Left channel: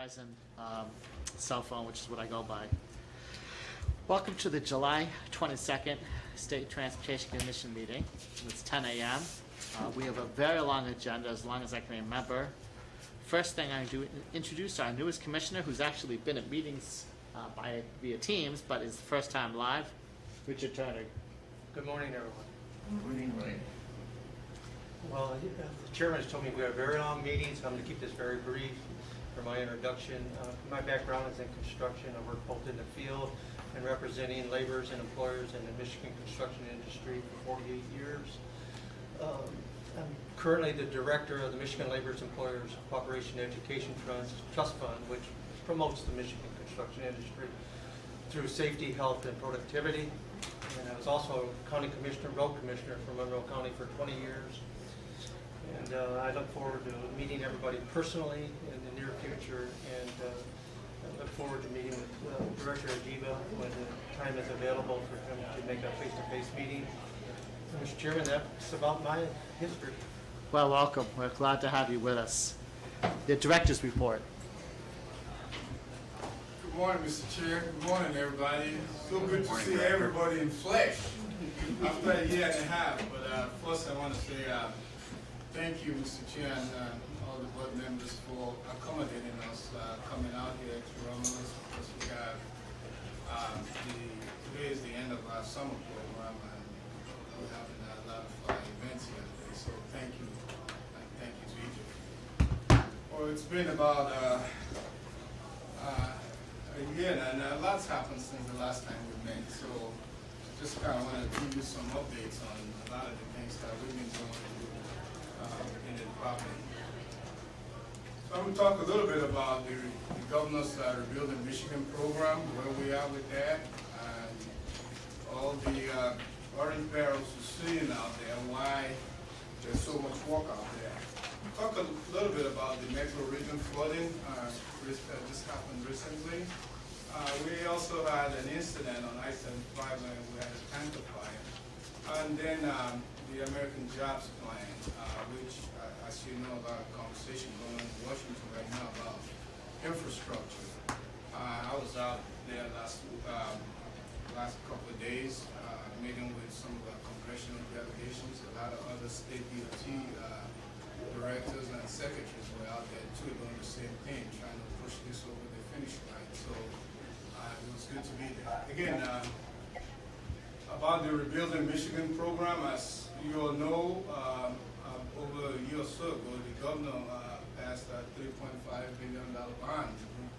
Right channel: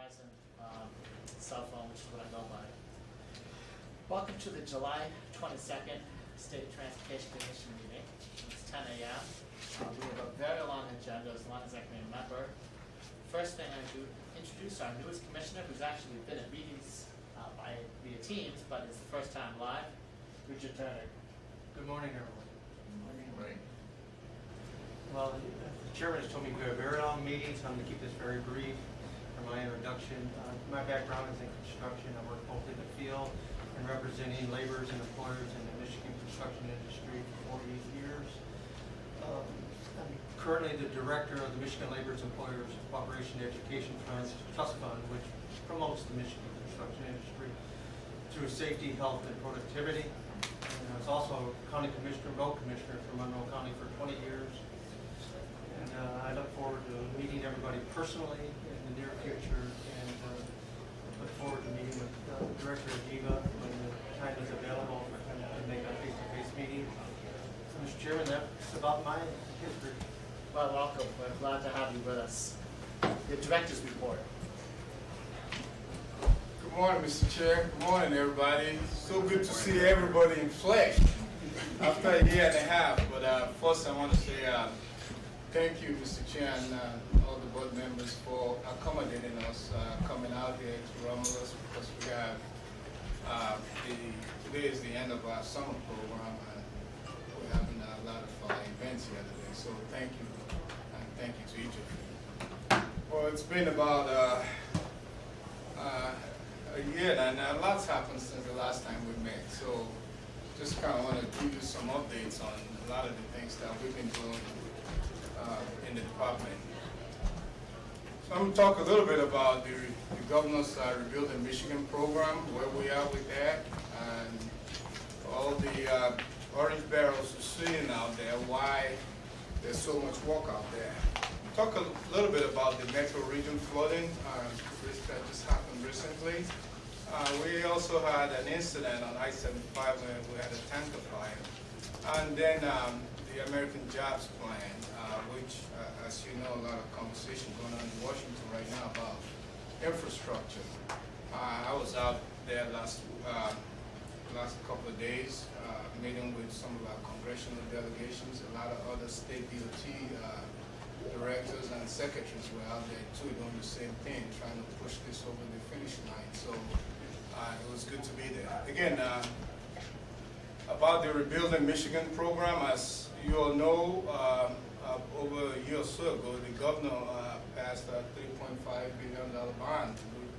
Verizon cell phone, which is what I go by. Welcome to the July 22nd State Transportation Commission meeting. It's 10 a.m. We have a very long agenda, as long as I can remember. First thing I'm going to introduce our newest commissioner, who's actually been at meetings via Teams, but is the first time live, Richard Turner. Good morning, everyone. Good morning, Ray. Well, the chairman has told me we have very long meetings, so I'm going to keep this very brief for my introduction. My background is in construction. I work both in the field and representing laborers and employers in the Michigan construction industry for 48 years. I'm currently the director of the Michigan Laborers Employers Cooperation Education Trust Fund, which promotes the Michigan construction industry through safety, health, and productivity. And I was also county commissioner, road commissioner for Monroe County for 20 years. And I look forward to meeting everybody personally in the near future, and I look forward to meeting with Director Adiva when the time is available for him to make a face-to-face meeting. Mr. Chairman, that's about my history. Well, welcome. We're glad to have you with us. The director's report. Good morning, Mr. Chair. Good morning, everybody. So good to see everybody in flesh after a year and a half. But first, I want to say thank you, Mr. Chair, and all the board members for accommodating us coming out here to Romulus, because we have today is the end of our summer program, and we're having a lot of events here today. So thank you, and thank you to each of you. Well, it's been about a year now, and lots happened since the last time we met. So just kind of want to give you some updates on a lot of the things that we've been doing in the department. So I'm going to talk a little bit about the governor's Rebuilding Michigan program, where we are with that, and all the orange barrels you're seeing out there, why there's so much work out there. Talk a little bit about the metro region flooding that just happened recently. We also had an incident on I-75 where we had a tanker fire. And then the American Jobs Plan, which, as you know, a lot of conversation going on in Washington right now about infrastructure. I was out there last couple of days, meeting with some of our congressional delegations. A lot of other state DOT directors and secretaries were out there too, doing the same thing, trying to push this over the finish line. So it was good to be there. Again, about the Rebuilding Michigan program, as you all know, over a year or so ago, the governor passed a $3.5 billion bond, which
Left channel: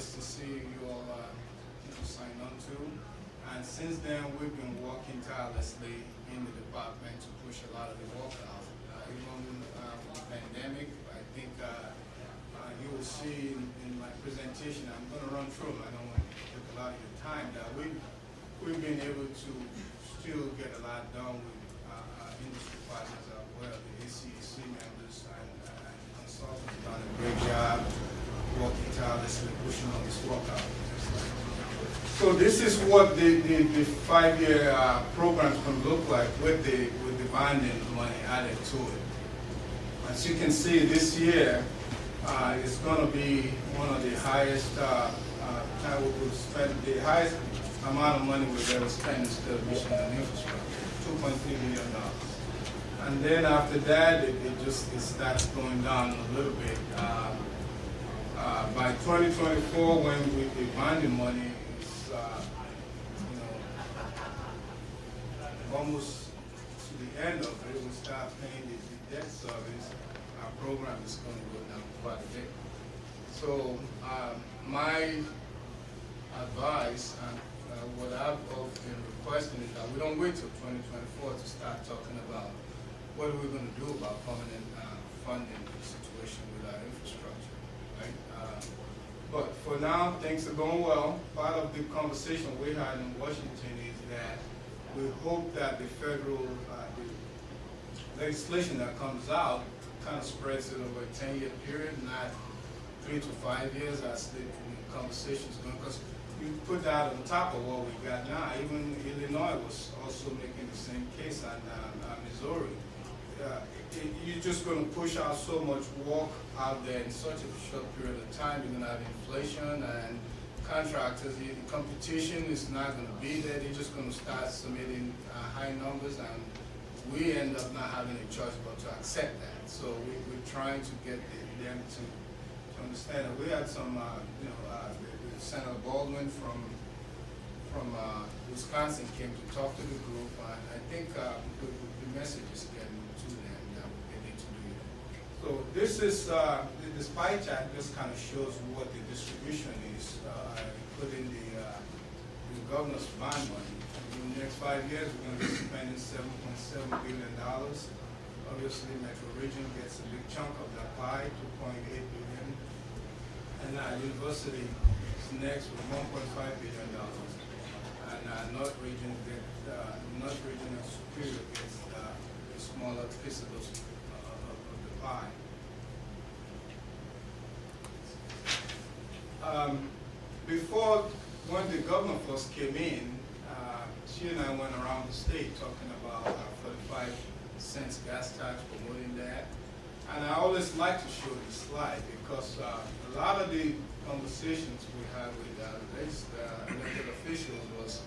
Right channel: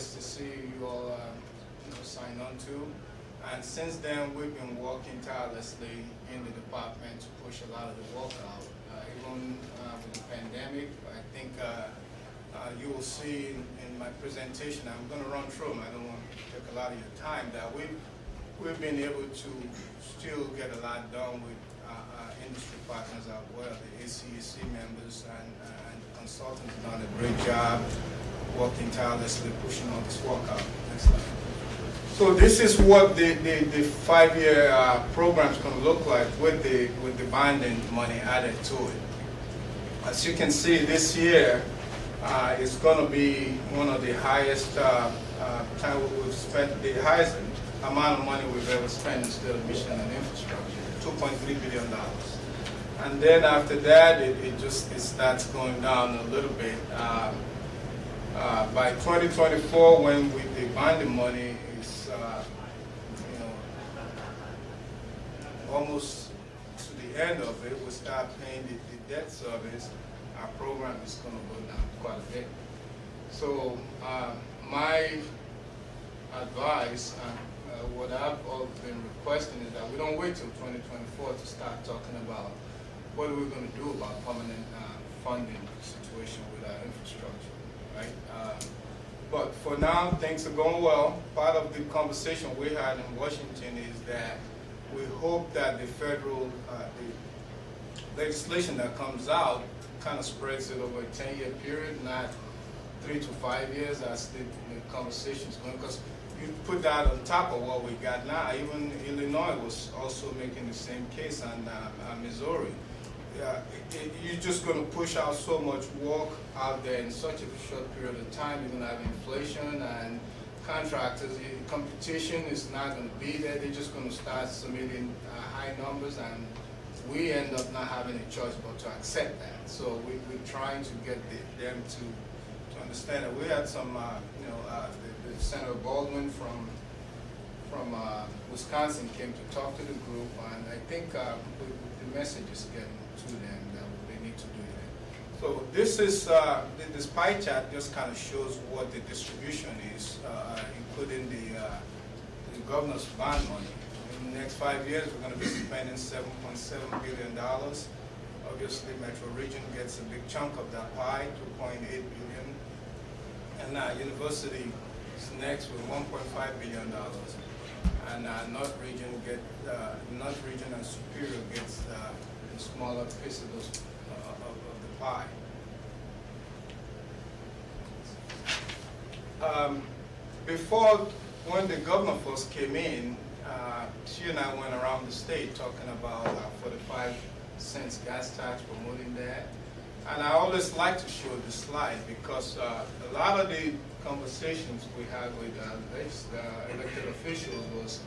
STC you all signed on to. And since then, we've been working tirelessly in the department to push a lot of the work out. Even with the pandemic, I think you will see in my presentation, I'm going to run through them, I don't want to take a lot of your time, that we've been able to still get a lot done with our industry partners as well, the ACEC members and the consultants have done a great job working tirelessly, pushing all this work out. So this is what the 5-year program is going to look like with the bonding money added to it. As you can see, this year it's going to be one of the highest time we've spent, the highest amount of money we've ever spent in the state of Michigan on infrastructure, $2.3 billion. And then after that, it starts going down a little bit. By 2024, when the bonding money is almost to the end of it, we start paying the debt service. Our program is going to go down quite a bit. So my advice, what I've been requesting is that we don't wait till 2024 to start talking about what are we going to do about permanent funding situation with our infrastructure, right? But for now, things are going well. Part of the conversation we had in Washington is that we hope that the federal the legislation that comes out kind of spreads it over a 10-year period, not 3 to 5 years as the conversation's going. Because you put that on top of what we got now. Even Illinois was also making the same case, and Missouri. you're just going to push out so much work out there in such a short period of time. You're going to have inflation and contractors. Competition is not going to be there. They're just going to start submitting high numbers, and we end up not having a choice but to accept that. So we're trying to get them to understand that. We had some, the Senator Baldwin from Wisconsin came to talk to the group, and I think the message is getting to them that they need to do that. So this is this pie chart just kind of shows what the distribution is, including the governor's bond money. In the next 5 years, we're going to be spending $7.7 billion. Obviously, Metro Region gets a big chunk of that pie, $2.8 billion, and University is next with $1.5 billion. And North Region and Superior gets a smaller piece of those of the pie. Before, when the governor first came in, she and I went around the state talking about 45 cents gas tax, promoting that. And I always like to show this slide because a lot of the conversations we had with elected officials was,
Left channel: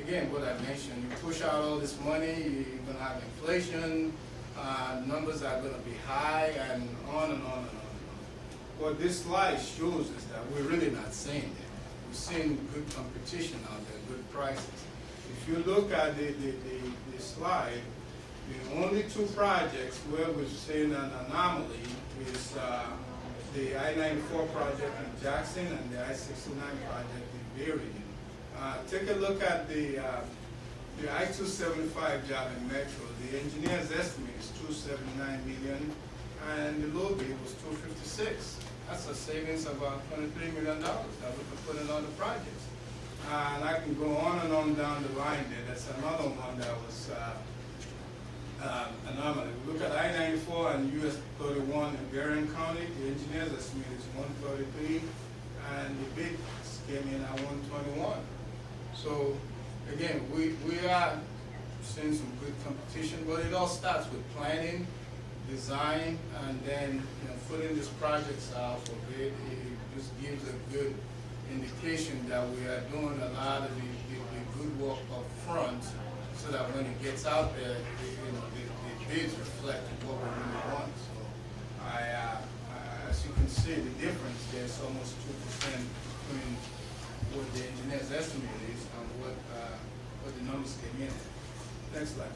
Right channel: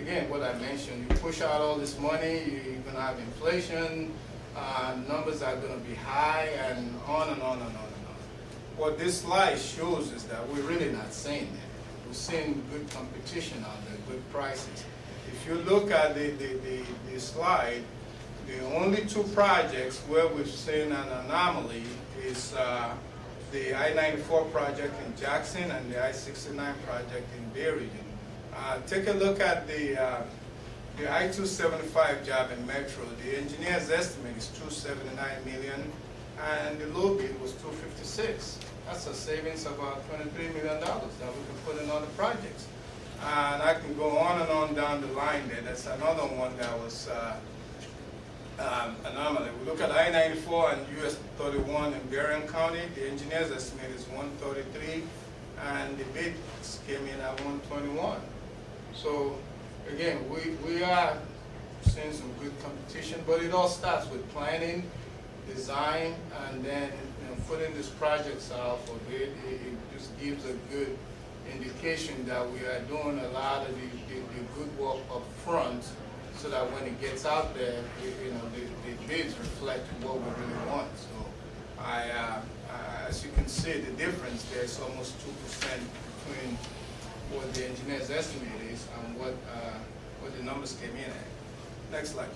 again, what I mentioned. You push out all this money, you're going to have inflation, numbers are going to be high, and on and on and on and on. What this slide shows is that we're really not seeing that. We're seeing good competition out there, good prices. If you look at the slide, the only two projects where we've seen an anomaly is the I-94 project in Jackson and the I-69 project in Bay Region. Take a look at the I-275 job in Metro. The engineer's estimate is $279 million, and the low bid was $256. That's a savings of about $23 million that we can put in other projects. And I can go on and on down the line there. That's another one that was anomaly. We look at I-94 and US 31 in Berrien County. The engineer's estimate is $133, and the bid came in at $121. So again, we are seeing some good competition, but it all starts with planning, design, and then putting these projects out for bid. It just gives a good indication that we are doing a lot of the good work up front, so that when it gets out there, the bids reflect what we really want. So as you can see, the difference there is almost 2% between what the engineer's estimate is and what the numbers came in at. Next slide.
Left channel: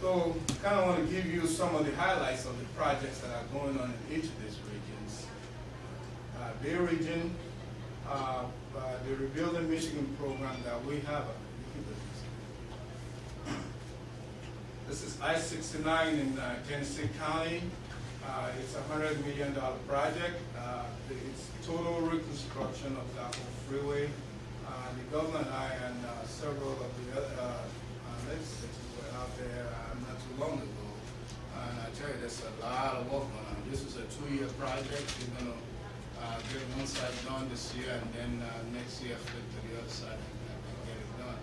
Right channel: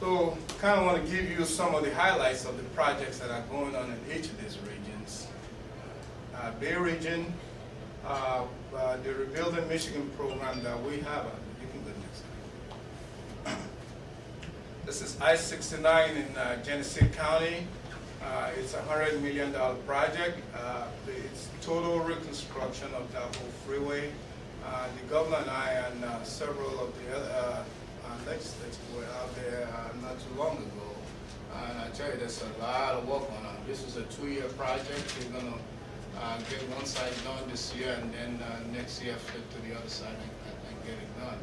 So kind of want to give you some of the highlights of the projects that are going on in each of these regions. Bay Region, the Rebuilding Michigan program that we have, you can go this. This is I-69 in Genesee County. It's a $100 million project. It's total reconstruction of that whole freeway. The governor and I and several of the other legislators were out there not too long ago. And I tell you, there's a lot of work going on. This was a 2-year project. We're going to get one side done this year, and then next year flip to the other side and get it done.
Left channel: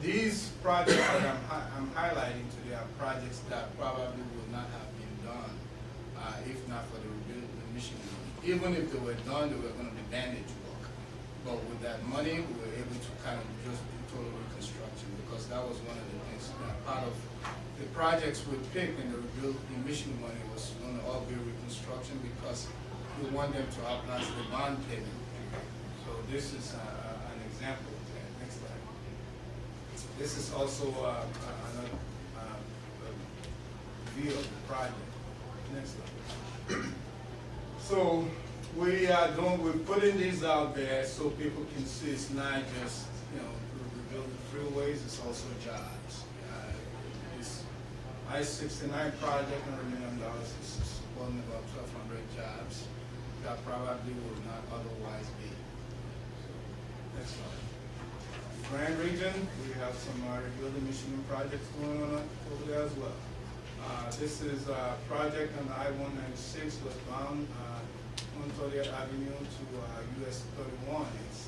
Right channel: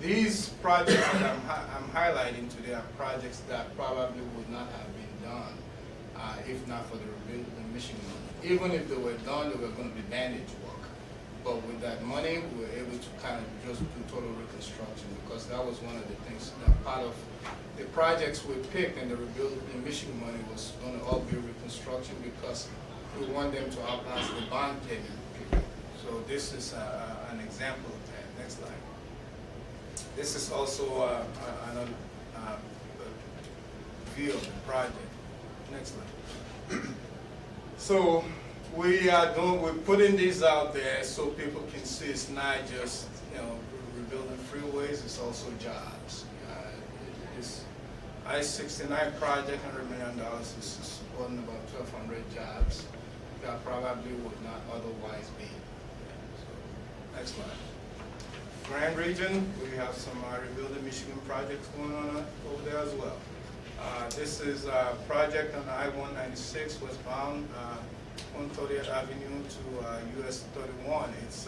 These projects that I'm highlighting today are projects that probably would not have been done if not for the Rebuilding Michigan money. Even if they were done, they were going to be bandage work. But with that money, we were able to kind of just do total reconstruction, because that was one of the things, part of the projects we picked in the Rebuilding Michigan money was going to all be reconstruction, because we want them to outlast the bond payment. So this is an example of that. Next slide. This is also another view of the project. Next slide. So we're putting these out there so people can see it's not just rebuilding freeways, it's also jobs. This I-69 project, $100 million, is supporting about 1,200 jobs that probably would not otherwise be. So, next slide. Grand Region, we have some Rebuilding Michigan projects going on over there as well. This is a project on the I-196 westbound, 130th Avenue to US 31. It's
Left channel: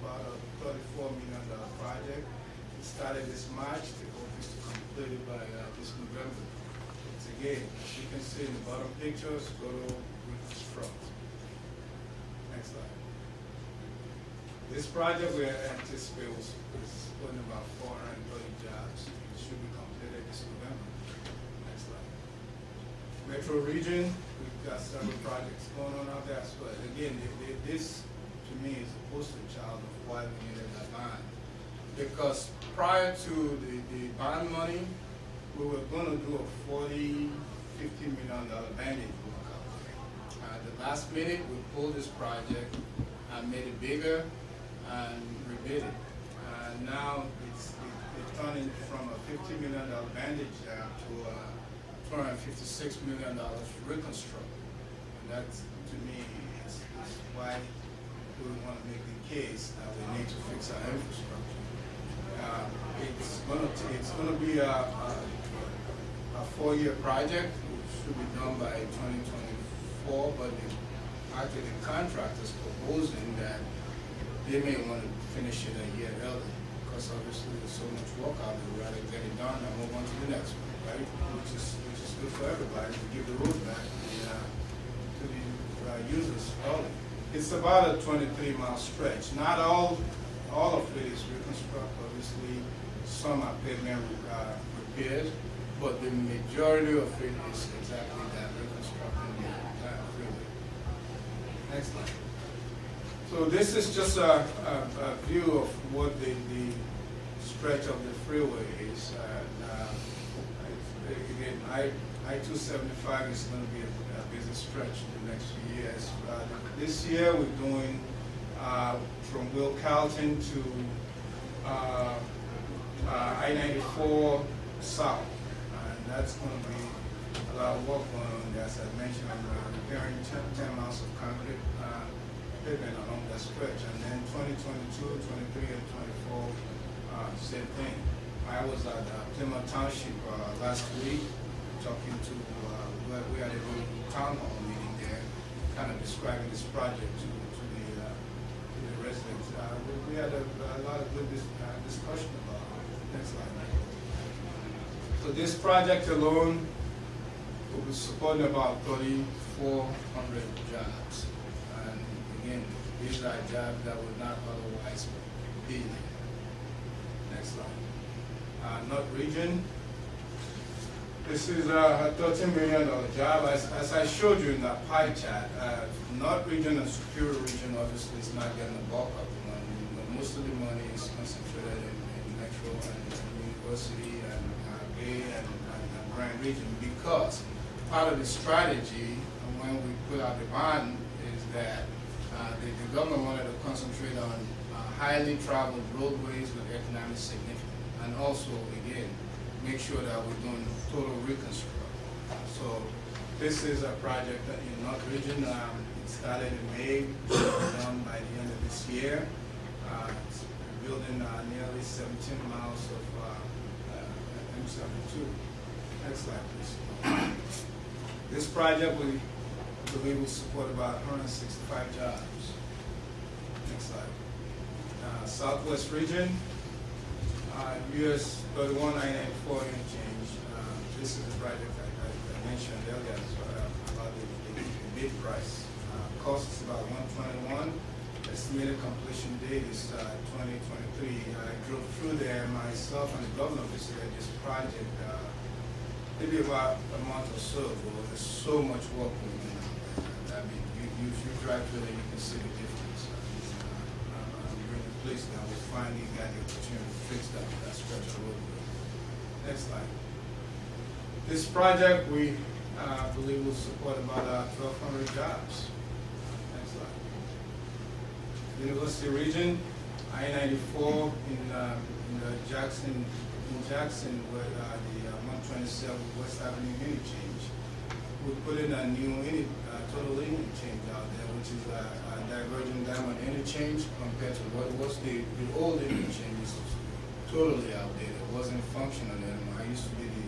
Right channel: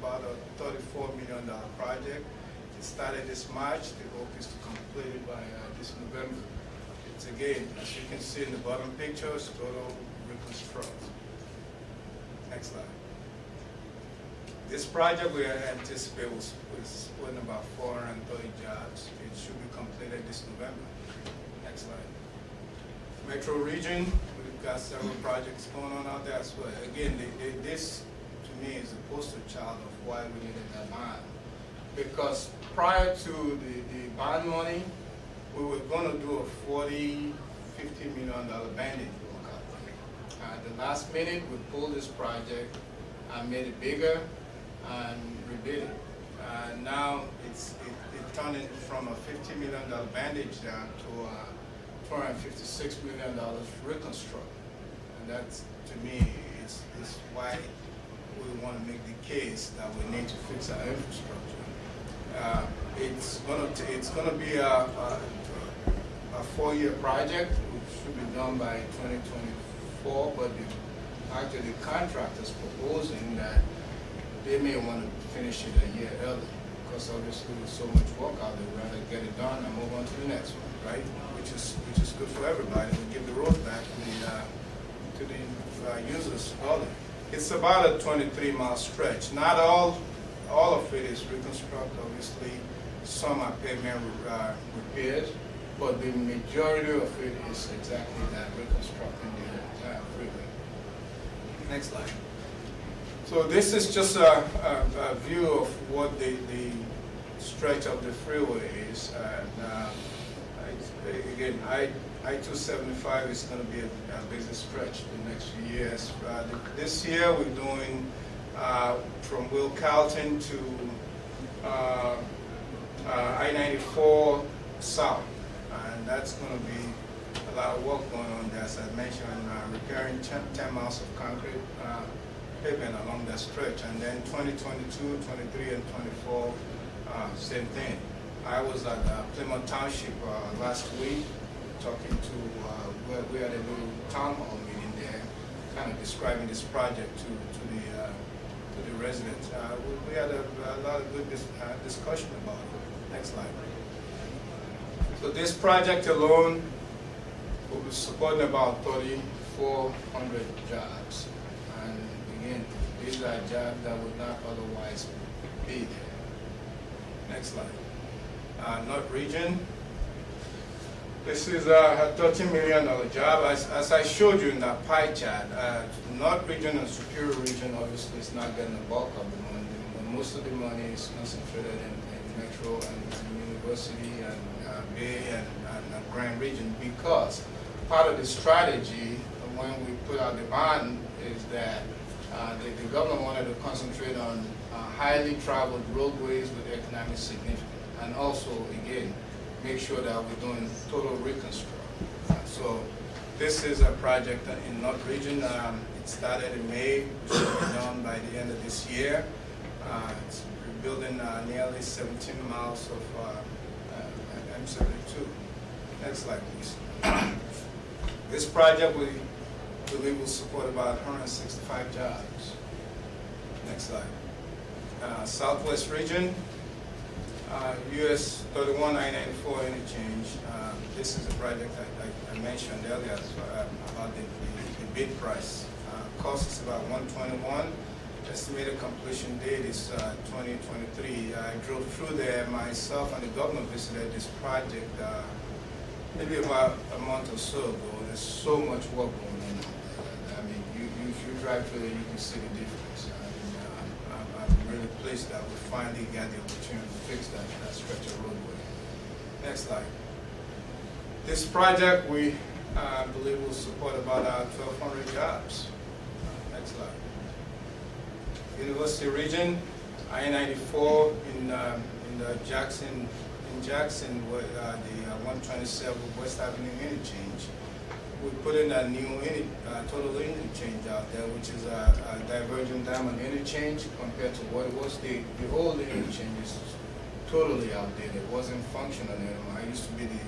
about a $34 million project. It started this March. The hope is to complete it by this November. It's a again, as you can see in the bottom pictures, total reconstruct. Next slide. This project we anticipate was putting about 430 jobs. It should be completed this November. Next slide. Metro region, we've got several projects going on out there as well. Again, this to me is a poster child of why we needed that bond. Because prior to the bond money, we were going to do a $40–50 million banding workout. At the last minute, we pulled this project and made it bigger and rebid it. Now it turned in from a $50 million bandage job to a $256 million reconstruct. And that, to me, is why we want to make the case that we need to fix our infrastructure. It's gonna be a 4-year project, which should be done by 2024. But actually, the contractor's proposing that they may want to finish it a year early, because obviously there's so much work out there. We're gonna get it done and move on to the next one, right? Which is good for everybody. We give the road back to the users early. It's about a 23-mile stretch. Not all of it is reconstruct. Obviously, some are pavement repairs, but the majority of it is exactly that, reconstructing the freeway. Next slide. So this is just a view of what the stretch of the freeway is. Again, I-275 is going to be a busy stretch the next few years. This year we're doing from Will Carlton to I-94 South, and that's going to be a lot of work going on there. As I mentioned, repairing 10 miles of concrete pavement along that stretch, and then 2022, 23, and 24, same thing. I was at Plymouth Township last week talking to, we had a little town hall meeting there, kind of describing this project to the residents. We had a lot of good discussion about it. Next slide. So this project alone will be supporting about 3,400 jobs. And again, these are jobs that would not otherwise be there. Next slide. North region. This is a $13 million job. As I showed you in that pie chart, North region and Superior region obviously is not getting the bulk of the money. Most of the money is concentrated in Metro and University and Bay and Grand region, because part of the strategy when we put out the bond is that the government wanted to concentrate on highly traveled roadways with economic significance, and also, again, make sure that we're doing total reconstruction. So this is a project in North region. It started in May, which will be done by the end of this year. We're building nearly 17 miles of M72. Next slide, please. This project we believe will support about 165 jobs. Next slide. Southwest region. US 31 I-94 interchange. This is a project I mentioned earlier about the bid price. Cost is about $121. Estimated completion date is 2023. I drove through there myself, and the governor visited this project maybe about a month or so ago. There's so much work going on. I mean, if you drive through there, you can see the difference. I'm really pleased that we finally got the opportunity to fix that stretch of roadway. Next slide. This project we believe will support about 1,200 jobs. Next slide. University region, I-94 in Jackson, where the 127 West Avenue interchange. We put in a new total interchange out there, which is a divergent diamond interchange compared to what it was. The old interchange is totally outdated. It wasn't functional anymore. I used to be the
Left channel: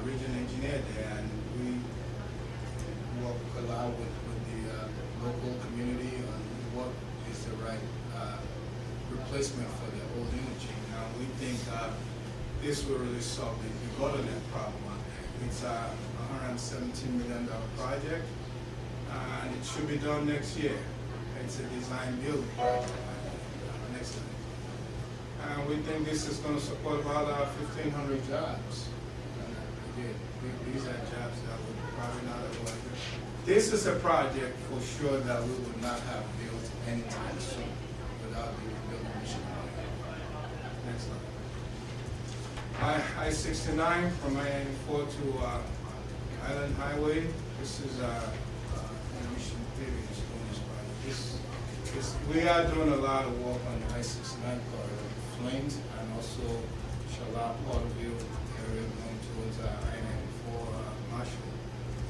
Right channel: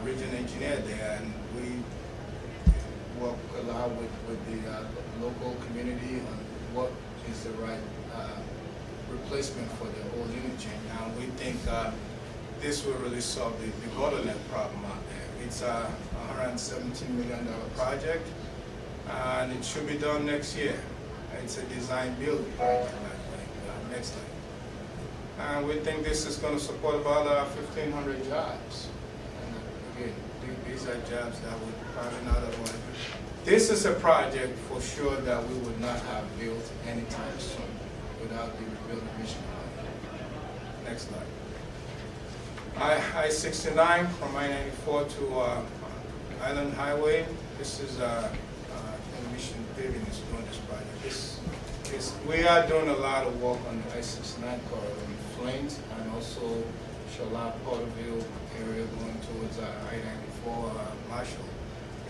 region engineer there, and we work a lot with the local community on what is the right replacement for the old interchange. And we think this will really solve the bottleneck problem out there. It's a $117 million project, and it should be done next year. It's a design build project, next slide. And we think this is going to support about 1,500 jobs. And again, these are jobs that we probably not have wanted to do. This is a project for sure that we would not have built anytime soon without the rebuilding mission. Next slide. I-69 from I-94 to Island Highway. This is Mission Pavement is doing this project. We are doing a lot of work on the I-69 corridor, Flynn and also Charlotte, Porterville area going towards I-94 Marshall.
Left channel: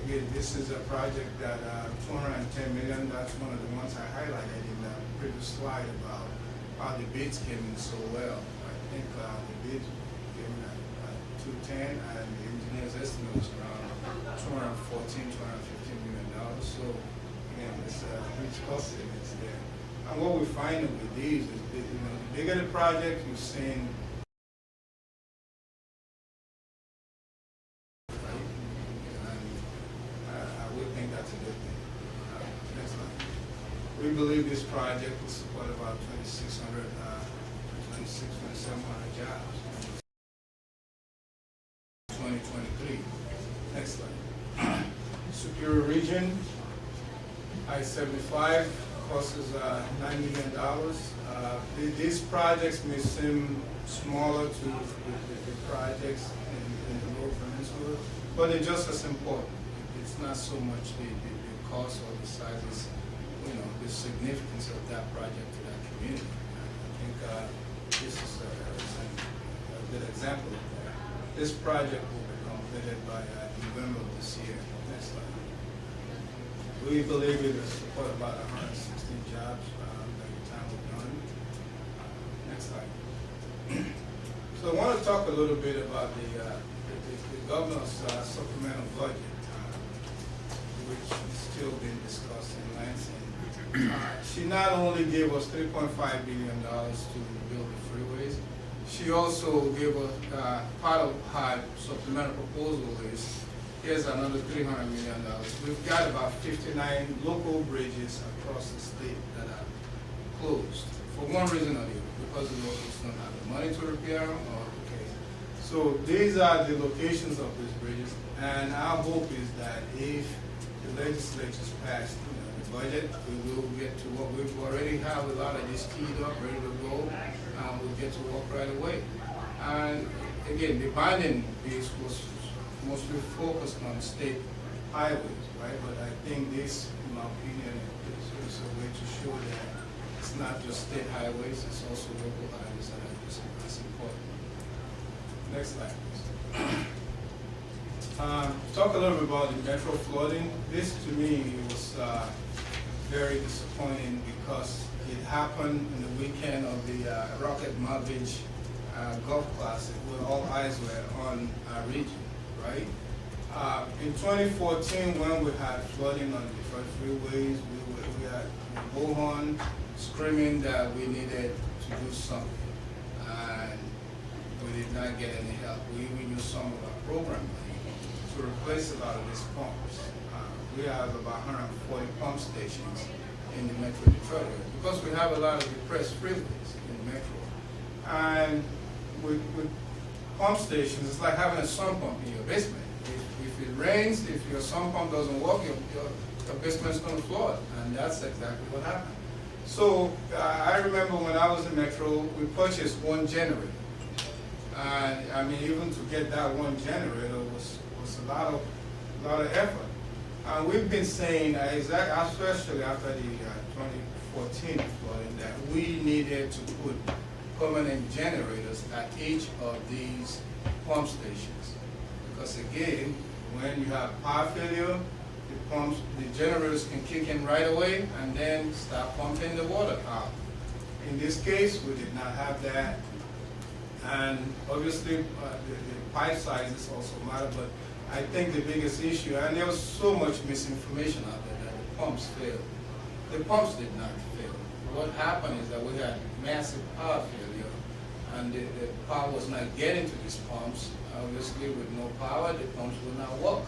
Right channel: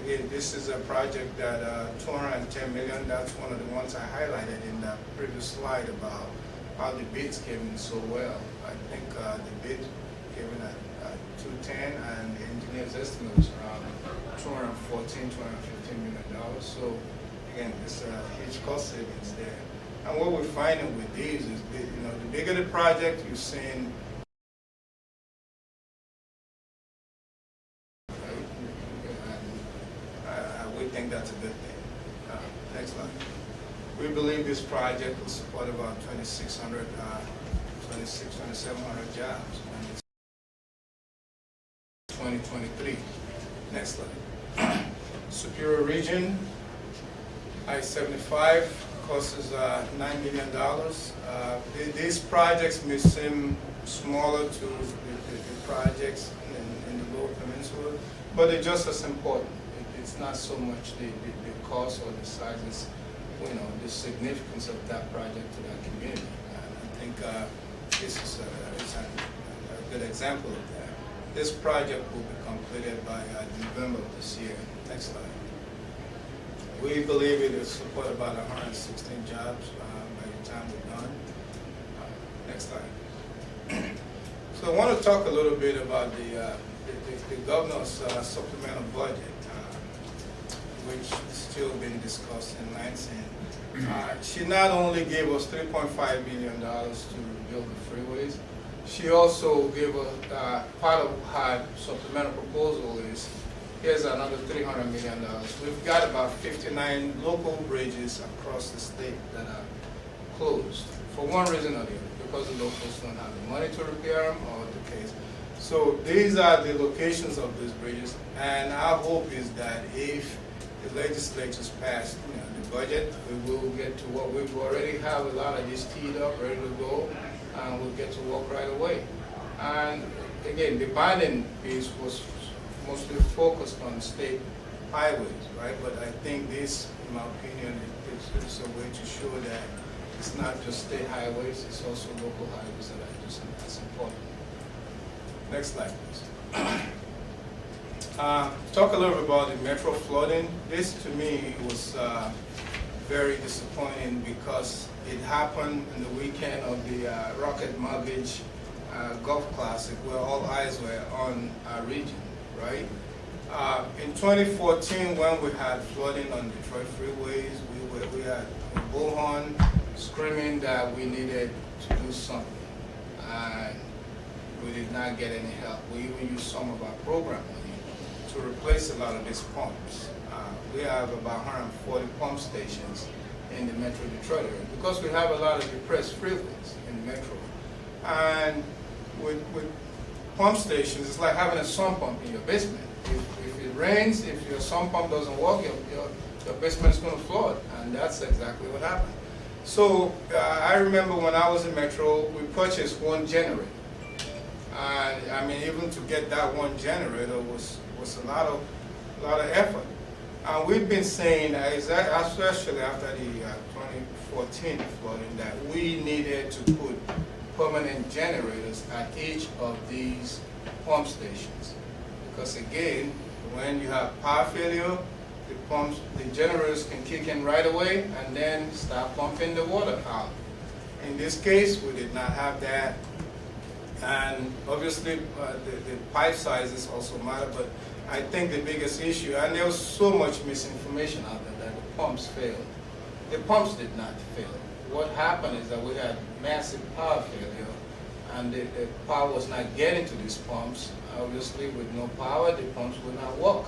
Again, this is a project that $210 million. That's one of the ones I highlighted in the previous slide about how the bids came in so well. I think the bid came in at 210, and the engineer's estimate was around $215 million. So again, there's a huge cost savings there. And what we're finding with these is that, the bigger the project, you're seeing we think that's a good thing. Next slide. We believe this project will support about 2,700 jobs in 2023. Next slide. Superior Region, I-75 costs us $9 million. These projects may seem smaller to the projects in the Lower Peninsula, but they're just as important. It's not so much the cost or the size, it's, the significance of that project to that community. I think this is a good example of that. This project will be completed by November of this year. Next slide. We believe it will support about 116 jobs by the time we're done. Next slide. So I want to talk a little bit about the governor's supplemental budget, which is still being discussed in Lansing. She not only gave us $3.5 billion to build the freeways, she also gave us part of her supplemental proposal is here's another $300 million. We've got about 59 local bridges across the state that are closed for one reason or the other, because the locals don't have the money to repair them or what the case. So these are the locations of these bridges, and our hope is that if the legislature's passed the budget, we will get to what we already have a lot of these teed up, ready to go, and we'll get to work right away. And again, the bonding piece was mostly focused on state highways, right? But I think this, in my opinion, is a way to show that it's not just state highways, it's also local highways that are just as important. Next slide, please. Talk a little bit about the metro flooding. This, to me, was very disappointing because it happened in the weekend of the Rocket Mortgage Golf Classic, where all eyes were on our region, right? In 2014, when we had flooding on Detroit freeways, we had a bullhorn screaming that we needed to do something, and we did not get any help. We even used some of our program money to replace a lot of these pumps. We have about 140 pump stations in the Metro Detroit area because we have a lot of depressed freeways in the Metro. And with pump stations, it's like having a sump pump in your basement. If it rains, if your sump pump doesn't work, your basement's going to flood, and that's exactly what happened. So I remember when I was in Metro, we purchased one generator. And I mean, even to get that one generator was a lot of effort. We've been saying, especially after the 2014 flooding, that we needed to put permanent generators at each of these pump stations. Because again, when you have power failure, the generators can kick in right away and then start pumping the water out. In this case, we did not have that. And obviously, the pipe sizes also matter, but I think the biggest issue, and there was so much misinformation out there that the pumps failed. The pumps did not fail. What happened is that we had massive power failure, and the power was not getting to these pumps. Obviously, with no power, the pumps will not work.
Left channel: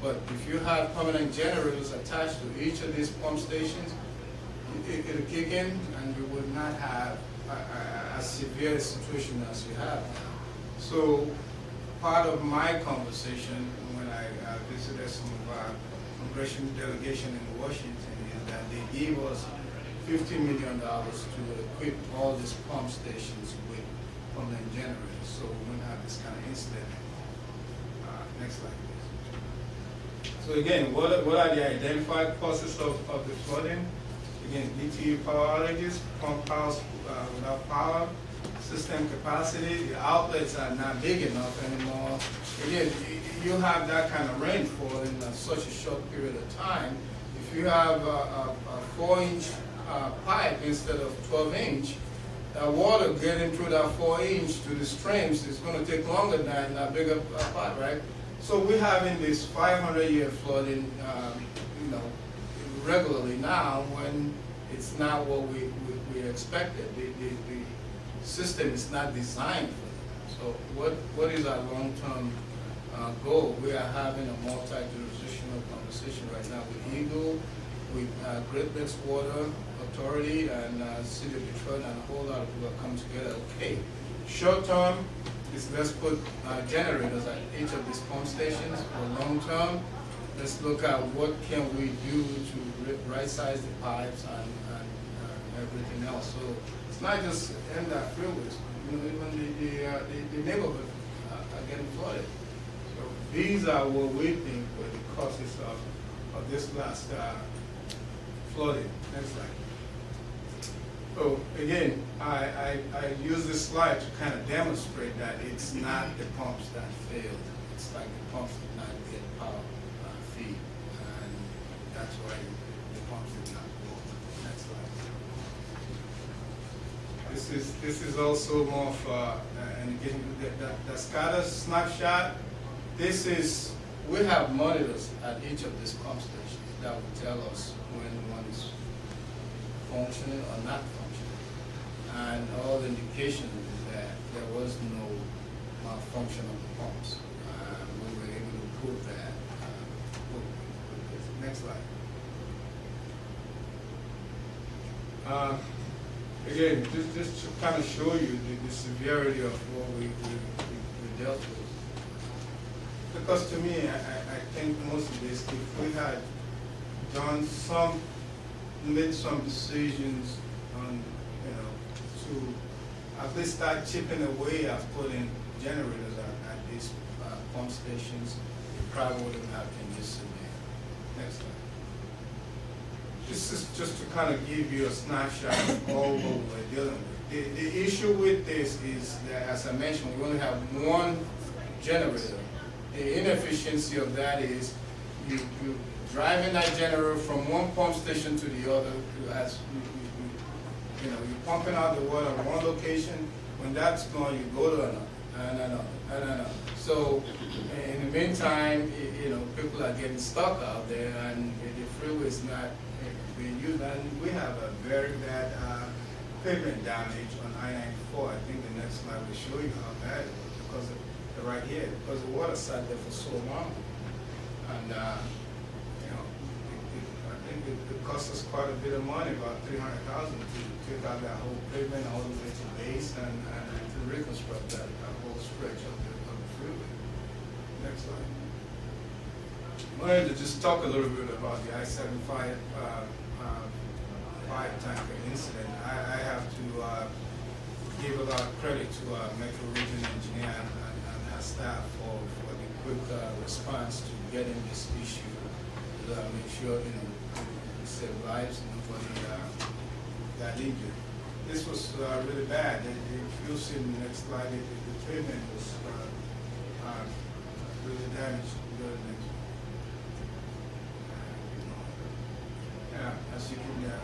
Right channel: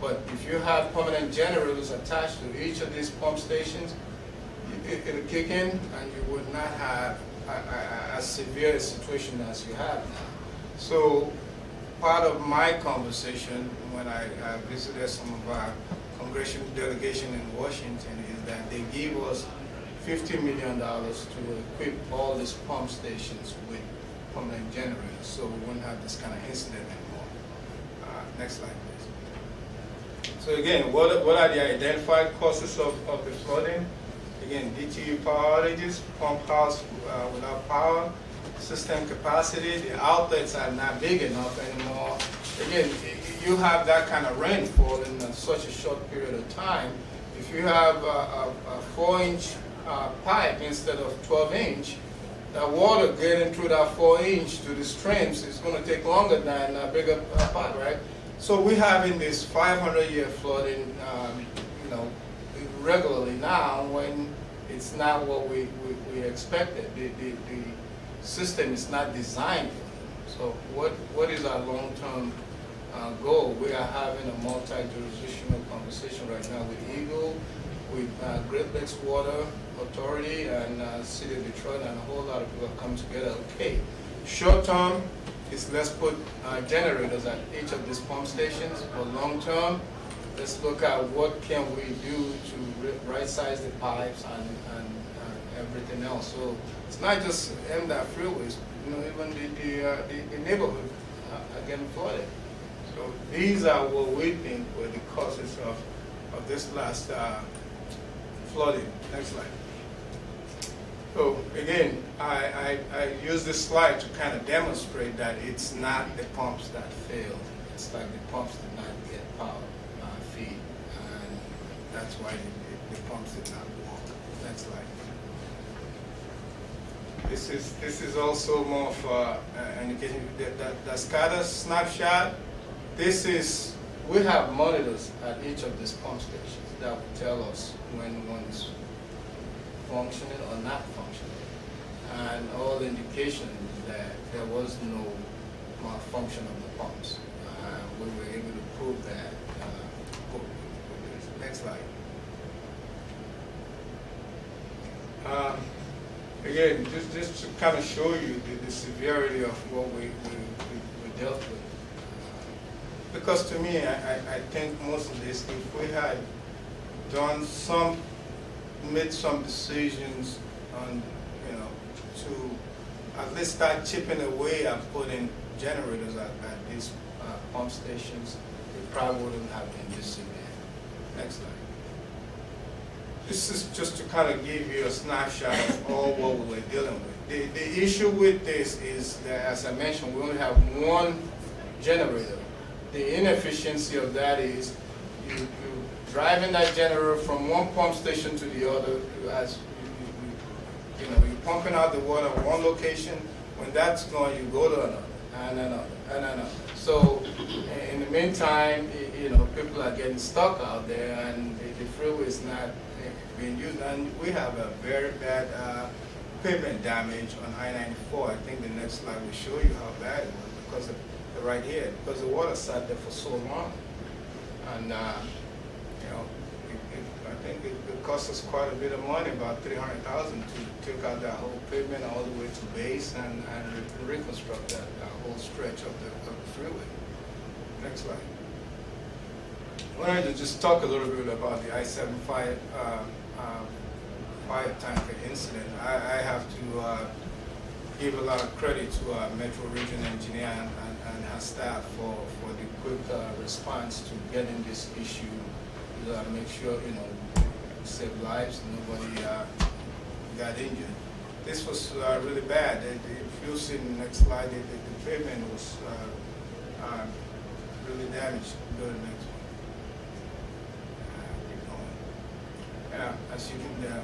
But if you have permanent generators attached to each of these pump stations, it'll kick in, and you would not have a severe situation as you have now. So part of my conversation when I visited some of our congressional delegation in Washington is that they gave us $50 million to equip all these pump stations with permanent generators, so we wouldn't have this kind of incident anymore. Next slide, please. So again, what are the identified causes of the flooding? Again, DTE power outages, pump house without power, system capacity, the outlets are not big enough anymore. Again, you have that kind of rainfall in such a short period of time. If you have a 4-inch pipe instead of 12-inch, the water getting through that 4-inch to the streams is going to take longer than a bigger pipe, right? So we're having this 500-year flooding, regularly now when it's not what we expected. The system is not designed for it. So what is our long-term goal? We are having a multi-jurisdictional conversation right now with EGLE, with Great Lakes Water Authority and City of Detroit, and a whole lot of people have come together. Okay, short term is let's put generators at each of these pump stations. For long term, let's look at what can we do to right-size the pipes and everything else. So it's not just MDOT freeways, even the neighborhood are getting flooded. So these are what we think were the causes of this last flooding. Next slide. So again, I use this slide to kind of demonstrate that it's not the pumps that failed. It's like the pumps did not get power feed, and that's why the pumps did not work. Next slide. This is also more of an indication that scatter snapshot. This is, we have monitors at each of these pump stations that will tell us when one is functioning or not functioning, and all the indications that there was no malfunction of the pumps. We were able to prove that. Next slide. Again, just to kind of show you the severity of what we dealt with. Because to me, I think most of this, if we had done made some decisions on, to at least start chipping away at putting generators at these pump stations, we probably wouldn't have been this severe. Next slide. This is just to kind of give you a snapshot of all what we were dealing with. The issue with this is that, as I mentioned, we only have one generator. The inefficiency of that is you driving that generator from one pump station to the other. You're pumping out the water at one location. When that's gone, you go to another, and another, and another. So in the meantime, people are getting stuck out there, and the freeway is not being used. And we have a very bad pavement damage on I-94. I think the next slide will show you how bad it is because of right here, because the water sat there for so long. And I think it cost us quite a bit of money, about $300,000 to take out that whole pavement all the way to base and reconstruct that whole stretch of the freeway. Next slide. I wanted to just talk a little bit about the I-75 fire tanker incident. I have to give a lot of credit to our Metro Region engineer and our staff for the quick response to getting this issue, make sure we save lives, nobody got injured. This was really bad. If you'll see in the next slide, the pavement was really damaged. Go to the next one. Yeah, as you can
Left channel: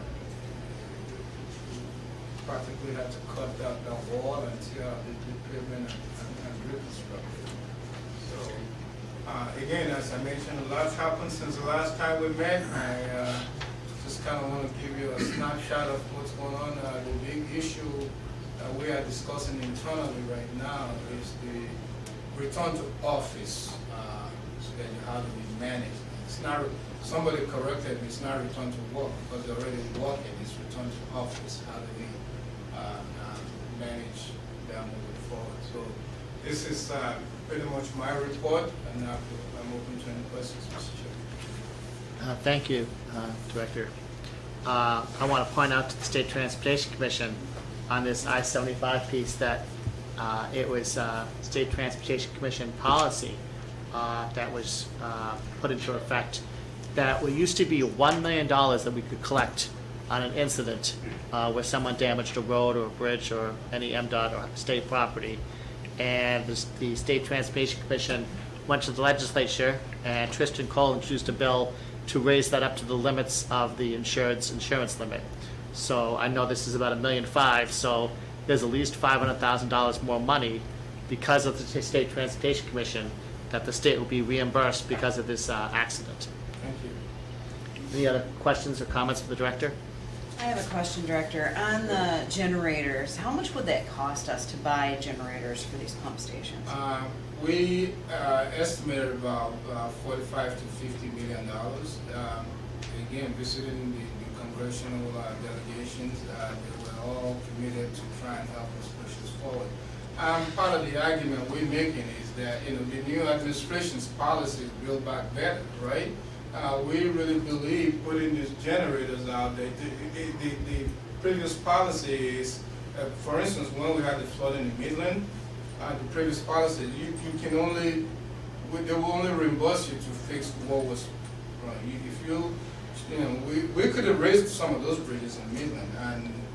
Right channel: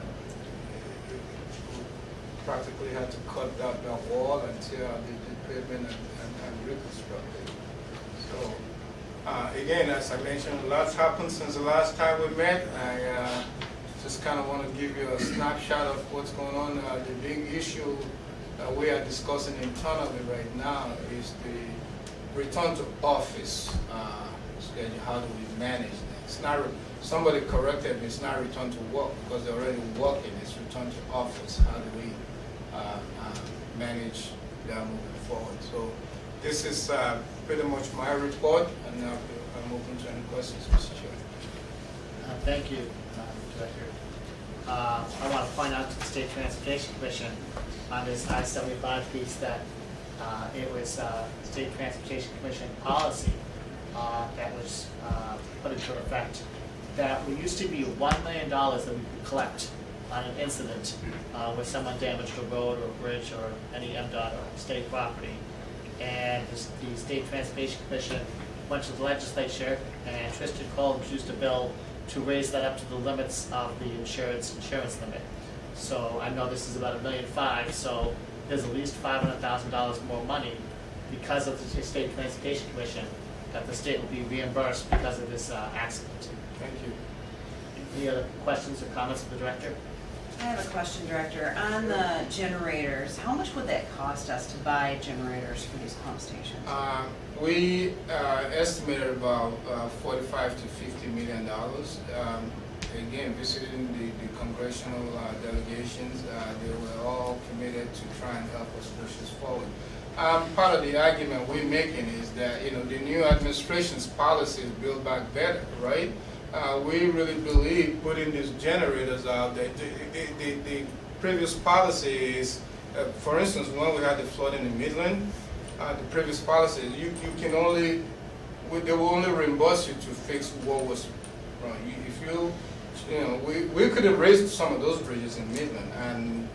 practically had to cut out that wall until the pavement and reconstruct it. So again, as I mentioned, a lot's happened since the last time we met. I just kind of want to give you a snapshot of what's going on. The big issue that we are discussing internally right now is the return to office schedule. How do we manage that? It's not, somebody corrected me, it's not return to work because they're already working, it's return to office. How do we manage that moving forward? So this is pretty much my report, and now I'm open to any questions, Mr. Chair. Thank you, Director. I want to point out to the State Transportation Commission on this I-75 piece that it was State Transportation Commission policy that was put into effect, that it used to be $1 million that we could collect on an incident where someone damaged a road or a bridge or any MDOT or state property. And the State Transportation Commission went to the legislature, and Tristan Cole introduced a bill to raise that up to the limits of the insurance limit. So I know this is about $1.5 million, so there's at least $500,000 more money because of the State Transportation Commission that the state will be reimbursed because of this accident. Thank you. Any other questions or comments from the Director? I have a question, Director. On the generators, how much would that cost us to buy generators for these pump stations? We estimated about $45 to $50 million. Again, visiting the congressional delegations, they were all committed to try and help us push this forward. Part of the argument we're making is that the new administration's policy is Build Back Better, right? We really believe putting these generators out there. The previous policy is, for instance, when we had the flood in the Midland, the previous policy, you can only, they will only reimburse you to fix what was wrong. We could have raised some of those bridges in Midland and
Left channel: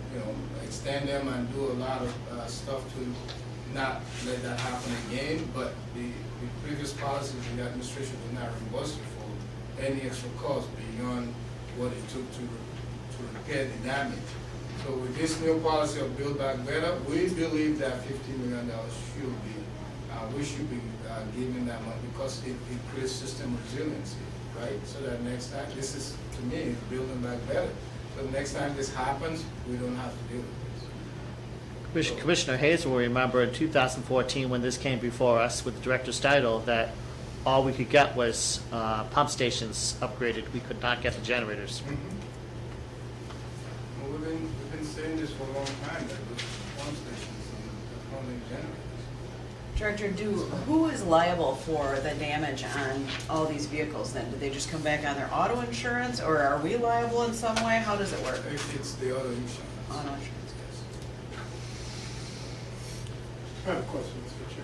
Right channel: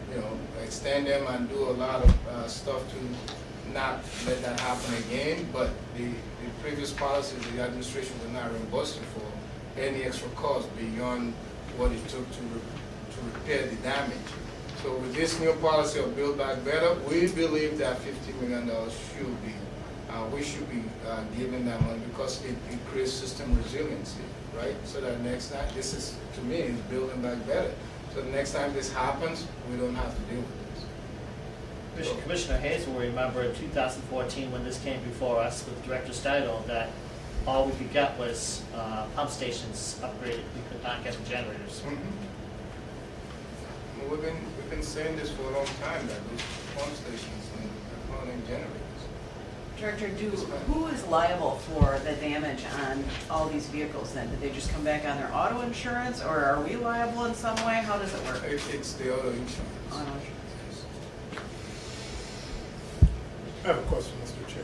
extend them and do a lot of stuff to not let that happen again. But the previous policy, the administration did not reimburse you for any extra cost beyond what it took to repair the damage. So with this new policy of Build Back Better, we believe that $50 million should be, we should be giving that money because it creates system resiliency, right? So that next time, this is, to me, is building back better. So the next time this happens, we don't have to deal with this. Commissioner Hayes will remember in 2014 when this came before us with Director Steidel that all we could get was pump stations upgraded. We could not get the generators. We've been saying this for a long time, that these pump stations and running generators. Director, who is liable for the damage on all these vehicles then? Do they just come back on their auto insurance, or are we liable in some way? How does it work? It's the auto insurance. Auto insurance. I have a question, Mr. Chair.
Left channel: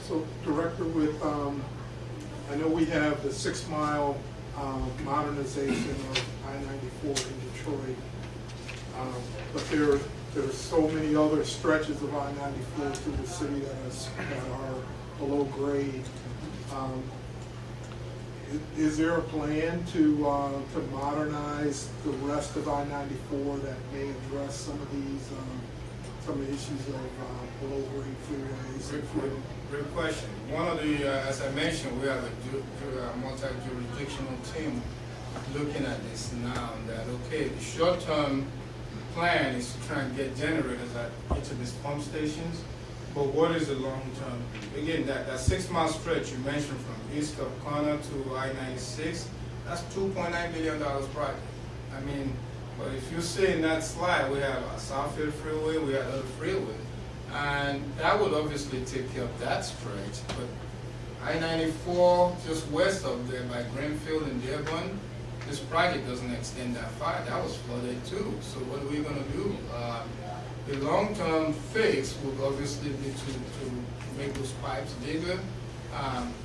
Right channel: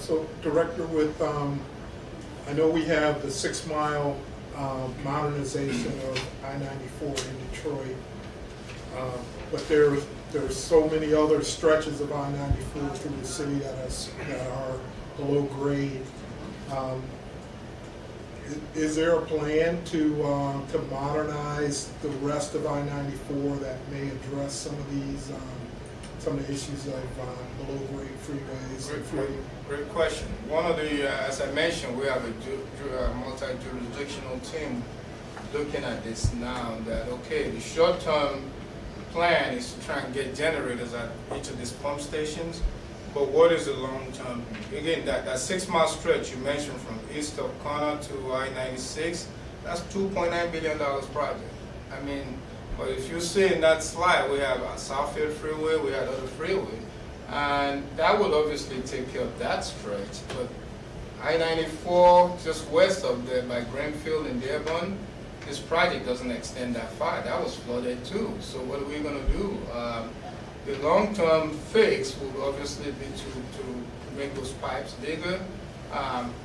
So, Director, with I know we have the 6 mile modernization of I-94 in Detroit, but there's so many other stretches of I-94 through the city that are below grade. Is there a plan to modernize the rest of I-94 that may address some of the issues of below grade freeways? Great question. One of the, as I mentioned, we have a multi-jurisdictional team looking at this now. That okay, the short-term plan is to try and get generators at each of these pump stations. But what is the long-term? Again, that 6 mile stretch you mentioned from east of Cotter to I-96, that's $2.9 billion project. I mean, but if you see in that slide, we have a Southfield Freeway, we have other freeway, and that would obviously take care of that stretch. But I-94, just west of there by Greenfield and Dearborn, this project doesn't extend that far. That was flooded too. So what are we going to do? The long-term fix would obviously be to make those pipes bigger,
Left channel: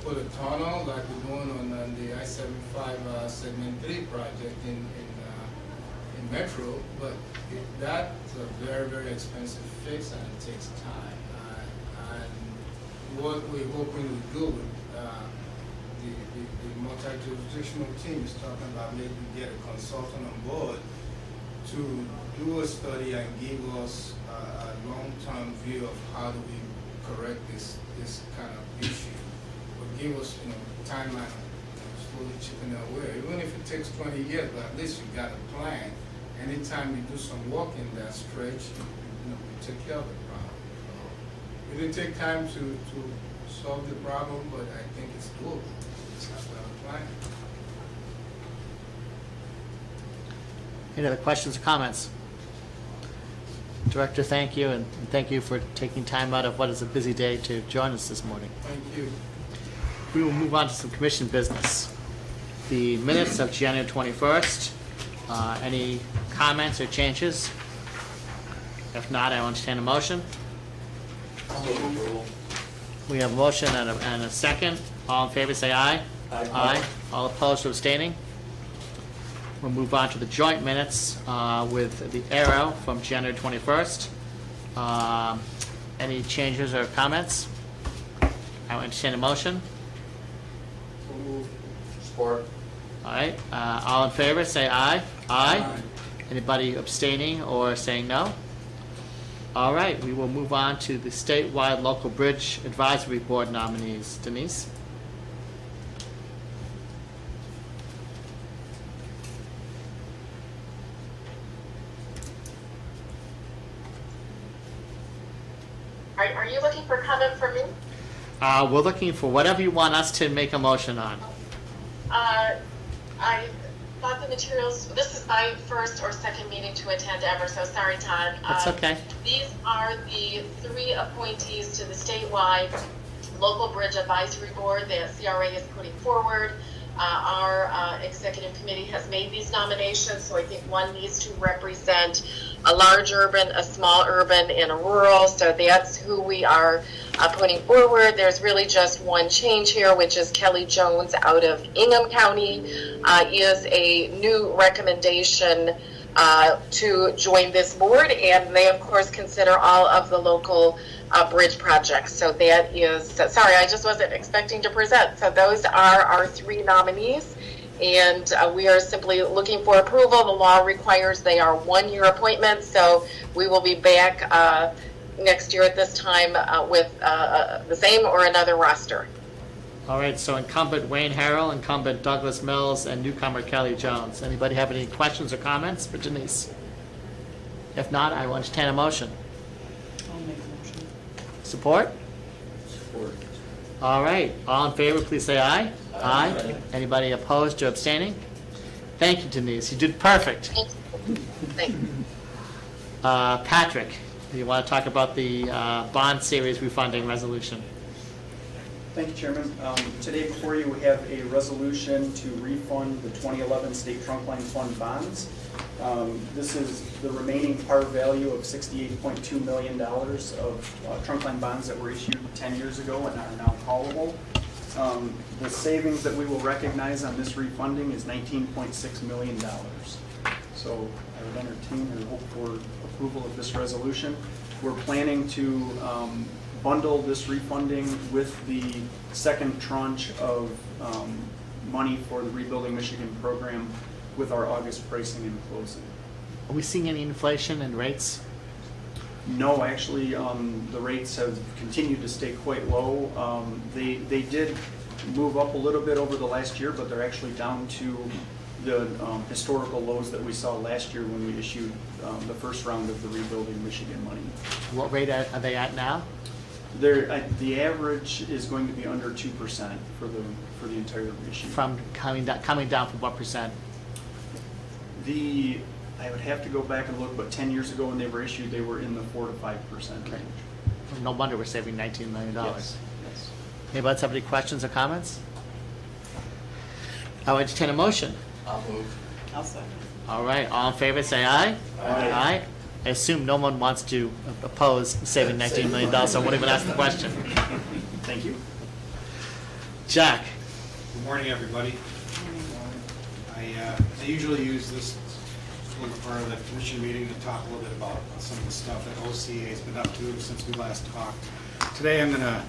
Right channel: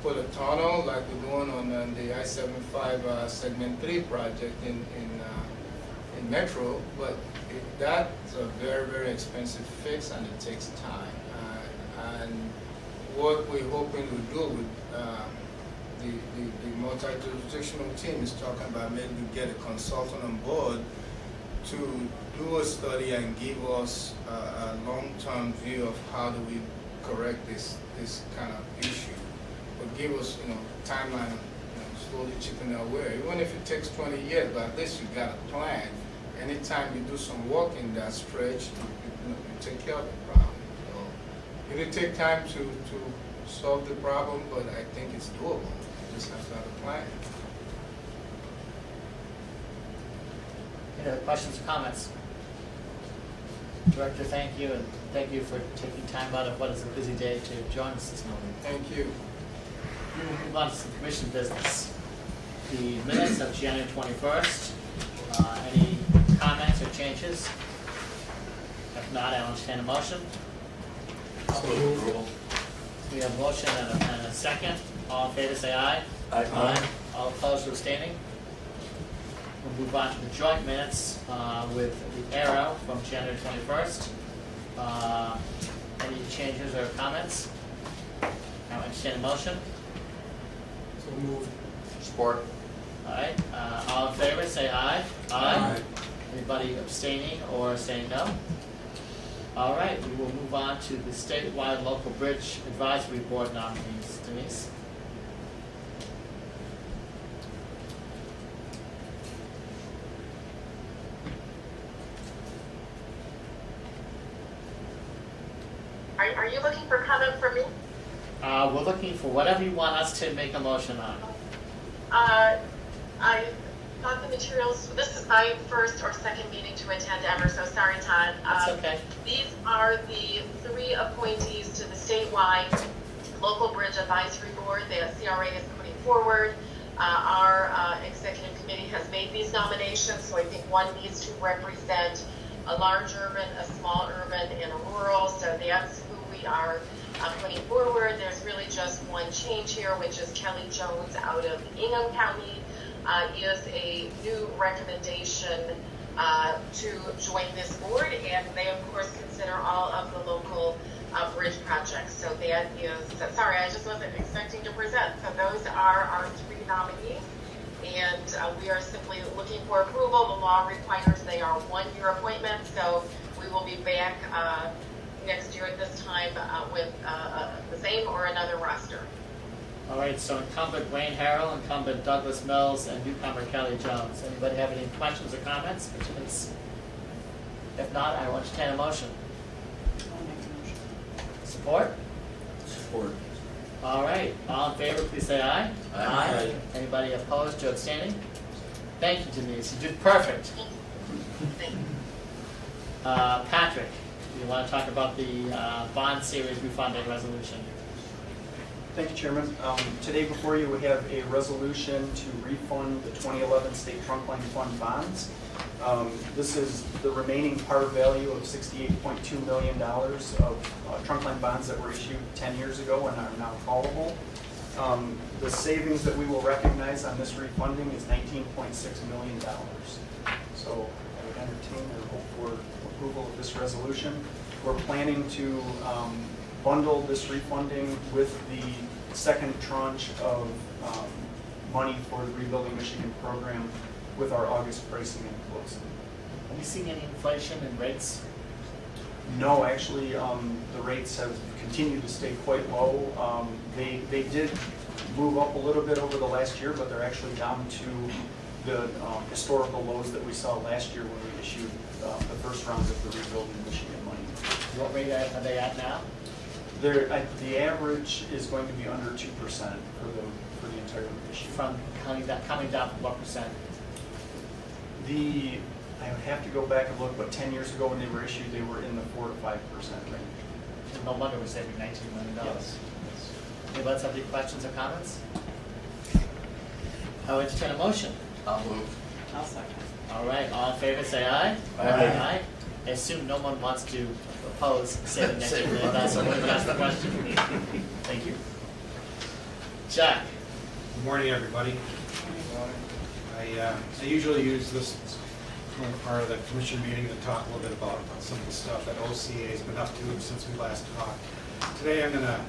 put a tunnel like we're doing on the I-75 Segment 3 project in Metro, but that's a very, very expensive fix and it takes time. And what we're hoping to do with the multi-jurisdictional team is talking about maybe get a consultant on board to do a study and give us a long-term view of how do we correct this kind of issue. Or give us timeline of slowly chipping away. Even if it takes 20 years, but at least you got a plan. Anytime you do some work in that stretch, you we take care of the problem. So it'll take time to solve the problem, but I think it's doable. We just have to have a plan. Any other questions or comments? Director, thank you, and thank you for taking time out of what is a busy day to join us this morning. Thank you. We will move on to some commission business. The minutes of January 21st. Any comments or changes? If not, I will entertain a motion. We have a motion and a second. All in favor, say aye. Aye. All opposed or abstaining? We'll move on to the joint minutes with the arrow from January 21st. Any changes or comments? I will entertain a motion. So moved. Support. All right, all in favor, say aye. Aye. Anybody abstaining or saying no? All right, we will move on to the statewide local bridge advisory board nominees. Denise? Are you looking for comment from me? We're looking for whatever you want us to make a motion on. I thought the materials, this is my first or second meeting to attend ever, so sorry, Todd. That's okay. These are the 3 appointees to the statewide local bridge advisory board that CRA is putting forward. Our executive committee has made these nominations, so I think one needs to represent a large urban, a small urban, and a rural, so that's who we are putting forward. There's really just one change here, which is Kelly Jones out of Ingham County is a new recommendation to join this board, and they of course consider all of the local bridge projects. So that is, sorry, I just wasn't expecting to present. So those are our 3 nominees, and we are simply looking for approval. The law requires they are 1-year appointments, so we will be back next year at this time with the same or another roster. All right, so incumbent Wayne Harrell, incumbent Douglas Mills, and newcomer Kelly Jones. Anybody have any questions or comments for Denise? If not, I will entertain a motion. Support? Support. All right, all in favor, please say aye. Aye. Anybody opposed or abstaining? Thank you, Denise. You did perfect. Thank you. Patrick, you want to talk about the bond series refunding resolution? Thank you, Chairman. Today before you, we have a resolution to refund the 2011 State Trunkline Fund bonds. This is the remaining par value of $68.2 million of trunkline bonds that were issued 10 years ago and are now callable. The savings that we will recognize on this refunding is $19.6 million. So I would entertain and hope for approval of this resolution. We're planning to bundle this refunding with the second tranche of money for the Rebuilding Michigan program with our August pricing and closing. Are we seeing any inflation in rates? No, actually, the rates have continued to stay quite low. They did move up a little bit over the last year, but they're actually down to the historical lows that we saw last year when we issued the first round of the Rebuilding Michigan money. What rate are they at now? The average is going to be under 2% for the entire issue. From coming down from what percent? I would have to go back and look, but 10 years ago when they were issued, they were in the 4 to 5% range. No wonder we're saving $19 million. Yes. Anybody else have any questions or comments? I will entertain a motion. I'll move. I'll second. All right, all in favor, say aye. Aye. I assume no one wants to oppose saving $19 million, so I won't even ask the question. Thank you. Jack? Good morning, everybody. I usually use this little part of the commission meeting to talk a little bit about some of the stuff that OCA has been up to since we last talked. Today I'm going to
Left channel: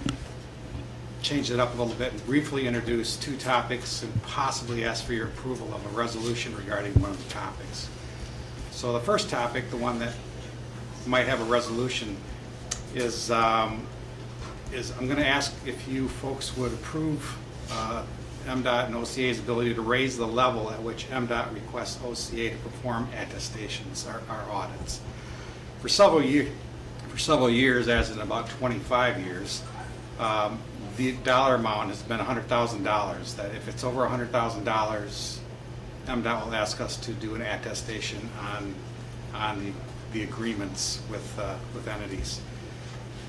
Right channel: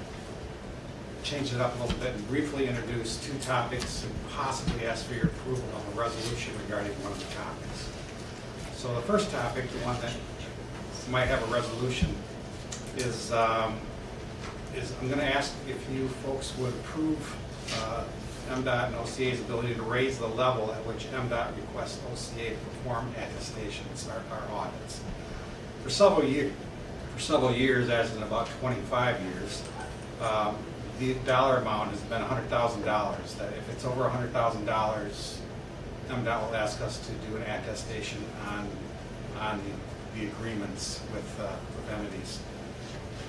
change it up a little bit and briefly introduce 2 topics and possibly ask for your approval of a resolution regarding one of the topics. So the first topic, the one that might have a resolution, is I'm going to ask if you folks would approve MDOT and OCA's ability to raise the level at which MDOT requests OCA to perform attestations, our audits. For several for several years, as in about 25 years, the dollar amount has been $100,000. That if it's over $100,000, MDOT will ask us to do an attestation on the agreements with entities.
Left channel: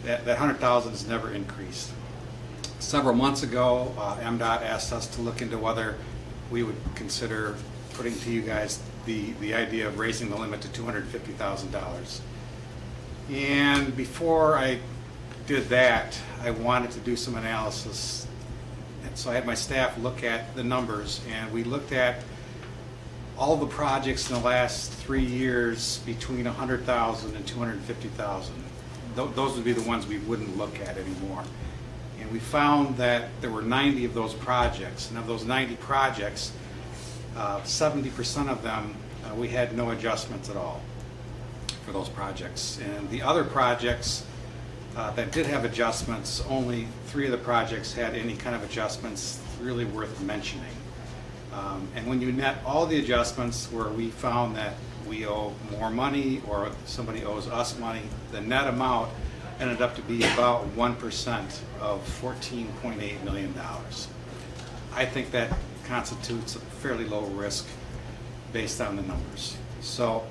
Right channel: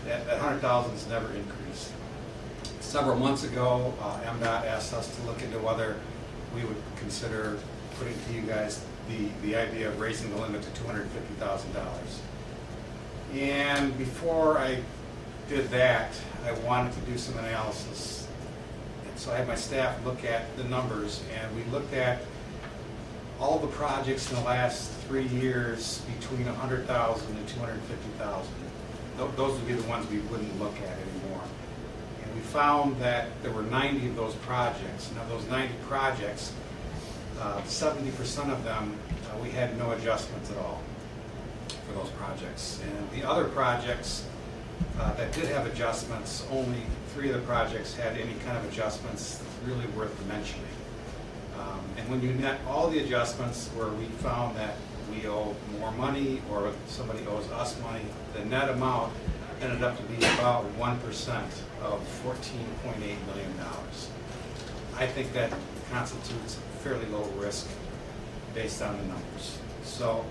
That 100,000 has never increased. Several months ago, MDOT asked us to look into whether we would consider putting to you guys the idea of raising the limit to $250,000. And before I did that, I wanted to do some analysis. And so I had my staff look at the numbers, and we looked at all the projects in the last 3 years between 100,000 and 250,000. Those would be the ones we wouldn't look at anymore. And we found that there were 90 of those projects. And of those 90 projects, 70% of them, we had no adjustments at all for those projects. And the other projects that did have adjustments, only 3 of the projects had any kind of adjustments really worth mentioning. And when you net all the adjustments where we found that we owe more money or somebody owes us money, the net amount ended up to be about 1% of $14.8 million. I think that constitutes a fairly low risk based on the numbers. So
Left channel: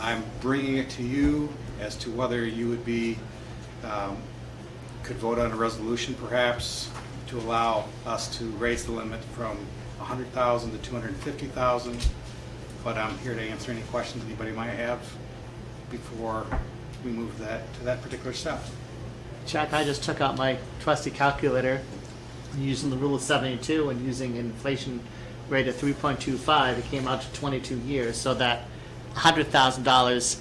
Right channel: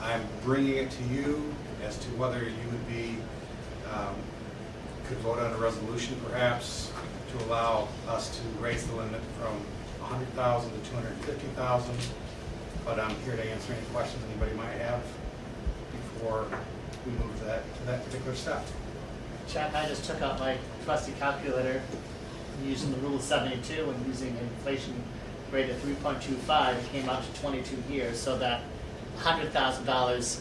I'm bringing it to you as to whether you would be, could vote on a resolution perhaps to allow us to raise the limit from 100,000 to 250,000. But I'm here to answer any questions anybody might have before we move to that particular step. Chuck, I just took out my trusty calculator, using the rule of 72 and using inflation rate of 3.25, it came out to 22 years, so that $100,000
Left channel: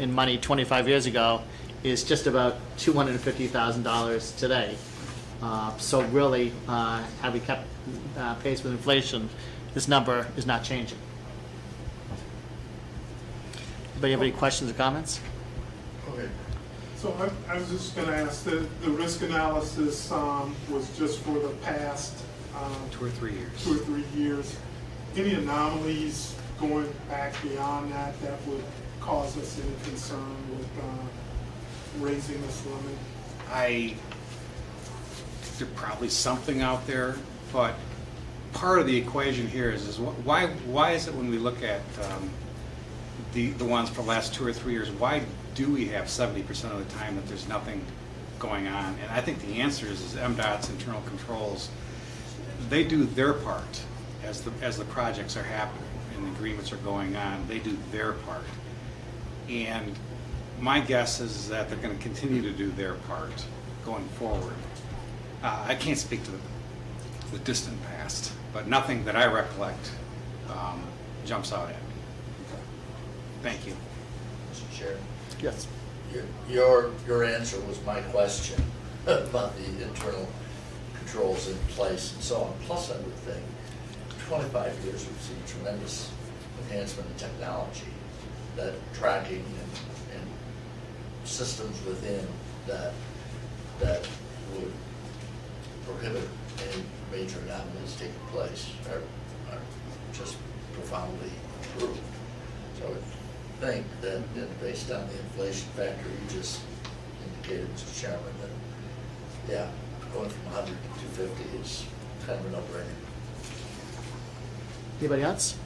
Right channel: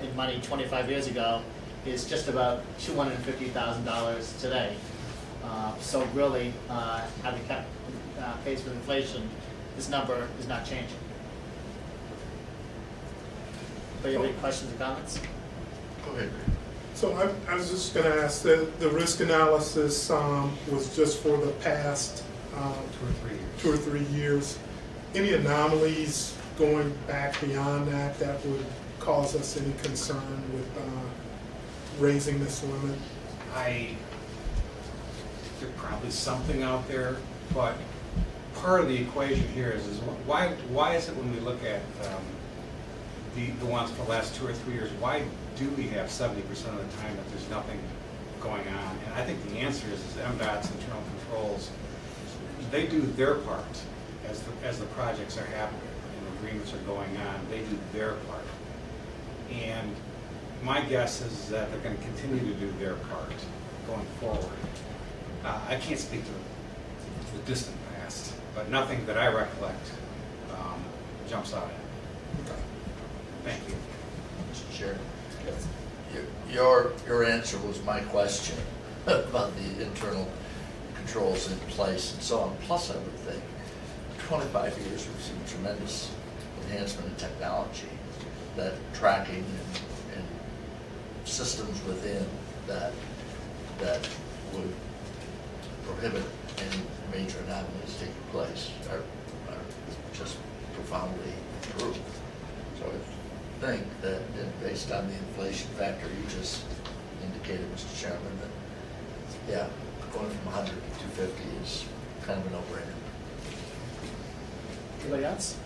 in money 25 years ago is just about $250,000 today. So really, having kept pace with inflation, this number is not changing. Anybody have any questions or comments? Go ahead. So I was just going to ask, the risk analysis was just for the past 2 or 3 years. 2 or 3 years. Any anomalies going back beyond that that would cause us any concern with raising this limit? There's probably something out there, but part of the equation here is why is it when we look at the ones for the last 2 or 3 years, why do we have 70% of the time that there's nothing going on? And I think the answer is MDOT's internal controls. They do their part as the projects are happening and the agreements are going on. They do their part. And my guess is that they're going to continue to do their part going forward. I can't speak to the distant past, but nothing that I recollect jumps out at me. Thank you. Mr. Chair, Yes. your answer was my question about the internal controls in place and so on. Plus, I would think 25 years we've seen tremendous enhancement in technology, that tracking and systems within that would prohibit any major anomalies taking place are just profoundly improved. So I would think that, based on the inflation factor you just indicated, Mr. Chairman, that, yeah, going from 100 to 250 is kind of a no-brainer. Anybody else?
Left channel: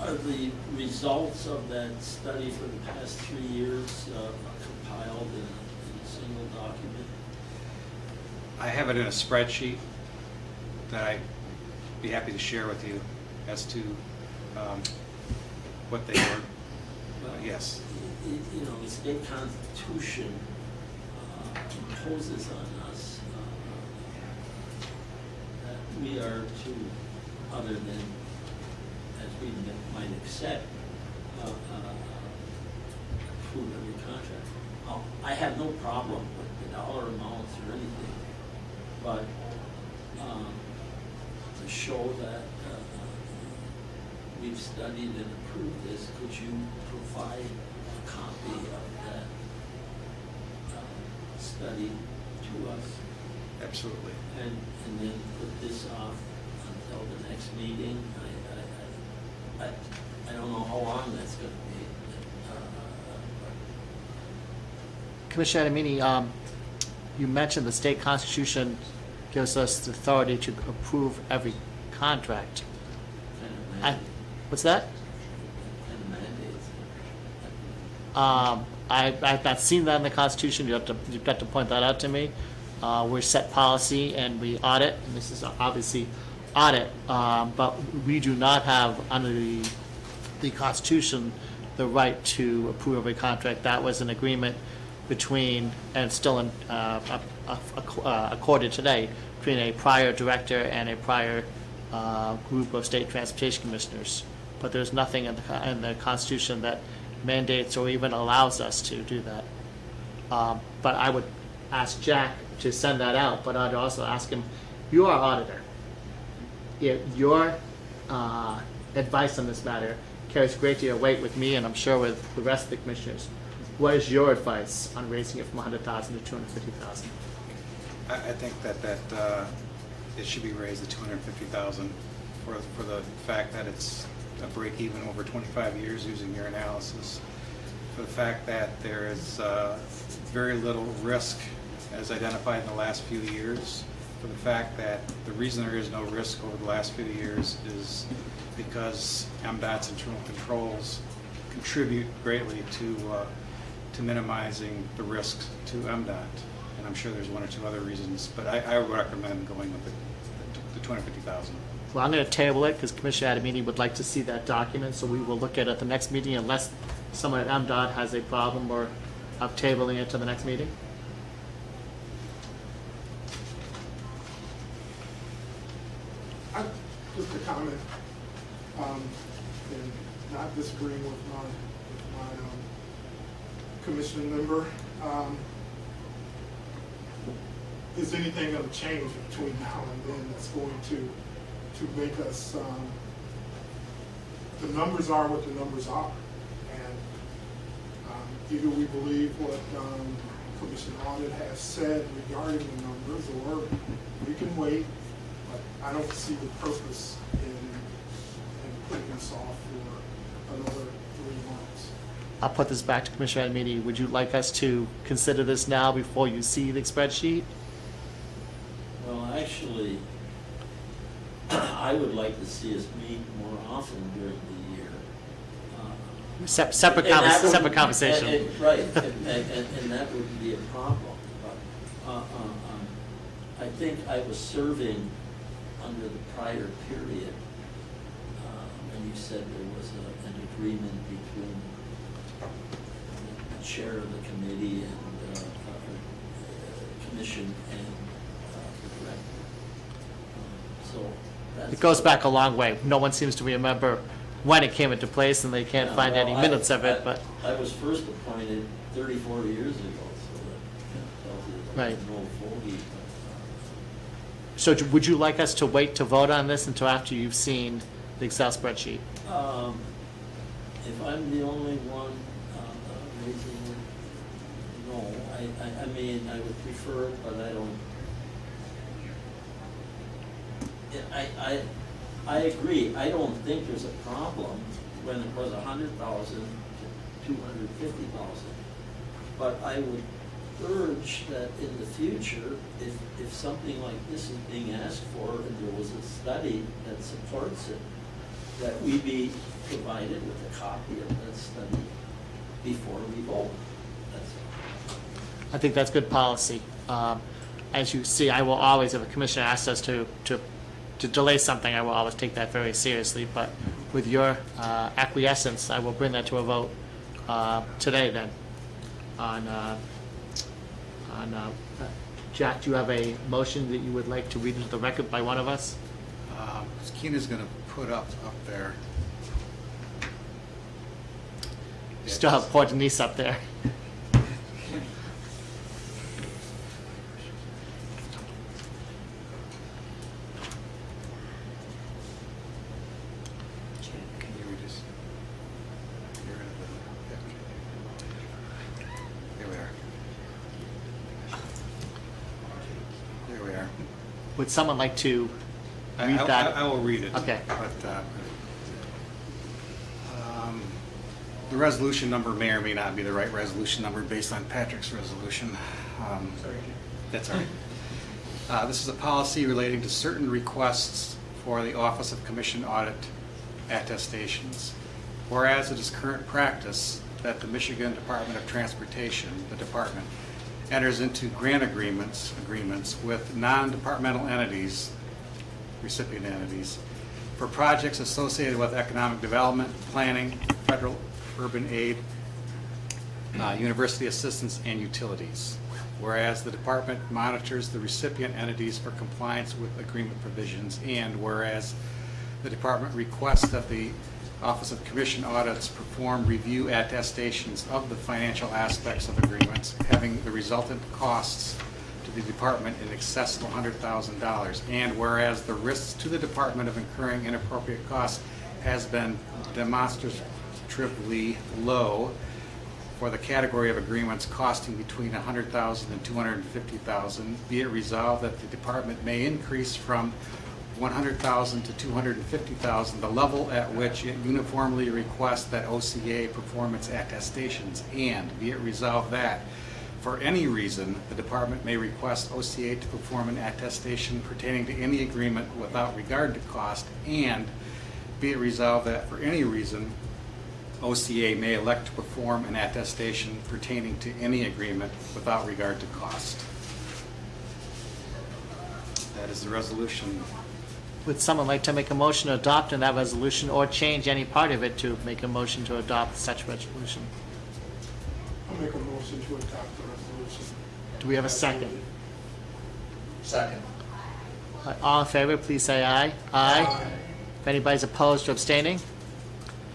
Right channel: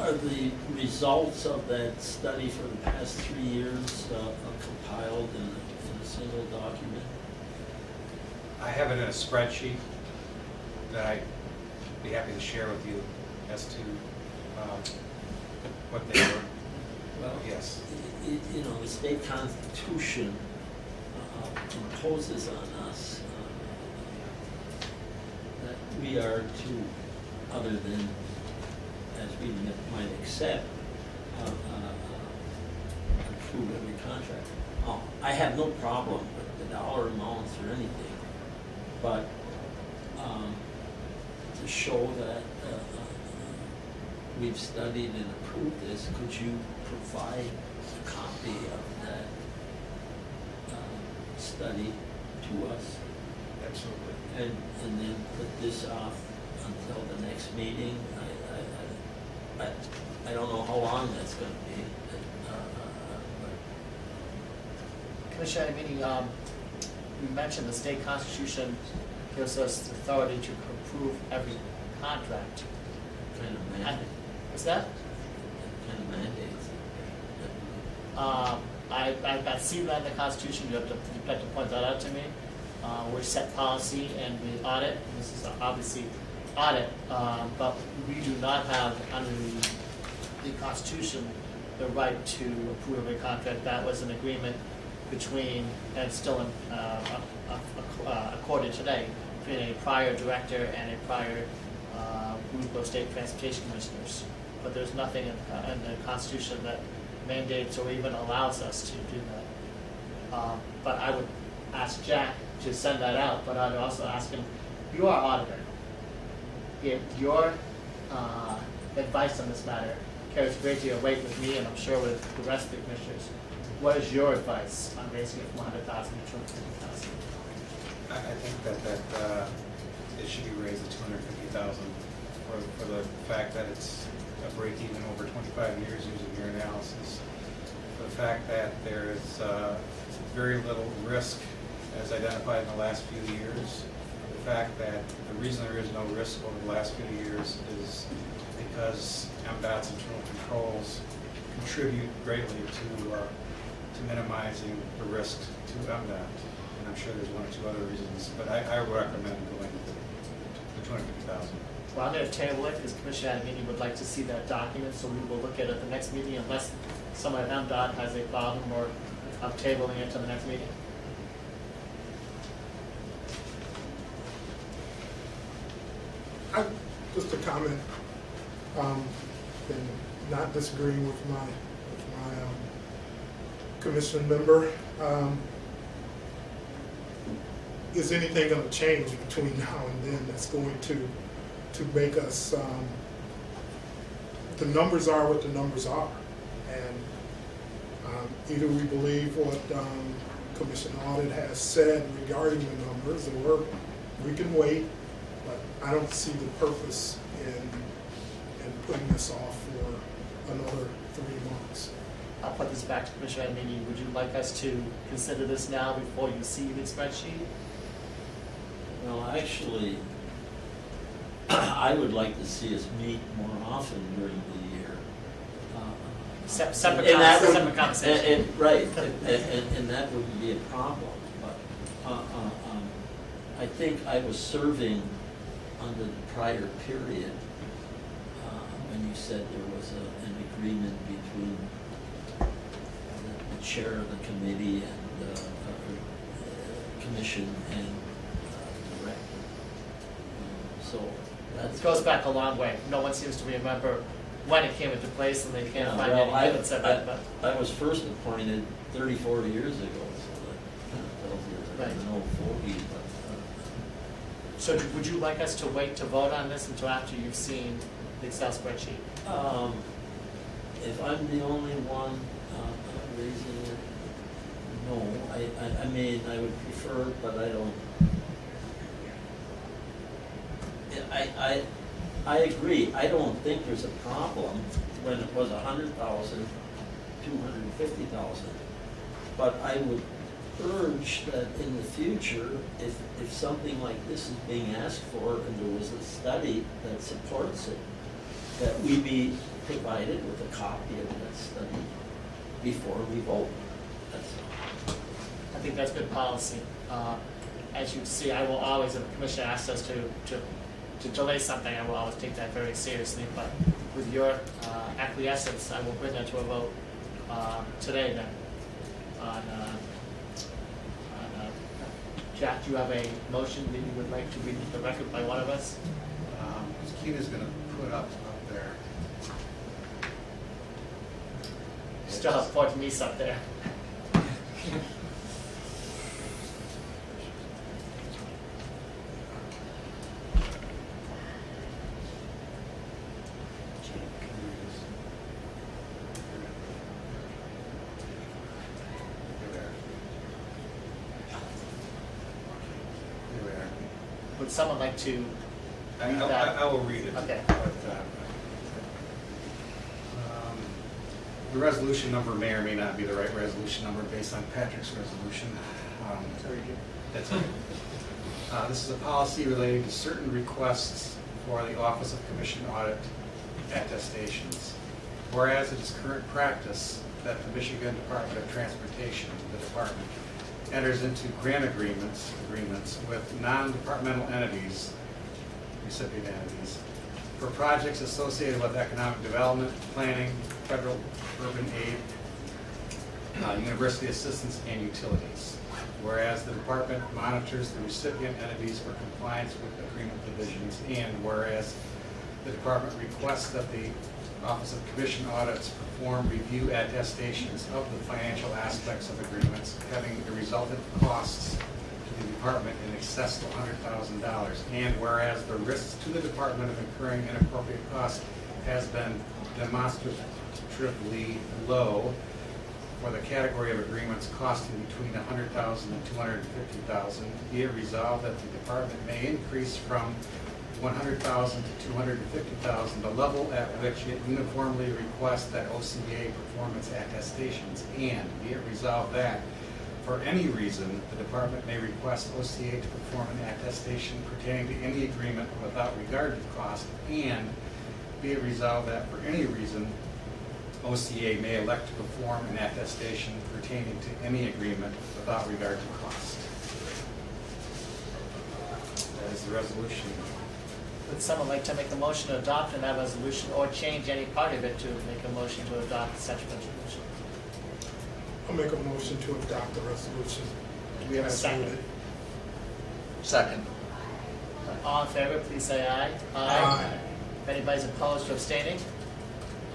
Are the results of that study for the past 3 years compiled in a single document? I have it in a spreadsheet that I'd be happy to share with you as to what they were. Well, Yes. You know, the state constitution imposes on us that we are to, other than as we might accept, approve every contract. I have no problem with the dollar amounts or anything, but to show that we've studied and approved this, could you provide a copy of that study to us? Absolutely. And then put this off until the next meeting? I don't know how long that's gonna be. Commissioner Adamini, you mentioned the state constitution gives us the authority to approve every contract. Kind of I- mandate, What's that? kind of mandates. I've not seen that in the Constitution. You've got to point that out to me. We set policy and we audit, and this is obviously audit, but we do not have under the Constitution the right to approve a contract. That was an agreement between, and still accorded today, between a prior director and a prior group of state transportation commissioners. But there's nothing in the Constitution that mandates or even allows us to do that. But I would ask Jack to send that out, but I'd also ask him, you are auditor. If your advice on this matter carries a great deal of weight with me, and I'm sure with the rest of the commissioners, what is your advice on raising it from 100,000 to 250,000? I think that it should be raised to 250,000 for the fact that it's a break even over 25 years using your analysis. For the fact that there is very little risk as identified in the last few years. For the fact that the reason there is no risk over the last few years is because MDOT's internal controls contribute greatly to minimizing the risk to MDOT. And I'm sure there's one or two other reasons, but I would recommend going with the 250,000. Well, I'm going to table it because Commissioner Adamini would like to see that document, so we will look at it at the next meeting unless someone at MDOT has a problem or I'm tabling it to the next meeting. Just a comment, and not disagreeing with my commission member. Is anything going to change between now and then that's going to make us, the numbers are what the numbers are. And either we believe what Commission Audit has said regarding the numbers, or we can wait. But I don't see the purpose in putting this off for another 3 months. I'll put this back to Commissioner Adamini. Would you like us to consider this now before you see the spreadsheet? Well, actually, I would like to see us meet more often during the year. Separate And that would- separate conversation. Right, and that wouldn't be a problem. But I think I was serving under the prior period when you said there was an agreement between the chair of the committee and commission and director. So that's. It goes back a long way. No one seems to remember when it came into place, and they can't Yeah, find well, any minutes of it, but. I was first appointed 34 years ago, so that tells you that Right. it's an old fogey, but. So would you like us to wait to vote on this until after you've seen the Excel spreadsheet? If I'm the only one raising it, no, I mean, I would prefer, but I don't. I agree, I don't think there's a problem when it was 100,000, 250,000. But I would urge that in the future, if something like this is being asked for and there was a study that supports it, that we be provided with a copy of that study before we vote. That's all. I think that's good policy. As you see, I will always, if a commissioner asks us to delay something, I will always take that very seriously. But with your acquiescence, I will bring that to a vote today then. Jack, do you have a motion that you would like to read into the record by one of us? Keena's going to put up there. Still have poor Denise up there. There we are. Would someone like to read I that? will read it. Okay. But, The resolution number may or may not be the right resolution number based on Patrick's resolution. Sorry, Jim. That's all right. This is a policy relating to certain requests for the Office of Commission Audit attestations. Whereas it is current practice that the Michigan Department of Transportation, the department, enters into grant agreements with non-departmental entities, recipient entities, for projects associated with economic development, planning, federal urban aid, university assistance, and utilities. Whereas the department monitors the recipient entities for compliance with agreement provisions, and whereas the department requests that the Office of Commission Audits perform review attestations of the financial aspects of agreements, having the resultant costs to the department in excess of $100,000. And whereas the risks to the department of incurring inappropriate costs has been demonstratively low for the category of agreements costing between $100,000 and $250,000, be it resolved that the department may increase from $100,000 to $250,000, the level at which it uniformly requests that OCA perform its attestations, and be it resolved that, for any reason, the department may request OCA to perform an attestation pertaining to any agreement without regard to cost, and be it resolved that, for any reason, OCA may elect to perform an attestation pertaining to any agreement without regard to cost. That is the resolution. Would someone like to make a motion to adopt that resolution or change any part of it to make a motion to adopt such resolution? I'll make a motion to adopt the resolution. Do we have a second? Second. All in favor, please say aye. Aye. If anybody's opposed or abstaining?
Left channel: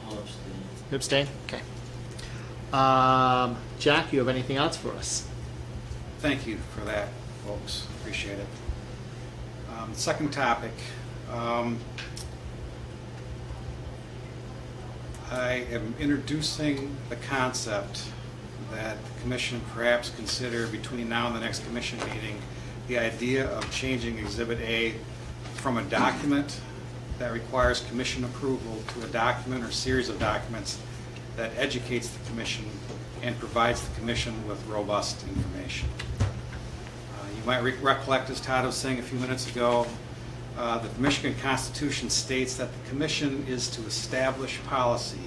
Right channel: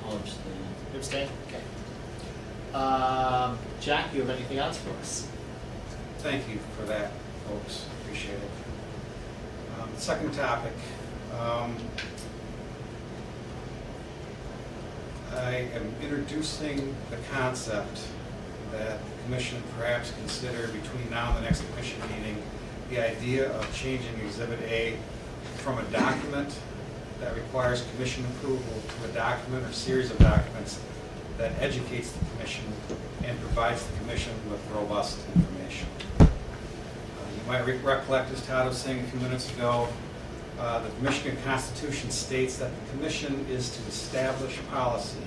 I'll abstain. You abstain? Okay. Jack, you have anything else for us? Thank you for that, folks. Appreciate it. Second topic. I am introducing the concept that the commission perhaps consider between now and the next commission meeting the idea of changing Exhibit A from a document that requires commission approval to a document or series of documents that educates the commission and provides the commission with robust information. You might recollect, as Todd was saying a few minutes ago, the Michigan Constitution states that the commission is to establish policy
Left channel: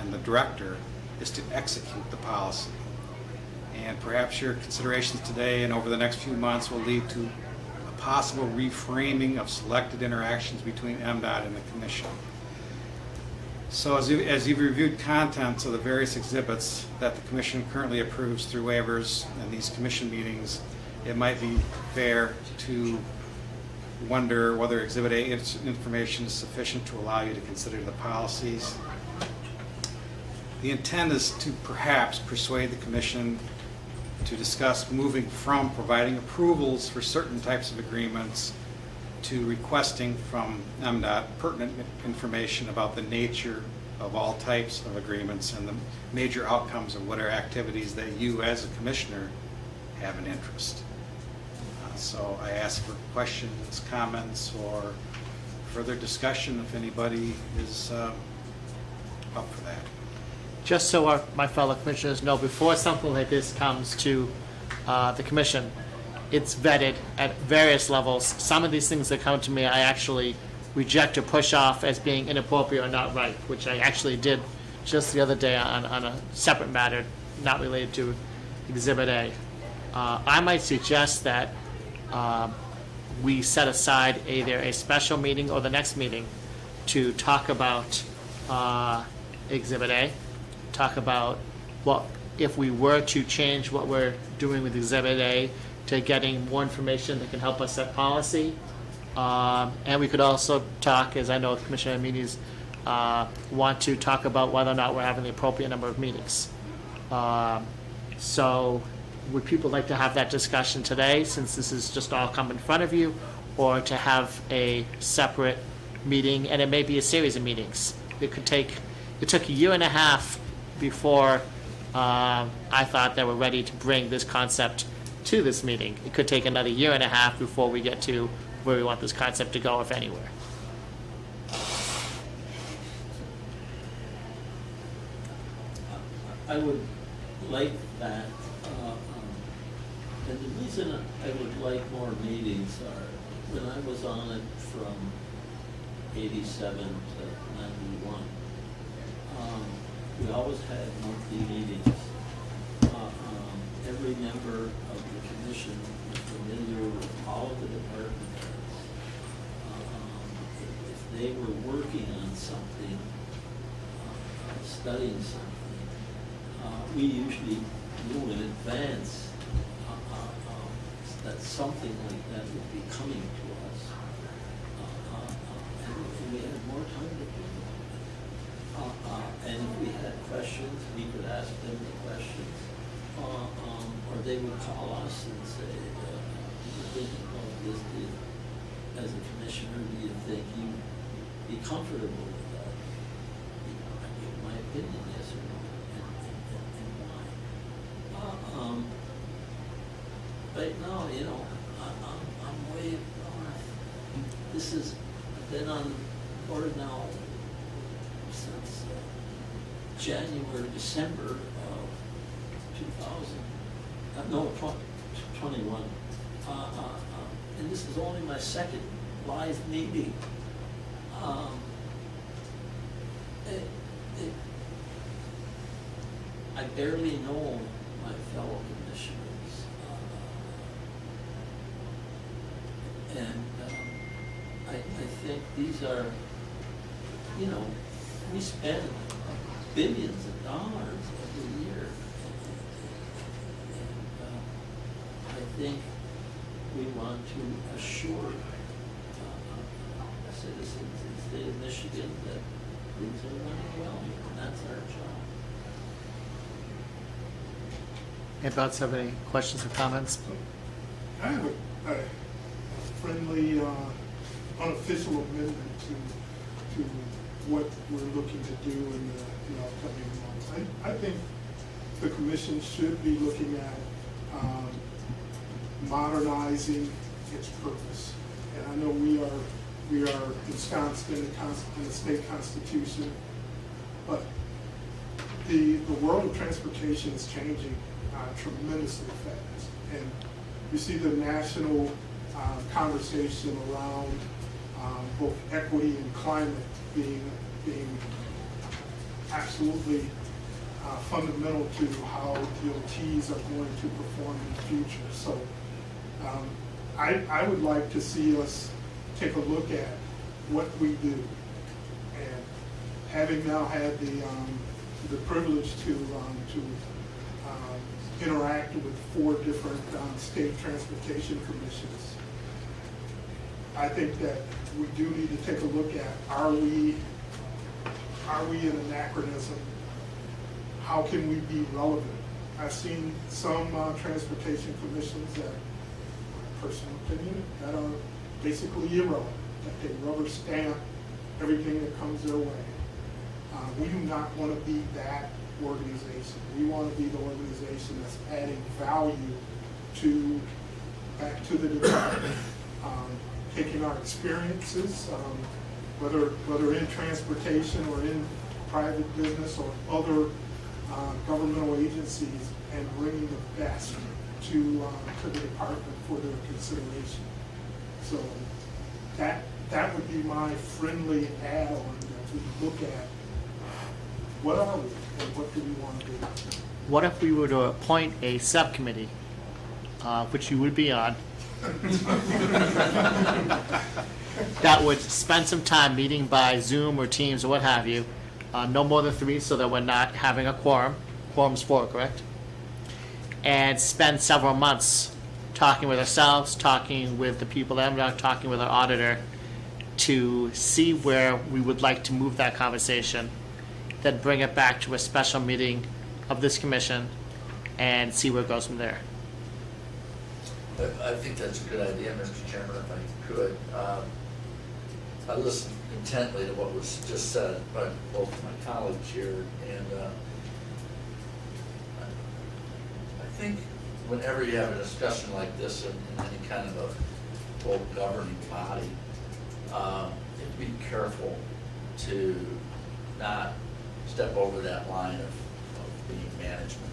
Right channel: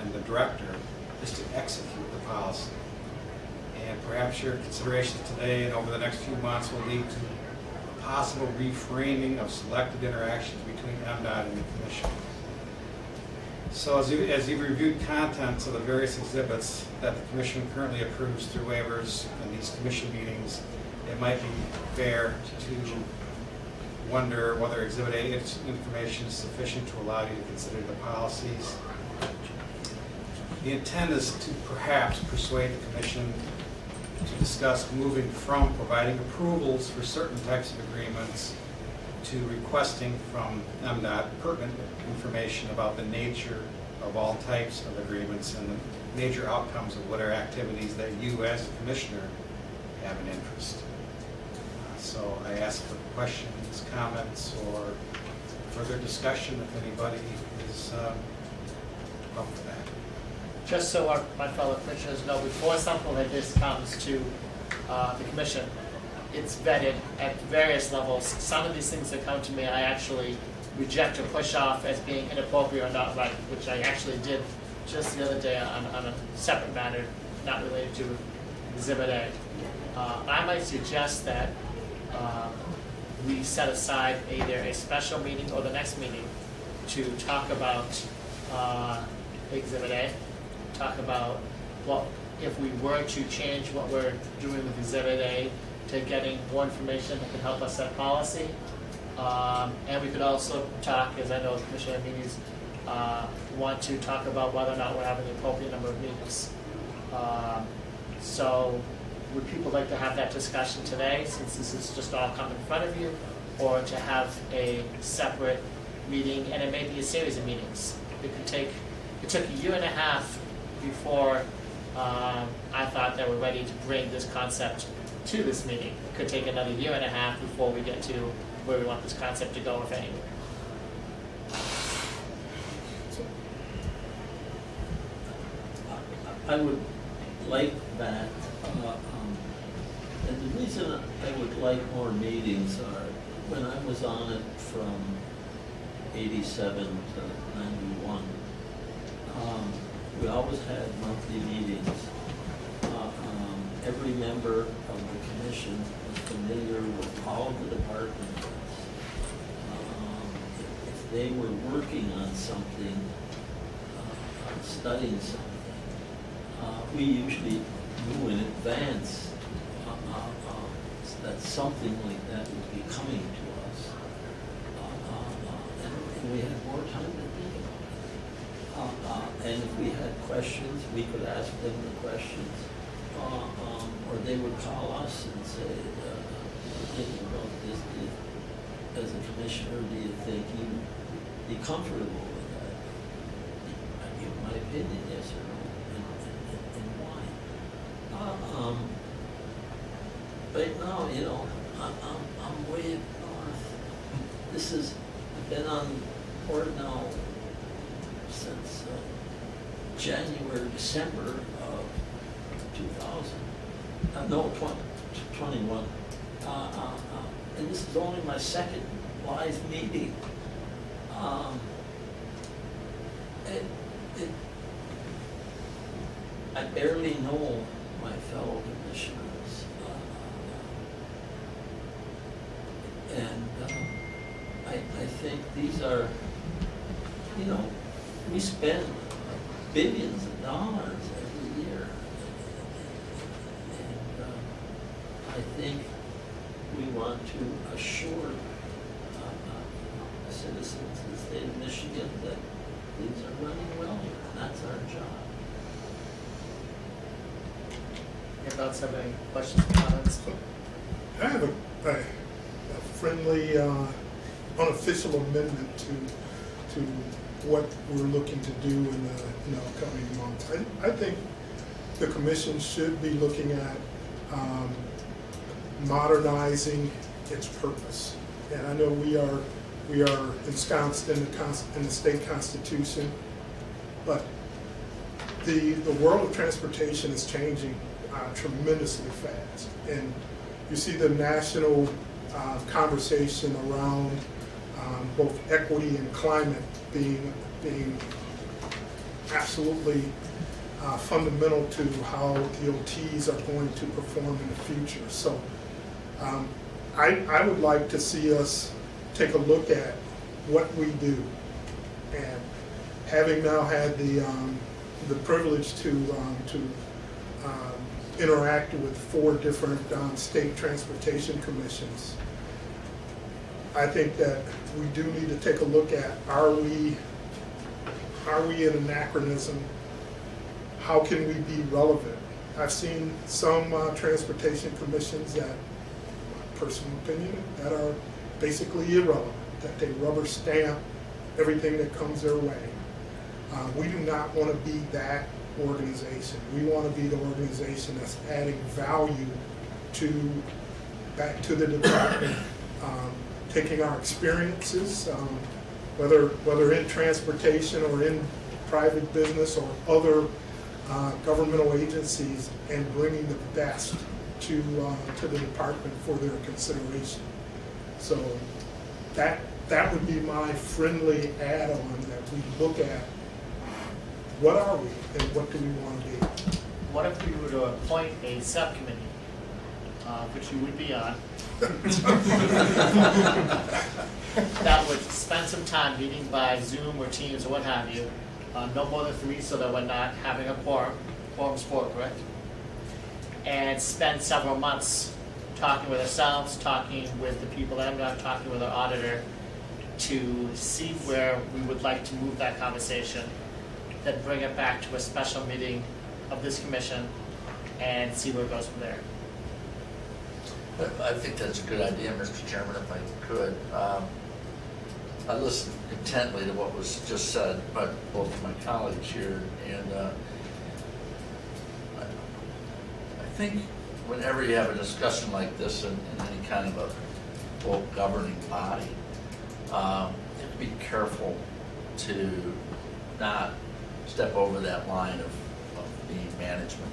and the director is to execute the policy. And perhaps your considerations today and over the next few months will lead to a possible reframing of selected interactions between MDOT and the commission. So as you've reviewed contents of the various exhibits that the commission currently approves through waivers and these commission meetings, it might be fair to wonder whether Exhibit A information is sufficient to allow you to consider the policies. The intent is to perhaps persuade the commission to discuss moving from providing approvals for certain types of agreements to requesting from MDOT pertinent information about the nature of all types of agreements and the major outcomes of whatever activities that you as a commissioner have an interest. So I ask for questions, comments, or further discussion if anybody is up for that. Just so my fellow commissioners know, before something like this comes to the commission, it's vetted at various levels. Some of these things that come to me, I actually reject or push off as being inappropriate or not right, which I actually did just the other day on a separate matter, not related to Exhibit A. I might suggest that we set aside either a special meeting or the next meeting to talk about Exhibit A, talk about what if we were to change what we're doing with Exhibit A to getting more information that can help us set policy. And we could also talk, as I know Commissioner Nominees want to talk about whether or not we're having the appropriate number of meetings. So would people like to have that discussion today, since this is just all come in front of you, or to have a separate meeting, and it may be a series of meetings? It took a year and a half before I thought they were ready to bring this concept to this meeting. It could take another year and a half before we get to where we want this concept to go, if anywhere. I would like that, and the reason I would like more meetings are, when I was on it from 87 to 91, we always had monthly meetings. Every member of the commission was familiar with all of the department heads. If they were working on something, studying something, we usually knew in advance that something like that would be coming to us. And we had more time to think about it. And if we had questions, we could ask them the questions. Or they would call us and say, thinking about this, as a commissioner, do you think you'd be comfortable with that? I give my opinion, yes or no, and why. Right now, you know, I'm way up north. I've been on the board now since December of 21. And this is only my second live meeting. I barely know my fellow commissioners. I think these are, you know, we spend billions of dollars every year. I think we want to assure citizens in the state of Michigan that things are running well here, and that's our job. Anybody else have any questions or comments? I have a friendly, unofficial amendment to what we're looking to do in the upcoming months. I think the commission should be looking at modernizing its purpose. And I know we are ensconced in the state constitution, but the world of transportation is changing tremendously fast. And you see the national conversation around both equity and climate being absolutely fundamental to how DOTs are going to perform in the future. So I would like to see us take a look at what we do. And having now had the privilege to interact with 4 different state transportation commissions, I think that we do need to take a look at, are we in anachronism? How can we be relevant? I've seen some transportation commissions that, my personal opinion, that are basically irrelevant, that they rubber stamp everything that comes their way. We do not want to be that organization. We want to be the organization that's adding value back to the department, taking our experiences, whether in transportation or in private business or other governmental agencies, and bringing the best to the department for their consideration. So that would be my friendly add-on, that we look at what are we and what do we want to be. What if we were to appoint a subcommittee, which you would be on, that would spend some time meeting by Zoom or Teams or what have you, no more than 3, so that we're not having a quorum. Quorum's 4, correct? And spend several months talking with ourselves, talking with the people that I'm not talking with our auditor, to see where we would like to move that conversation, then bring it back to a special meeting of this commission and see where it goes from there. I think that's a good idea, Mr. Chairman, if I could. I listened intently to what was just said by both of my colleagues here, and I think whenever you have a discussion like this in any kind of a quote governing body, you have to be careful to not step over that line of being management.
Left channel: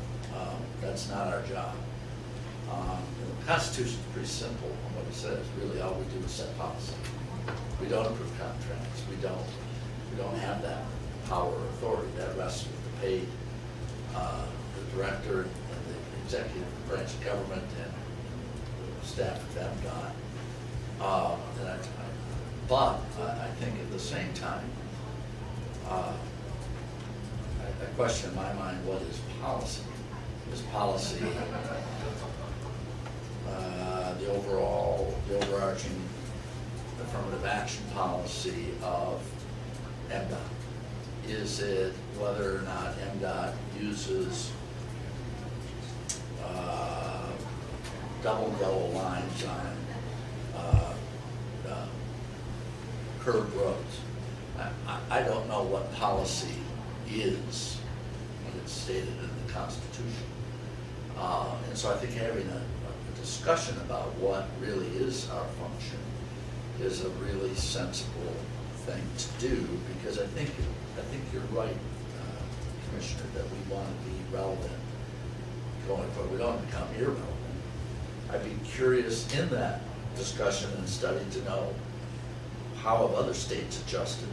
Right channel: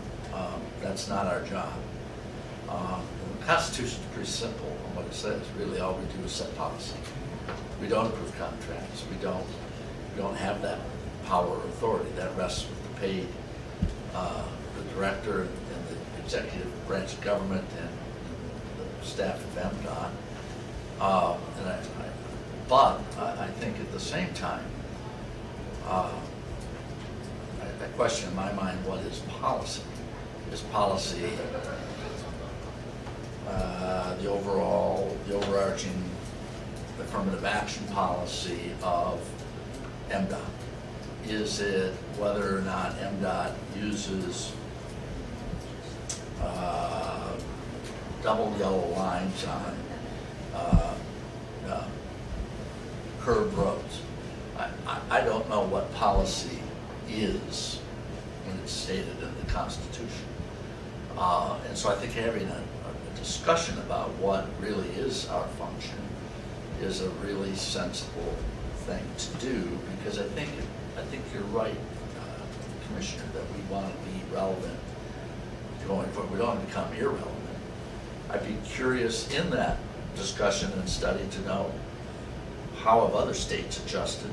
That's not our job. And the Constitution's pretty simple on what it says. Really, all we do is set policy. We don't approve contracts. We don't have that power or authority. That rests with the paid, the director and the executive branch of government and the staff of MDOT. But I think at the same time, I question in my mind, what is policy? Is policy the overarching affirmative action policy of MDOT? Is it whether or not MDOT uses double yellow lines on curved roads? I don't know what policy is when it's stated in the Constitution. And so I think having a discussion about what really is our function is a really sensible thing to do, because I think you're right, Commissioner, that we want to be relevant going forward. We don't want to become irrelevant. I'd be curious in that discussion and study to know how have other states adjusted?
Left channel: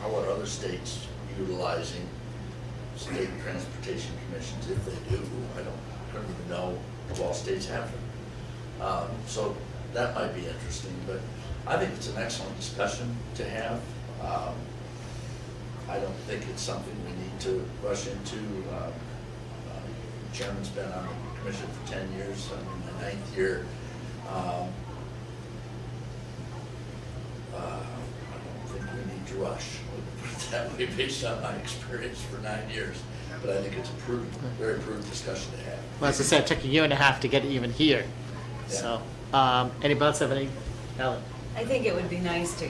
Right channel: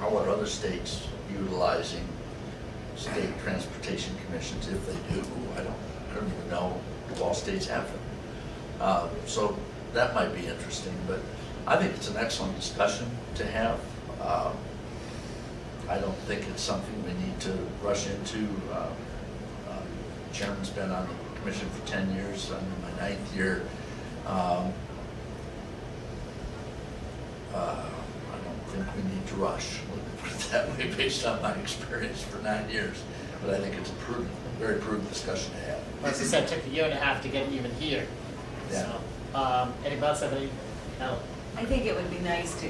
How are other states utilizing state transportation commissions, if they do? I don't even know if all states have them. So that might be interesting, but I think it's an excellent discussion to have. I don't think it's something we need to rush into. Chairman's been on the commission for 10 years. I'm in my 9th year. I don't think we need to rush, put it that way, based on my experience for 9 years. But I think it's a prudent, very prudent discussion to have. Well, as I said, it took a year and a half to get even here. Yeah. So, anybody else have any? Ellen? I think it would be nice to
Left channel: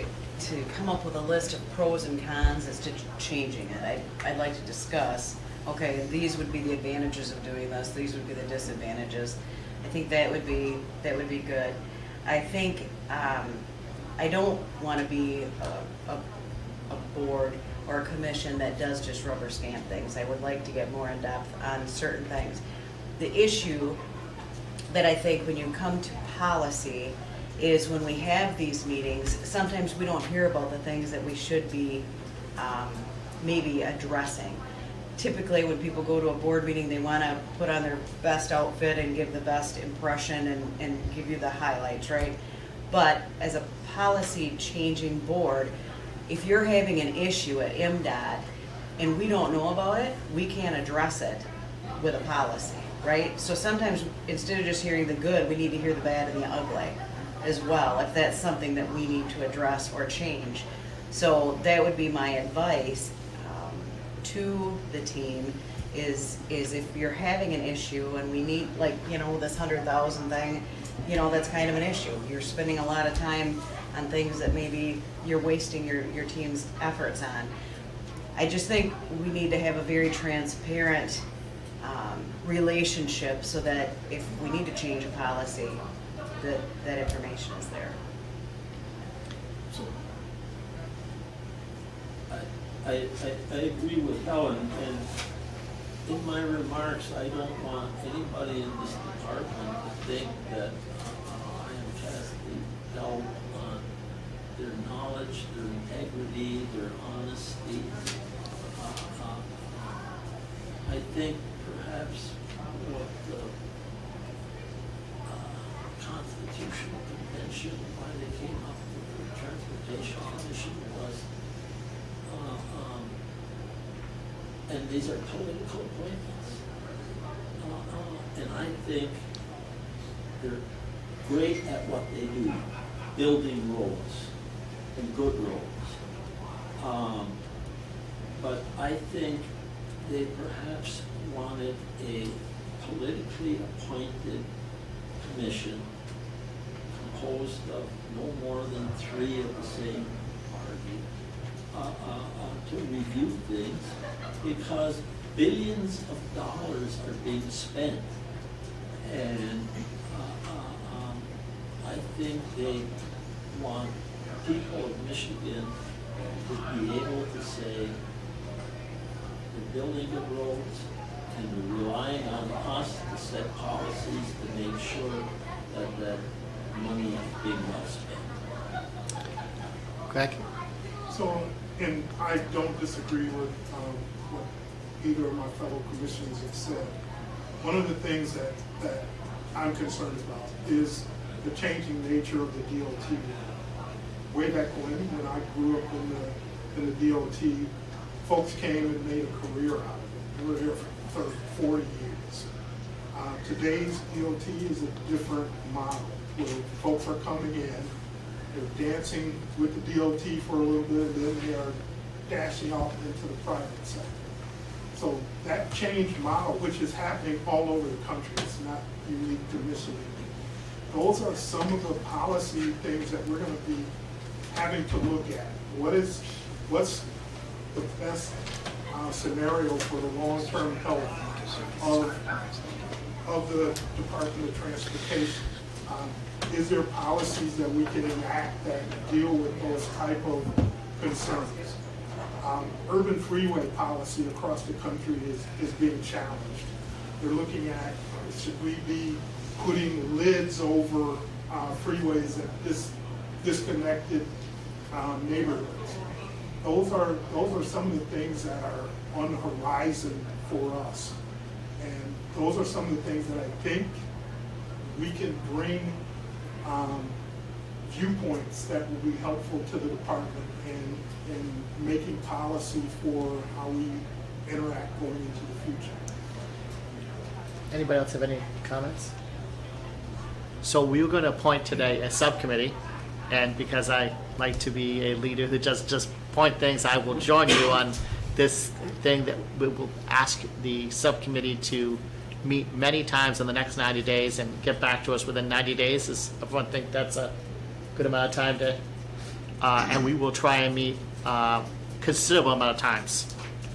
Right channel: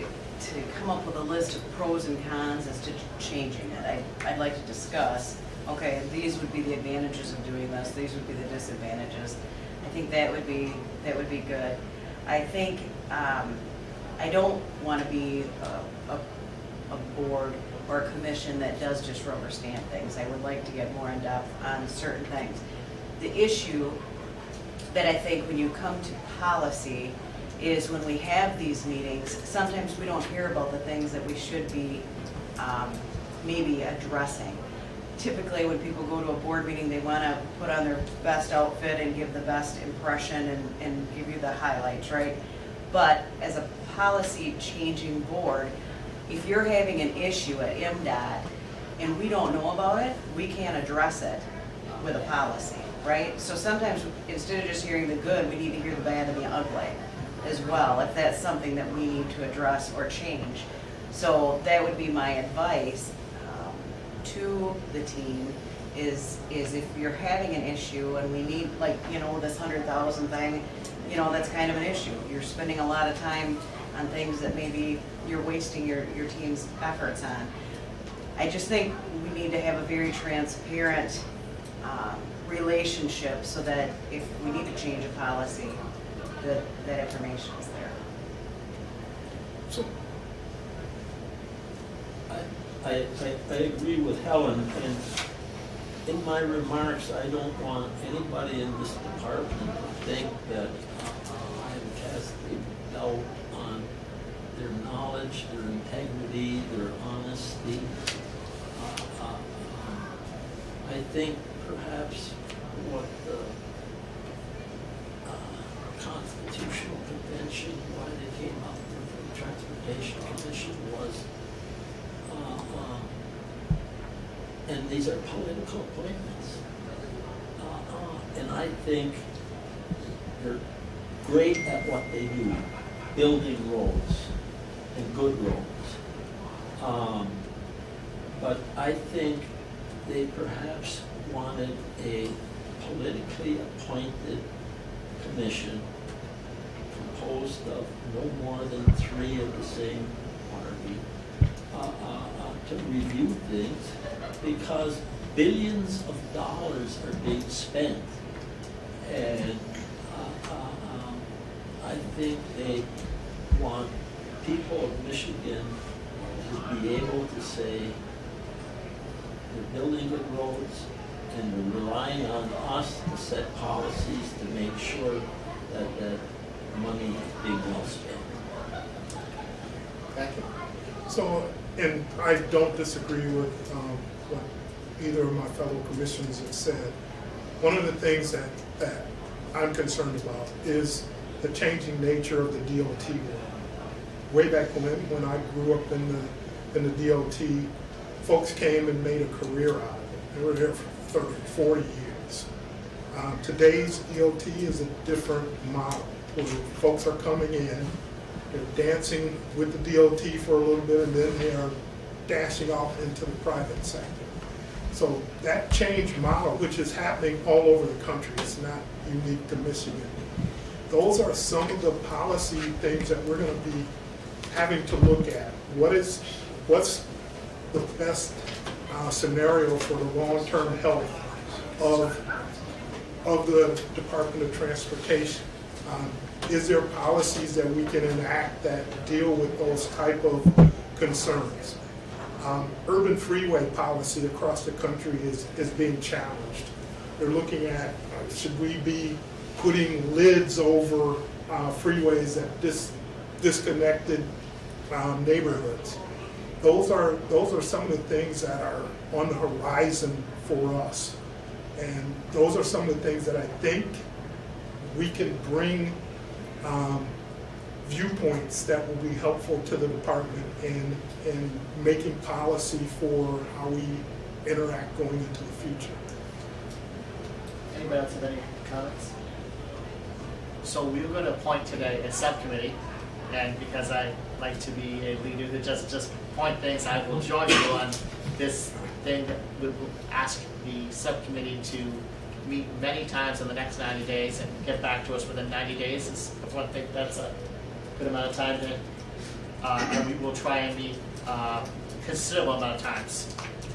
come up with a list of pros and cons as to changing it. I'd like to discuss, okay, these would be the advantages of doing this, these would be the disadvantages. I think that would be good. I think, I don't want to be a board or a commission that does just rubber stamp things. I would like to get more in depth on certain things. The issue that I think when you come to policy is when we have these meetings, sometimes we don't hear about the things that we should be maybe addressing. Typically, when people go to a board meeting, they want to put on their best outfit and give the best impression and give you the highlights, right? But as a policy changing board, if you're having an issue at MDOT and we don't know about it, we can't address it with a policy, right? So sometimes instead of just hearing the good, we need to hear the bad and the ugly as well, if that's something that we need to address or change. So that would be my advice to the team is if you're having an issue and we need, like, this 100,000 thing, that's kind of an issue. You're spending a lot of time on things that maybe you're wasting your team's efforts on. I just think we need to have a very transparent relationship so that if we need to change a policy, that information is there. So, I agree with Helen, and in my remarks, I don't want anybody in this department to think that I am casting doubt on their knowledge, their integrity, their honesty. I think perhaps what the Constitutional Convention, why they came up with the Transportation Commission was, and these are political appointments. And I think they're great at what they do, building roads and good roads. But I think they perhaps wanted a politically appointed commission composed of no more than 3 of the same party to review things, because billions of dollars are being spent. And I think they want people of Michigan to be able to say, the building good roads and they're relying on us to set policies to make sure that that money is being well spent. Thank you. So, and I don't disagree with what either of my fellow commissioners have said. One of the things that I'm concerned about is the changing nature of the DOT world. Way back when I grew up in the DOT, folks came and made a career out of it. They were there for 30, 40 years. Today's DOT is a different model, where folks are coming in, they're dancing with the DOT for a little bit, and then they are dashing off into the private sector. So that change model, which is happening all over the country, it's not unique to Michigan. Those are some of the policy things that we're going to be having to look at. What's the best scenario for the long-term health of the Department of Transportation? Is there policies that we can enact that deal with those type of concerns? Urban freeway policy across the country is being challenged. They're looking at, should we be putting lids over freeways at disconnected neighborhoods? Those are some of the things that are on the horizon for us. And those are some of the things that I think we can bring viewpoints that will be helpful to the department in making policy for how we interact going into the future. Anybody else have any comments? So we were going to appoint today a subcommittee, and because I like to be a leader who just point things, I will join you on this thing that we will ask the subcommittee to meet many times in the next 90 days and get back to us within 90 days. Does everyone think that's a good amount of time to? And we will try and meet considerable amount of times.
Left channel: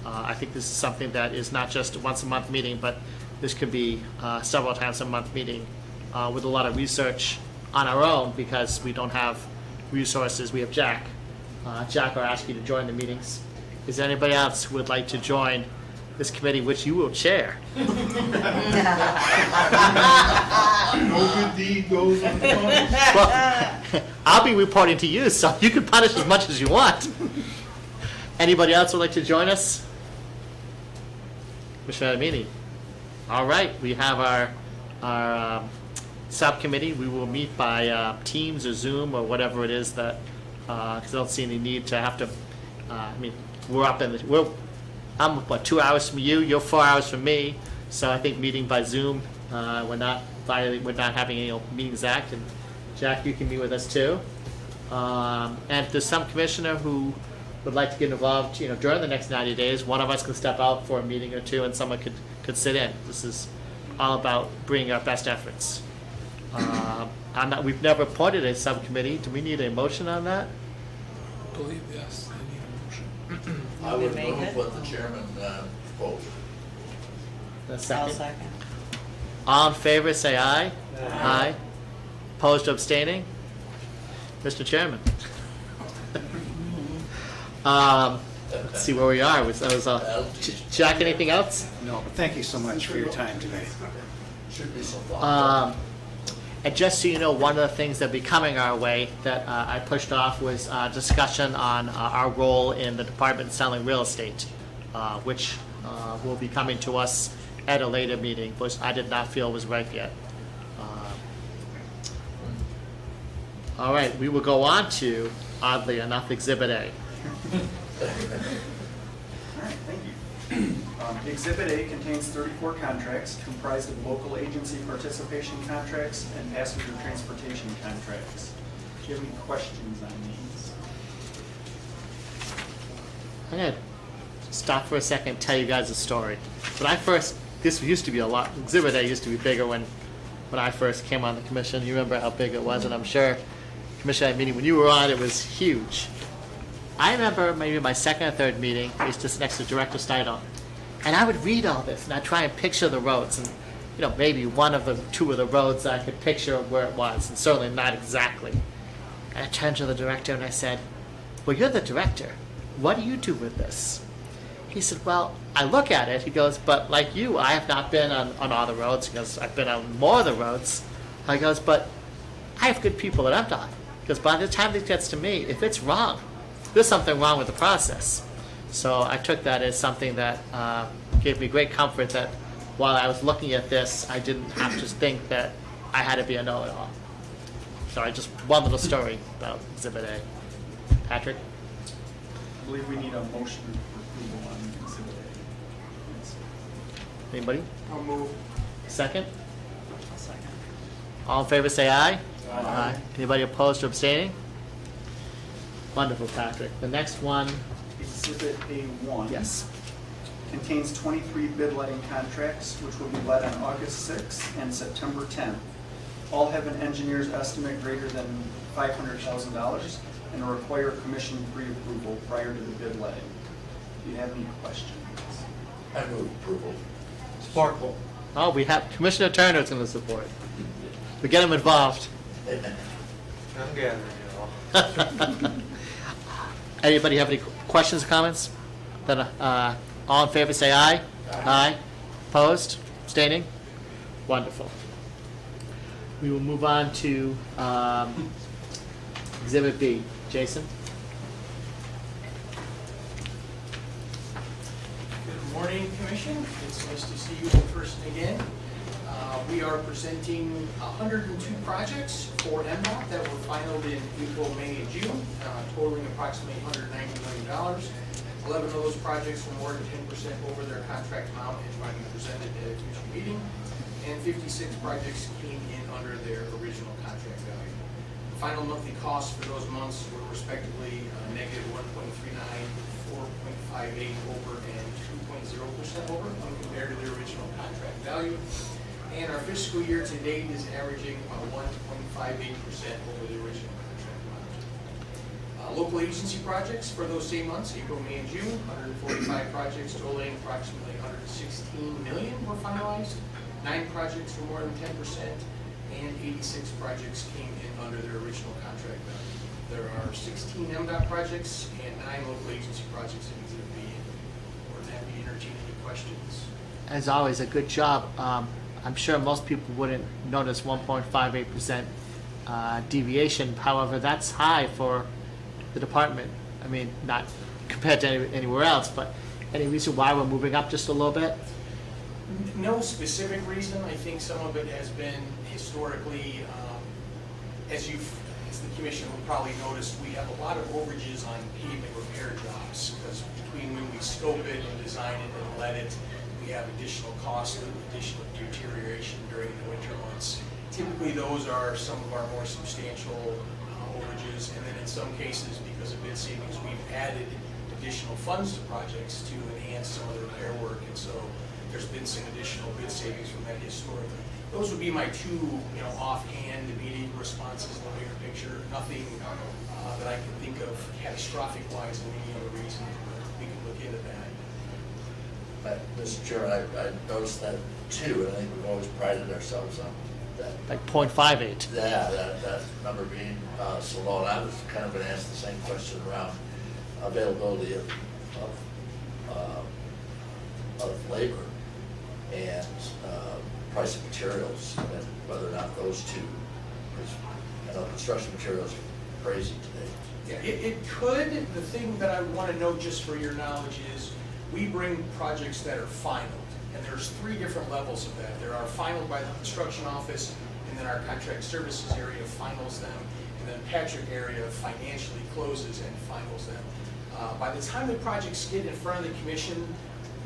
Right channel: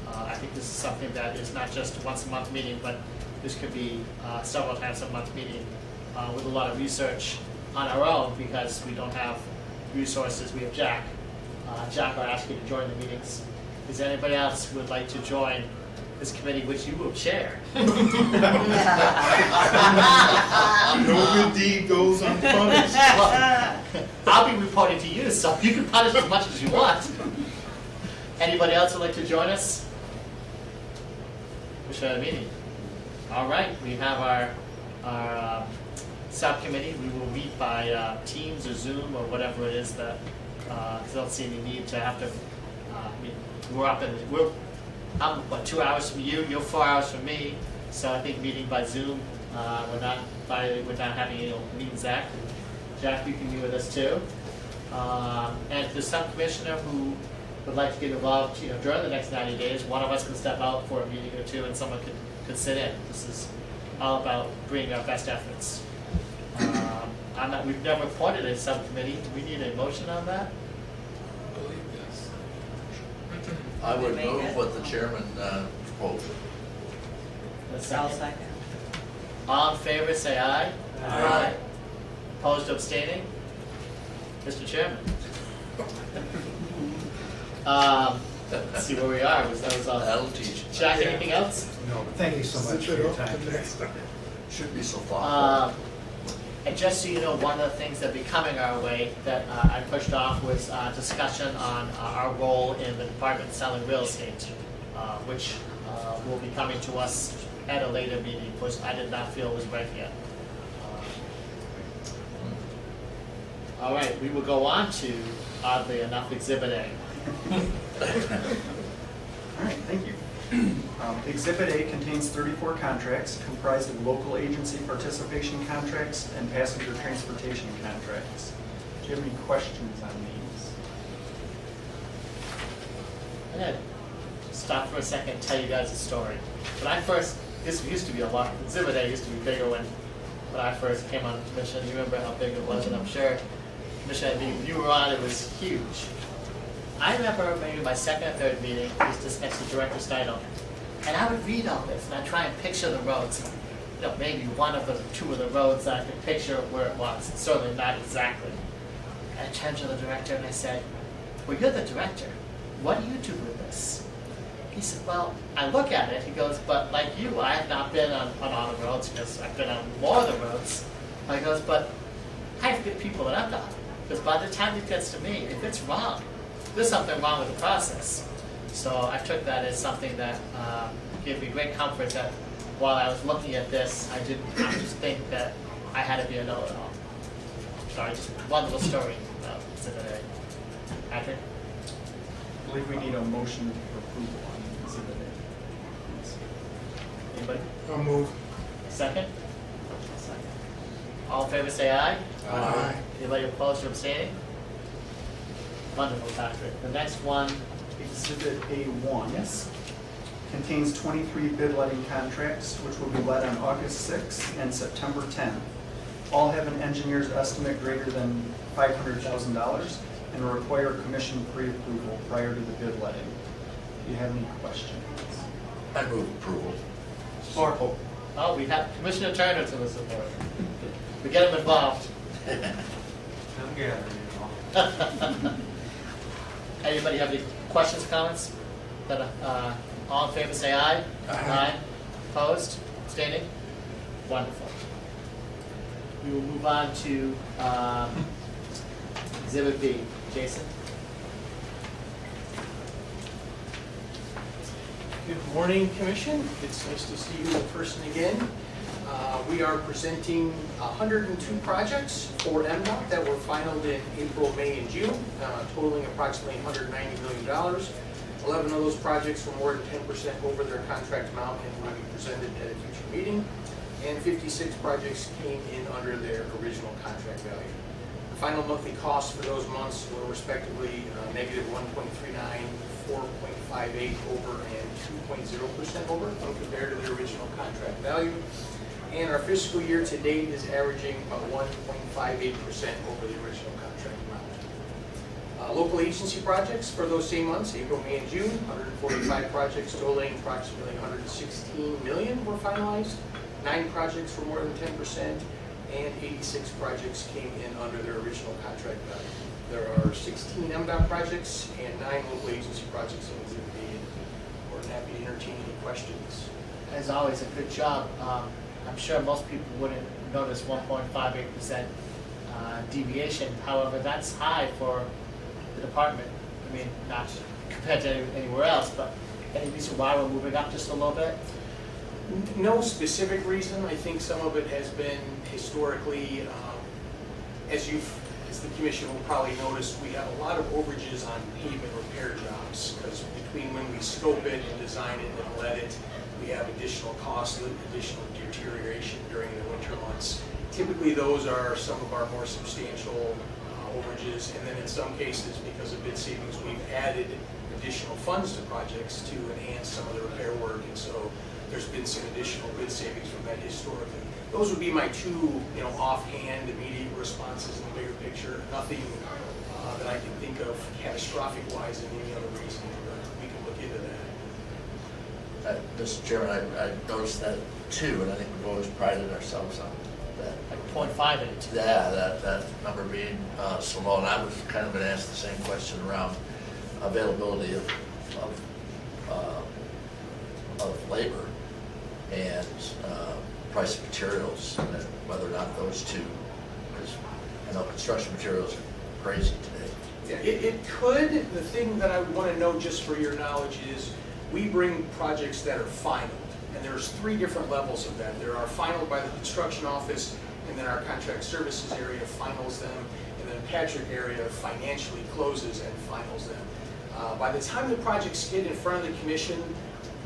I think this is something that is not just a once a month meeting, but this could be several times a month meeting with a lot of research on our own because we don't have resources. We have Jack. Jack, I'll ask you to join the meetings. Is there anybody else who would like to join this committee, which you will chair? No good deed goes unpunished. Well, I'll be reporting to you, so you can punish as much as you want. Anybody else would like to join us? Commission meeting. All right, we have our subcommittee. We will meet by Teams or Zoom or whatever it is that. Because I don't see any need to have to. We're up in the. I'm 2 hours from you. You're 4 hours from me. So I think meeting by Zoom. We're not having any Meetings Act. And Jack, you can be with us too. And if there's some commissioner who would like to get involved, during the next 90 days, one of us can step out for a meeting or two, and someone could sit in. This is all about bringing our best efforts. We've never appointed a subcommittee. Do we need a motion on that? I believe yes. I would move what the chairman proposed. A I'll second. second. All in favor, say aye. Aye. Opposed or abstaining? Mr. Chairman. Let's see where we are. That was all. That'll teach you. Jack, anything else? No, but thank you so much for your time today. Should be so far. And just so you know, one of the things that will be coming our way that I pushed off was discussion on our role in the department selling real estate, which will be coming to us at a later meeting, which I did not feel was right yet. All right, we will go on to, oddly enough, Exhibit A. All right, thank you. Exhibit A contains 34 contracts comprised of local agency participation contracts and passenger transportation contracts. Do you have any questions on these? I'm going to stop for a second and tell you guys a story. This used to be a lot, Exhibit A used to be bigger when I first came on the commission. You remember how big it was, and I'm sure, Commission meeting, when you were on, it was huge. I remember maybe my second or third meeting was just next to Director Steidel. And I would read all this, and I'd try and picture the roads. And, maybe two of the roads I could picture where it was, and certainly not exactly. And I turned to the director and I said, well, you're the director. What do you do with this? He said, well, I look at it. He goes, but like you, I have not been on all the roads. He goes, I've been on more of the roads. I goes, but I have good people at MDOT. Because by the time it gets to me, if it's wrong, there's something wrong with the process. So I took that as something that gave me great comfort that while I was looking at this, I didn't have to think that I had to be a know-it-all. So I just, one little story about Exhibit A. Patrick? I believe we need a motion for approval on Exhibit A. Yes. Anybody? I'll move. Second? All in favor say aye. Aye. Anybody opposed or abstaining? Wonderful, Patrick. The next one, Exhibit A1. yes. Contains 23 bid letting contracts, which will be let on August 6th and September 10th. All have an engineer's estimate greater than $500,000 and require commission pre-approval prior to the bid letting. Do you have any questions? I move approval. Sparkle. Oh, we have Commissioner Turner's in the support. We get him involved. I'm gathering. Anybody have any questions or comments? Then, all in favor say aye. Aye. Opposed? Abstaining? Wonderful. We will move on to Exhibit B. Jason? Good morning, Commission. It's nice to see you in person again. We are presenting 102 projects for MDOT that were finalized in April, May, and June, totaling approximately $190 million. 11 of those projects were more than 10% over their contract amount and will be presented at a future meeting, and 56 projects came in under their original contract value. The final monthly costs for those months were respectively negative 1.39, 4.58 over, and 2.0% over when compared to their original contract value. And our fiscal year to date is averaging about 1.58% over the original contract amount. Local agency projects for those same months, April, May, and June, 145 projects totaling approximately $116 million were finalized. 9 projects were more than 10%, and 86 projects came in under their original contract value. There are 16 MDOT projects and 9 local agency projects in Exhibit B. We're happy to entertain any questions. As always, a good job. I'm sure most people wouldn't notice 1.58% deviation. However, that's high for the department. I mean, not compared to anywhere else, but any reason why we're moving up just a little bit? No specific reason. I think some of it has been historically, as the commission will probably notice, we have a lot of overages on pavement repair jobs, because between when we scope it and design it and let it, we have additional costs, additional deterioration during the winter months. Typically, those are some of our more substantial overages, and then in some cases, because of bid savings, we've added additional funds to projects to enhance some of the repair work, and so there's been some additional bid savings from that historically. Those would be my two, offhand, immediate responses in the bigger picture. Nothing that I can think of catastrophic-wise in any other reason, but we can look into that. Mr. Chairman, I noticed that too, and I think we've always prided ourselves on that. Like 0.58. Yeah, that number being so low, and I was kind of going to ask the same question around availability of labor and price of materials, and whether or not those two, because I know construction materials are crazy today. Yeah, it could. The thing that I want to know, just for your knowledge, is we bring projects that are final, and there's 3 different levels of that. There are final by the construction office, and then our contract services area finals them, and then Patrick area financially closes and finals them. By the time the projects get in front of the commission,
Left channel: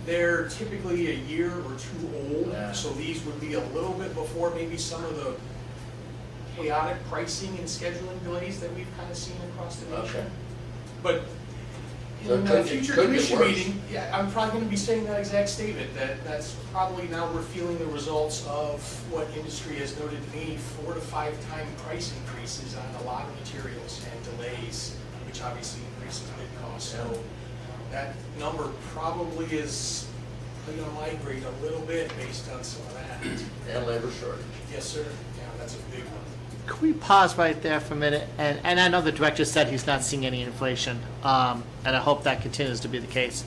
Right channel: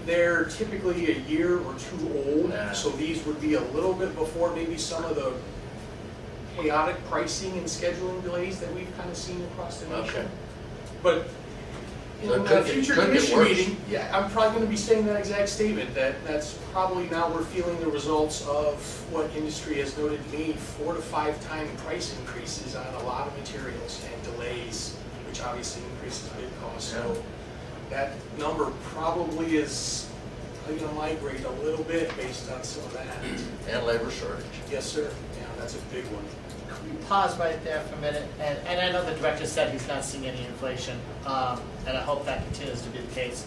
they're typically a year or 2 old, so these would be a little bit before maybe some of the chaotic pricing and scheduling delays that we've kind of seen across the nation. Okay. But So in it the could future get commission worse. meeting, yeah, I'm probably going to be saying that exact statement, that's probably now we're feeling the results of what industry has noted to me, 4 to 5 time price increases on a lot of materials and delays, which obviously increases bid costs. So that number probably is going to migrate a little bit based on some of that. And labor shortage. Yes, sir. Yeah, that's a big one. Can we pause right there for a minute? And I know the director said he's not seeing any inflation, and I hope that continues to be the case.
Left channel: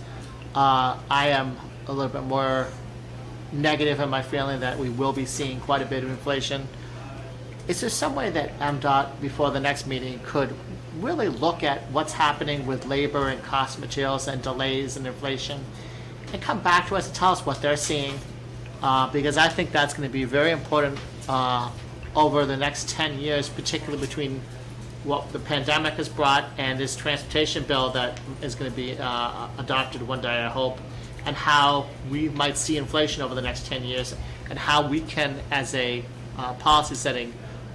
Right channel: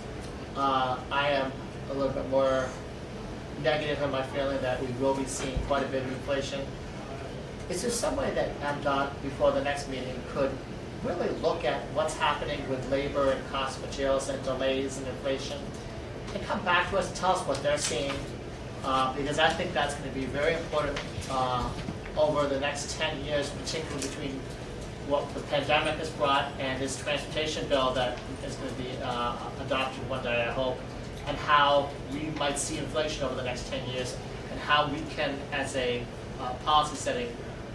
I am a little bit more negative in my feeling that we will be seeing quite a bit of inflation. Is there some way that MDOT, before the next meeting, could really look at what's happening with labor and cost of materials and delays and inflation, and come back to us and tell us what they're seeing? Because I think that's going to be very important over the next 10 years, particularly between what the pandemic has brought and this transportation bill that is going to be adopted one day, I hope, and how we might see inflation over the next 10 years, and how we can, as a policy setting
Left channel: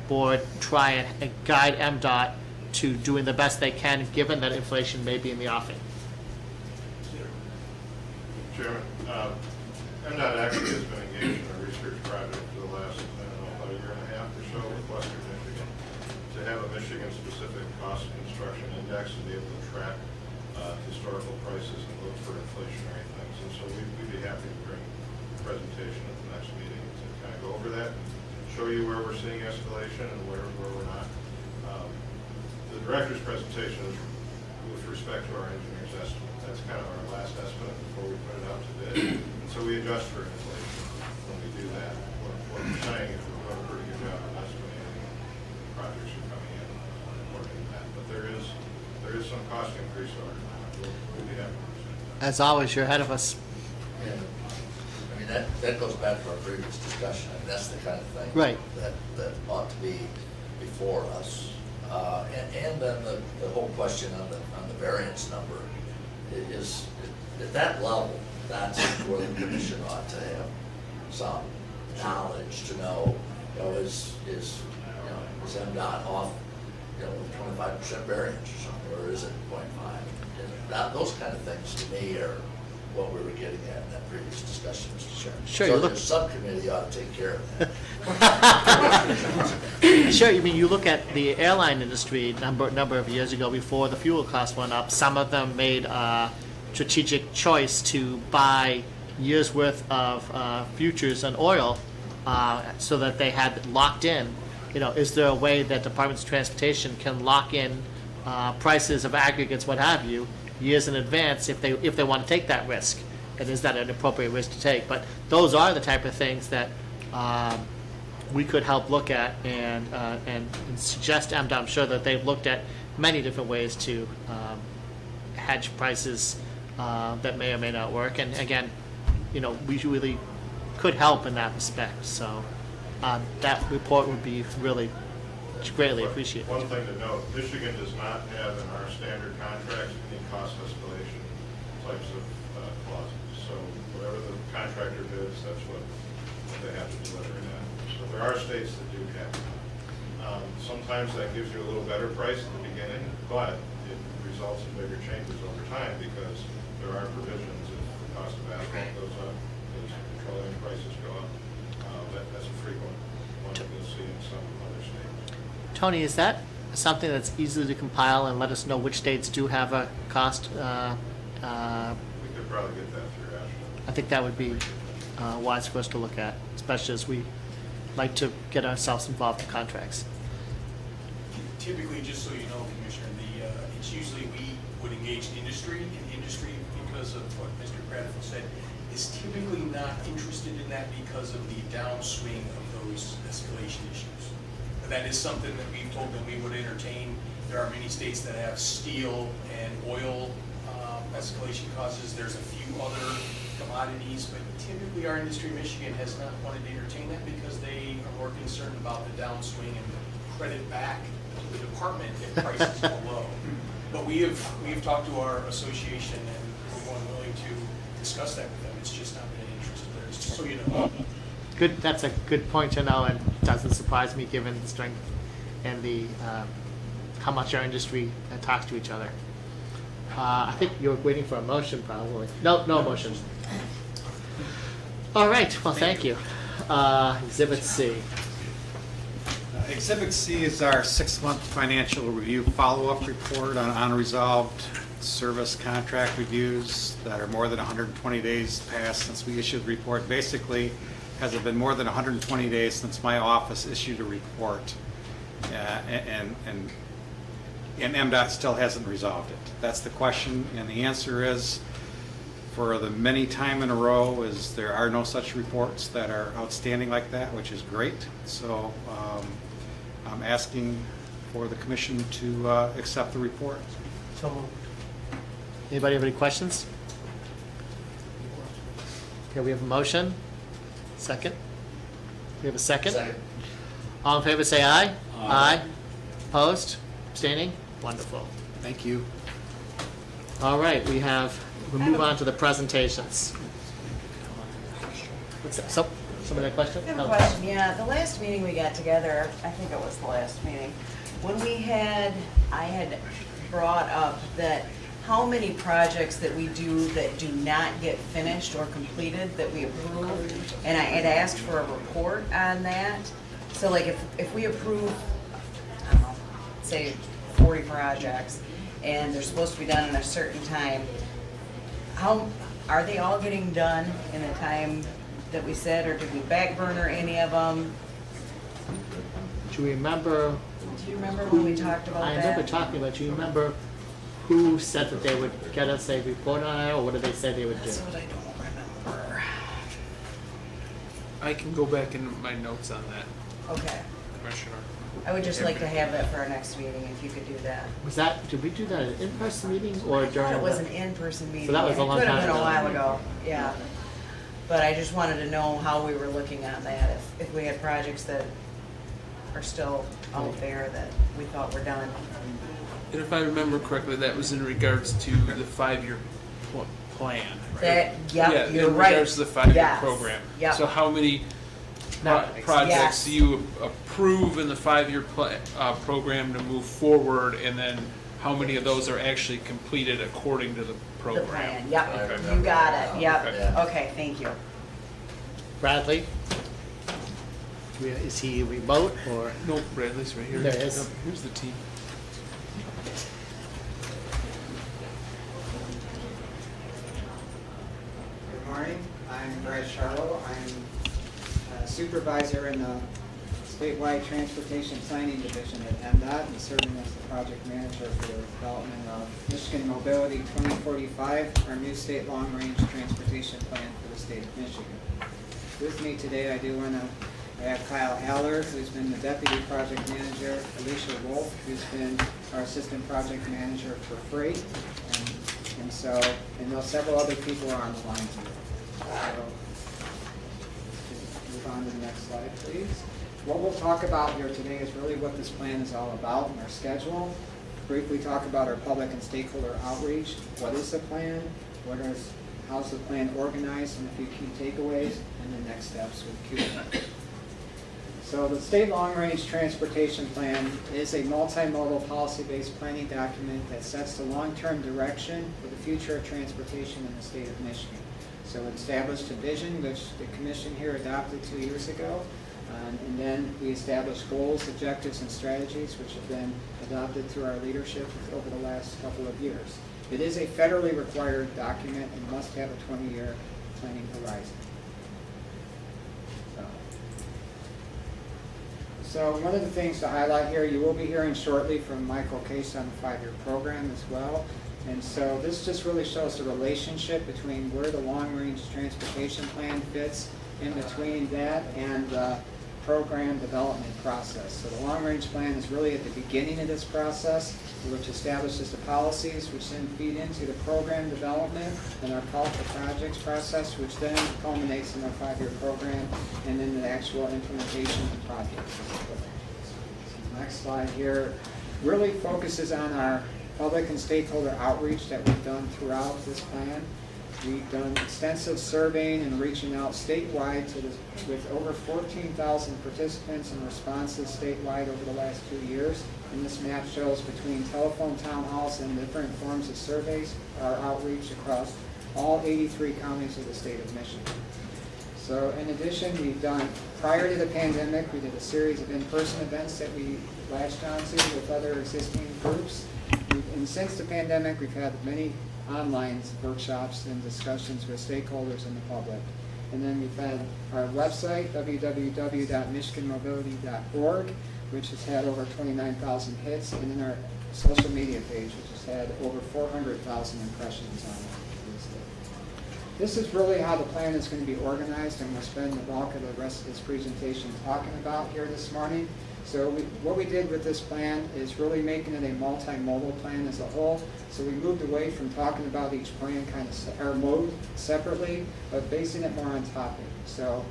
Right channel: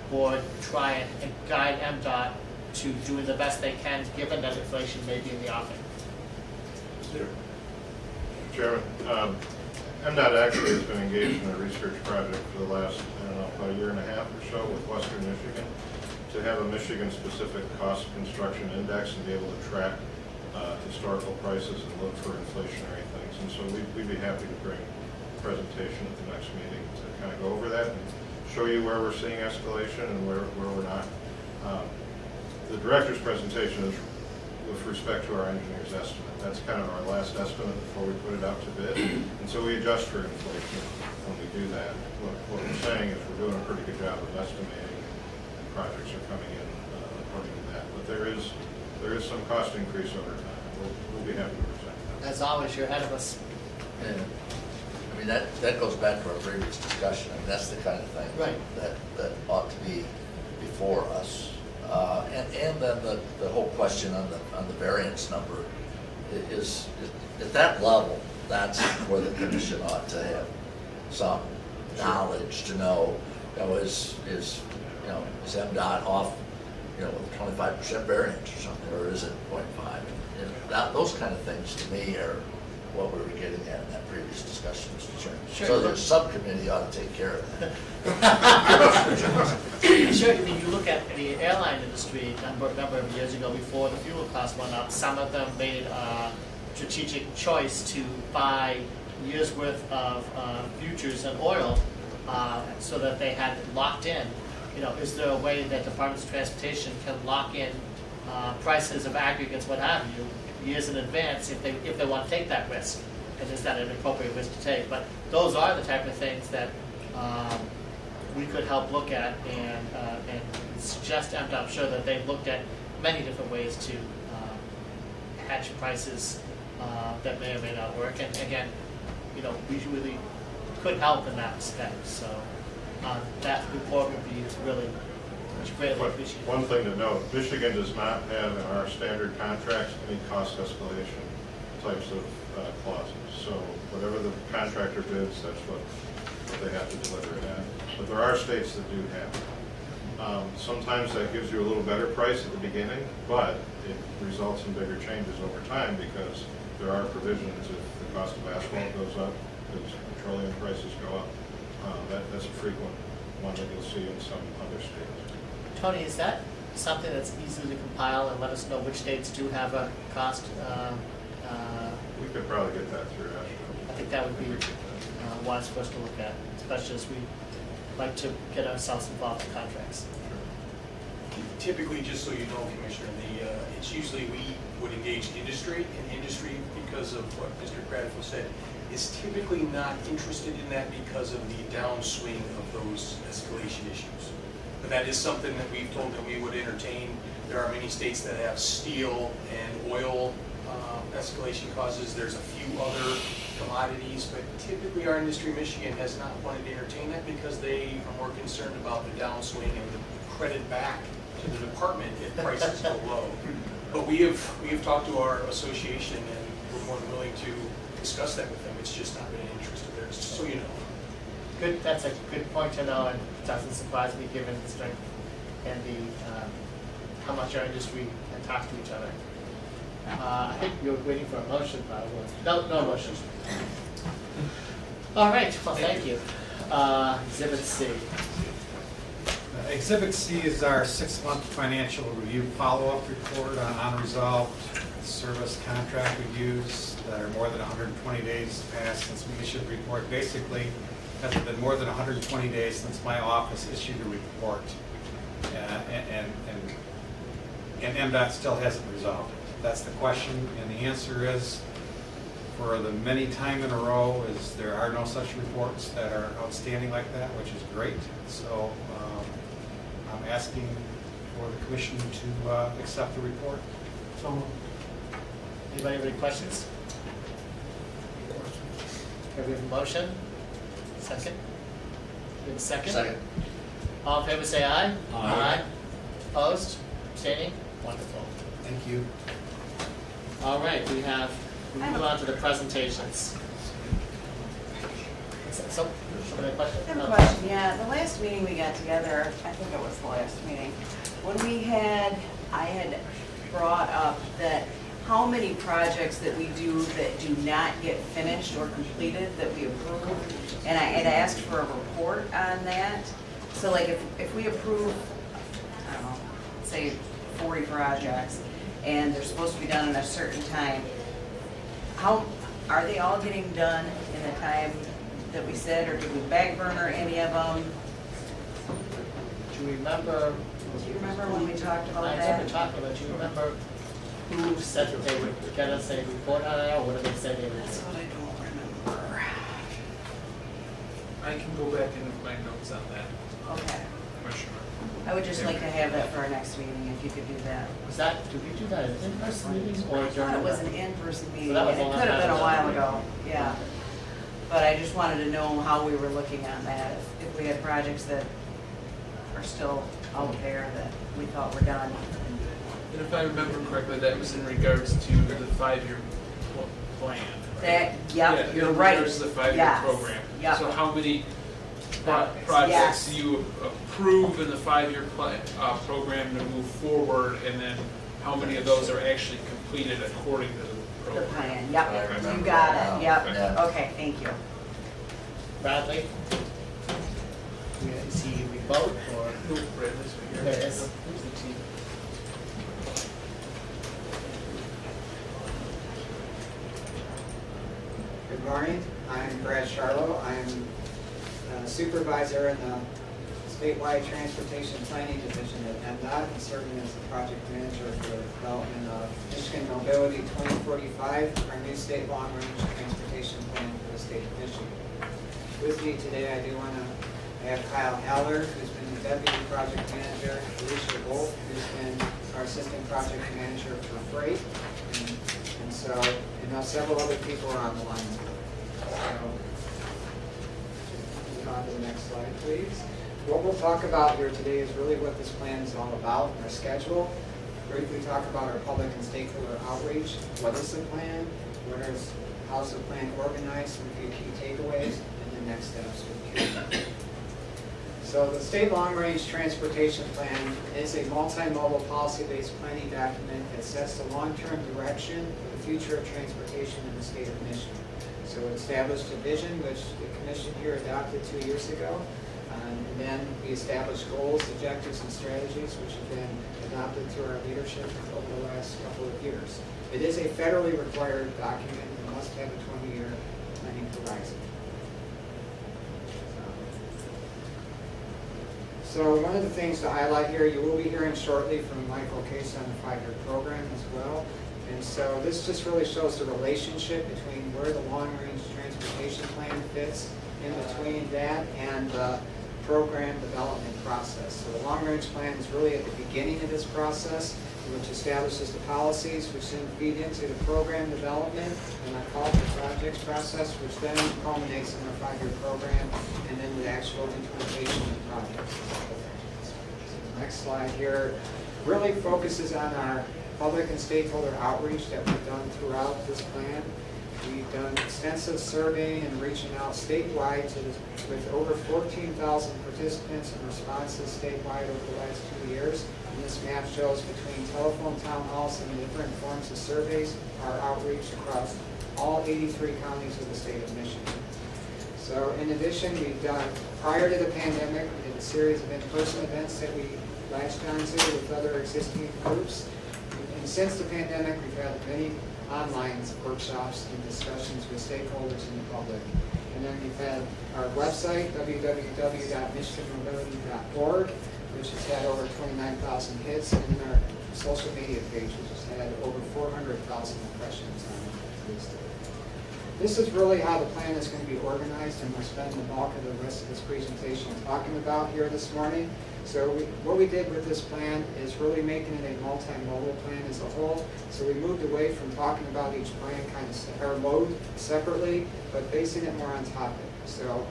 board, try and guide MDOT to doing the best they can, given that inflation may be in the offing. Chairman, MDOT actually has been engaged in a research project for the last, about a year and a half or so with Western Michigan to have a Michigan-specific cost of construction index and be able to track historical prices and look for inflationary things. And so we'd be happy to bring a presentation at the next meeting to kind of go over that and show you where we're seeing escalation and where we're not. The director's presentation is with respect to our engineer's estimate. That's kind of our last estimate before we put it out to bid. And so we adjust for inflation when we do that. What we're saying is we're doing a pretty good job of estimating, and projects are coming in according to that. But there is some cost increase over time. We'll be happy to present that. As always, you're ahead of us. And, I mean, that goes back to our previous discussion. I mean, that's the kind of thing Right. that ought to be before us. And then the whole question on the variance number is at that level, that's where the commission ought to have some knowledge to know, is MDOT off, 25% variance or something, or is it 0.5? And those kind of things to me are what we were getting at in that previous discussion, Mr. Chairman. Sure, So look- the subcommittee ought to take care of that. Sure, I mean, you look at the airline industry number of years ago, before the fuel costs went up, some of them made a strategic choice to buy years' worth of futures and oil so that they had locked in. Is there a way that departments of transportation can lock in prices of aggregates, what have you, years in advance if they want to take that risk? And is that an appropriate risk to take? But those are the type of things that we could help look at and suggest MDOT. I'm sure that they've looked at many different ways to hedge prices that may or may not work. And again, we really could help in that respect. So that report would be really greatly appreciated. One thing to note, Michigan does not have in our standard contracts any cost escalation types of clauses. So whatever the contractor bids, that's what they have to deliver it at. So there are states that do have it. Sometimes that gives you a little better price at the beginning, but it results in bigger changes over time because there are provisions if the cost of asphalt goes up, if petroleum prices go up. That's a frequent one that you'll see in some other states. Tony, is that something that's easy to compile and let us know which states do have a cost? We could probably get that through ASHTO. I think that would be wise for us to look at, especially as we like to get ourselves involved in contracts. Typically, just so you know, Commissioner, it's usually we would engage industry, and industry, because of what Mr. Cradfield said, is typically not interested in that because of the downswing of those escalation issues. But that is something that we've told them we would entertain. There are many states that have steel and oil escalation causes. There's a few other commodities, but typically our industry, Michigan, has not wanted to entertain that because they are more concerned about the downswing and the credit back to the department if prices go low. But we have talked to our association and we're more than willing to discuss that with them. It's just not really an interest of theirs, just so you know. Good. That's a good point to know, and doesn't surprise me given the strength and the how much our industry talks to each other. I think you're waiting for a motion, probably. No motion. All right. Well, thank you. Exhibit C. Exhibit C is our 6-month financial review follow-up report on unresolved service contract reviews that are more than 120 days past since we issued the report. Basically, has it been more than 120 days since my office issued a report, and MDOT still hasn't resolved it? That's the question, and the answer is for the many time in a row, is there are no such reports that are outstanding like that, which is great. So I'm asking for the commission to accept the report. So moved. Anybody have any questions? Okay, we have a motion. Second? We have a second? Second. All in favor, say aye. Aye. Opposed? Abstaining? Wonderful. Thank you. All right, we'll move on to the presentations. Somebody have a question? I have a No. question, yeah, the last meeting we got together, I think it was the last meeting, when I had brought up that how many projects that we do that do not get finished or completed that we approve, and I had asked for a report on that. So like if we approve, I don't know, say 40 projects, and they're supposed to be done in a certain time, how, are they all getting done in the time that we said, or did we back burner any of them? Do you remember, Do you remember when we talked about I that? remember talking about, do you remember who said that they would get us a report on it, or what did they say they would do? That's what I don't remember. I can go back into my notes on that, Okay. Commissioner. I would just like to have that for our next meeting, if you could do that. Was that, did we do that at an in-person meeting or I during? thought it was the- an in-person meeting. So that was a long It could have time been a ago. while ago, yeah. But I just wanted to know how we were looking on that, if we had projects that are still out there that we thought were done. And if I remember correctly, that was in regards to the 5-year plan, right? That, yep, you're In right. regards to the 5-year Yes, program. yep. So how many Yes. projects do you approve in the 5-year program to move forward, and then how many of those are actually completed according to the The program? plan, yep, I you remember got now. it, yep, Yeah. okay, thank you. Bradley? Is he remote or? No, Bradley's right here. There it is. Here's the team. Good morning, I'm Brad Charlo. I'm supervisor in the Statewide Transportation Planning Division at MDOT and serving as the project manager for the development of Michigan Mobility 2045, our new state long-range transportation plan for the state of Michigan. With me today, I have Kyle Haller, who's been the deputy project manager, Alicia Wolf, who's been our assistant project manager for freight, and several other people are on the line. So, move on to the next slide, please. What we'll talk about here today is really what this plan is all about, and our schedule. Briefly talk about our public and stakeholder outreach. What is the plan? How's the plan organized? Some few key takeaways, and the next steps with Q&A. So the State Long Range Transportation Plan is a multimodal policy-based planning document that sets the long-term direction for the future of transportation in the state of Michigan. So it established a vision, which the commission here adopted 2 years ago. And then we established goals, objectives, and strategies, which have been adopted through our leadership over the last couple of years. It is a federally required document and must have a 20-year planning horizon. So one of the things to highlight here, you will be hearing shortly from Michael Case on the 5-year program as well. And so this just really shows the relationship between where the long-range transportation plan fits in between that and the program development process. So the long-range plan is really at the beginning of this process, which establishes the policies, which then feed into the program development and our call for projects process, which then culminates in our 5-year program and then the actual implementation of the projects. So the next slide here really focuses on our public and stakeholder outreach that we've done throughout this plan. We've done extensive surveying and reaching out statewide with over 14,000 participants and responses statewide over the last 2 years. And this map shows between telephone town halls and different forms of surveys, our outreach across all 83 counties of the state of Michigan. So in addition, we've done, prior to the pandemic, we did a series of in-person events that we latched onto with other existing groups. And since the pandemic, we've had many online workshops and discussions with stakeholders in the public. And then we've had our website, www.michiganmobility.org, which has had over 29,000 hits, and then our social media page, which has had over 400,000 impressions on it. this is really how the plan is going to be organized, and we'll spend the bulk of the rest of this presentation talking about here this morning. So what we did with this plan is really making it a multimodal plan as a whole. So we moved away from talking about each plan or mode separately, but basing it more on topic. So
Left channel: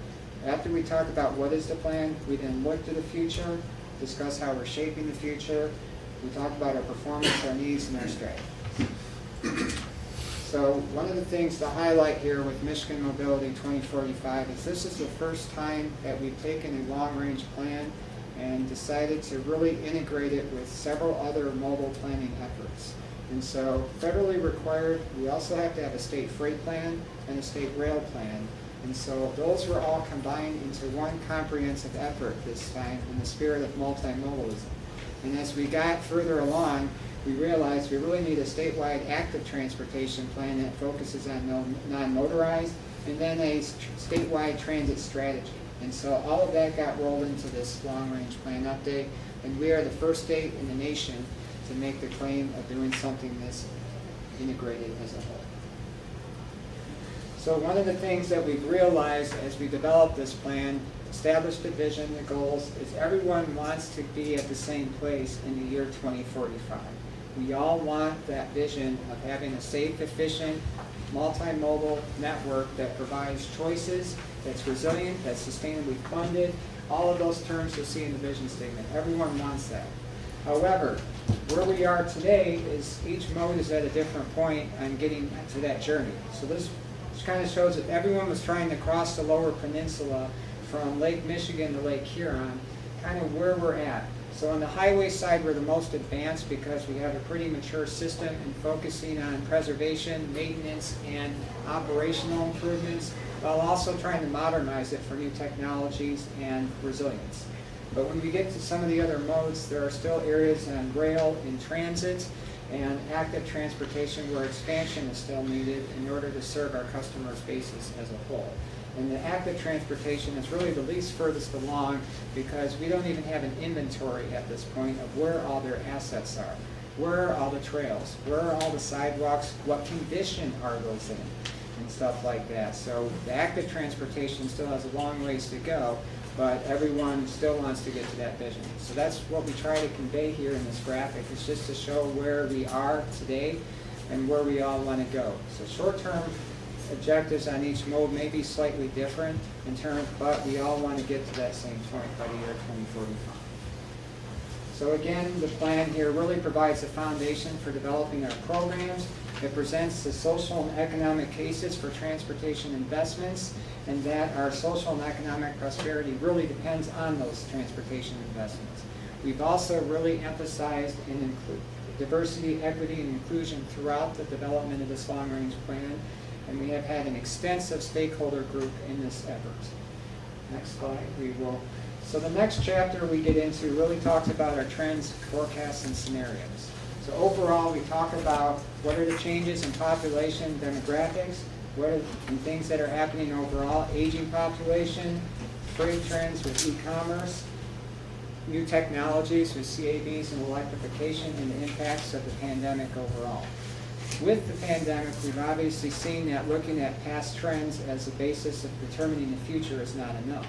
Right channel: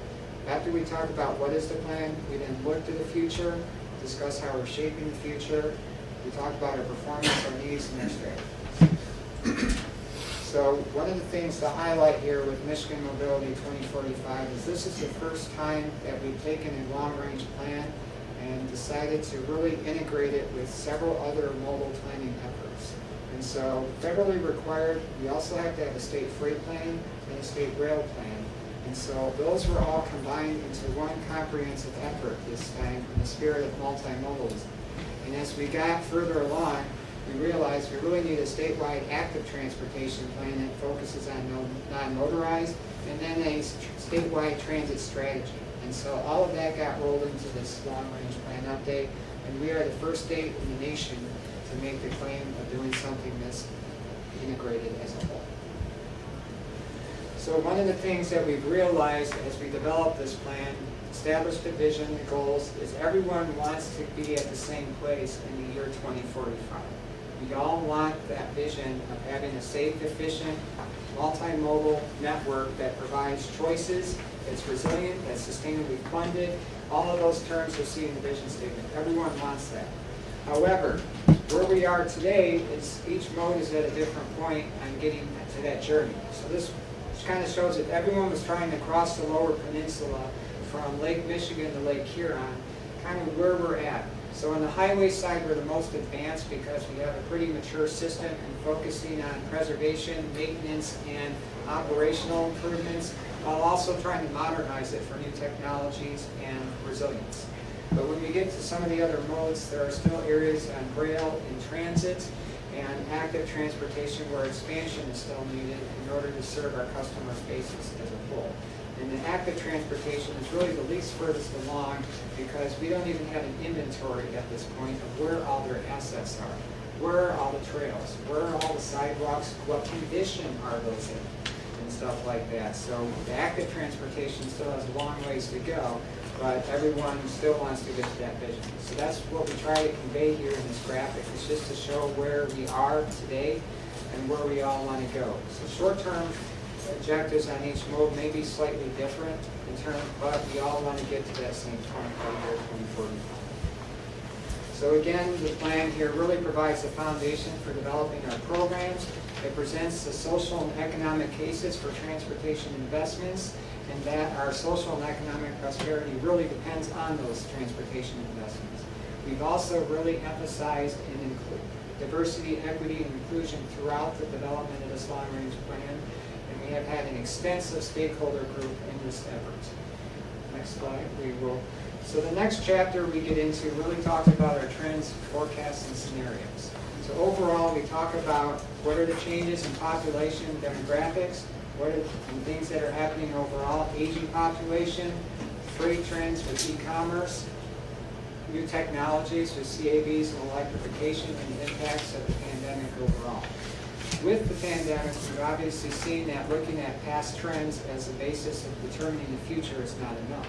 after we talk about what is the plan, we then look to the future, discuss how we're shaping the future, we talk about our performance, our needs, and our strategies. So one of the things to highlight here with Michigan Mobility 2045 is this is the first time that we've taken a long-range plan and decided to really integrate it with several other mobile planning efforts. And so federally required, we also have to have a state freight plan and a state rail plan. And so those were all combined into one comprehensive effort this time in the spirit of multimodalism. And as we got further along, we realized we really need a statewide active transportation plan that focuses on non-motorized, and then a statewide transit strategy. And so all of that got rolled into this long-range plan update, and we are the first state in the nation to make the claim of doing something this integrated as a whole. So one of the things that we've realized as we developed this plan, established the vision, the goals, is everyone wants to be at the same place in the year 2045. We all want that vision of having a safe, efficient, multimodal network that provides choices, that's resilient, that's sustainably funded, all of those terms you'll see in the vision statement. Everyone wants that. However, where we are today is each mode is at a different point on getting to that journey. So this kind of shows that everyone was trying to cross the lower peninsula from Lake Michigan to Lake Huron, kind of where we're at. So on the highway side, we're the most advanced because we have a pretty mature system and focusing on preservation, maintenance, and operational improvements, while also trying to modernize it for new technologies and resilience. But when we get to some of the other modes, there are still areas on rail and transit and active transportation where expansion is still needed in order to serve our customer bases as a whole. And the active transportation is really the least furthest along because we don't even have an inventory at this point of where all their assets are. Where are all the trails? Where are all the sidewalks? What condition are those in? And stuff like that. So the active transportation still has a long ways to go, but everyone still wants to get to that vision. So that's what we try to convey here in this graphic, is just to show where we are today and where we all want to go. So short-term objectives on each mode may be slightly different in terms, but we all want to get to that same point by the year 2045. So again, the plan here really provides the foundation for developing our programs. It presents the social and economic cases for transportation investments, and that our social and economic prosperity really depends on those transportation investments. We've also really emphasized diversity, equity, and inclusion throughout the development of this long-range plan, and we have had an extensive stakeholder group in this effort. Next slide, we will. So the next chapter we get into really talks about our trends, forecasts, and scenarios. So overall, we talk about what are the changes in population demographics, what are the things that are happening overall, aging population, freight trends with e-commerce, new technologies with CAVs and electrification, and the impacts of the pandemic overall. With the pandemic, we've obviously seen that looking at past trends as a basis of determining the future is not enough.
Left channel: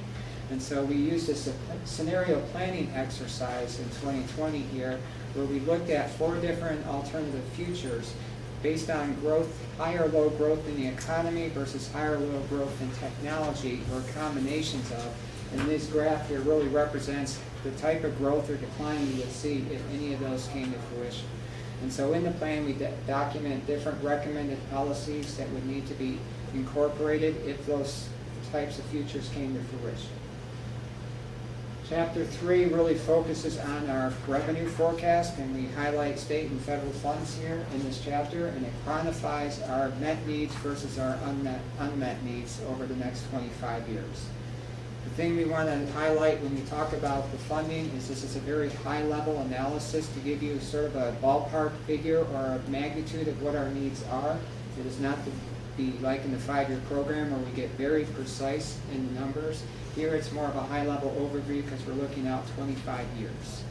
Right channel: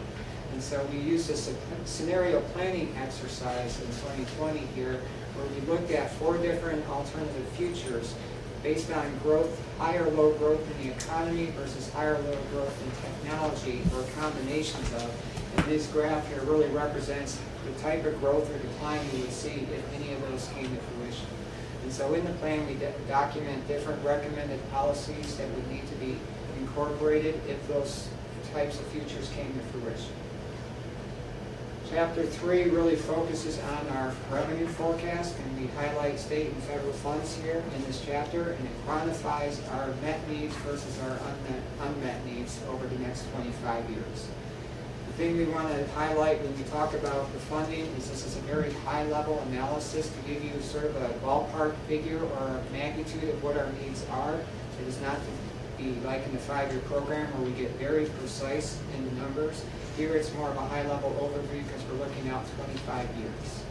And so we used this scenario planning exercise in 2020 here, where we looked at 4 different alternative futures based on growth, high or low growth in the economy versus high or low growth in technology, or combinations of. And this graph here really represents the type of growth or decline you would see if any of those came to fruition. And so in the plan, we document different recommended policies that would need to be incorporated if those types of futures came to fruition. Chapter 3 really focuses on our revenue forecast, and we highlight state and federal funds here in this chapter, and it quantifies our met needs versus our unmet needs over the next 25 years. The thing we want to highlight when we talk about the funding is this is a very high-level analysis to give you sort of a ballpark figure or a magnitude of what our needs are. It is not to be like in the 5-year program where we get very precise in the numbers. Here it's more of a high-level overview because we're looking out 25 years.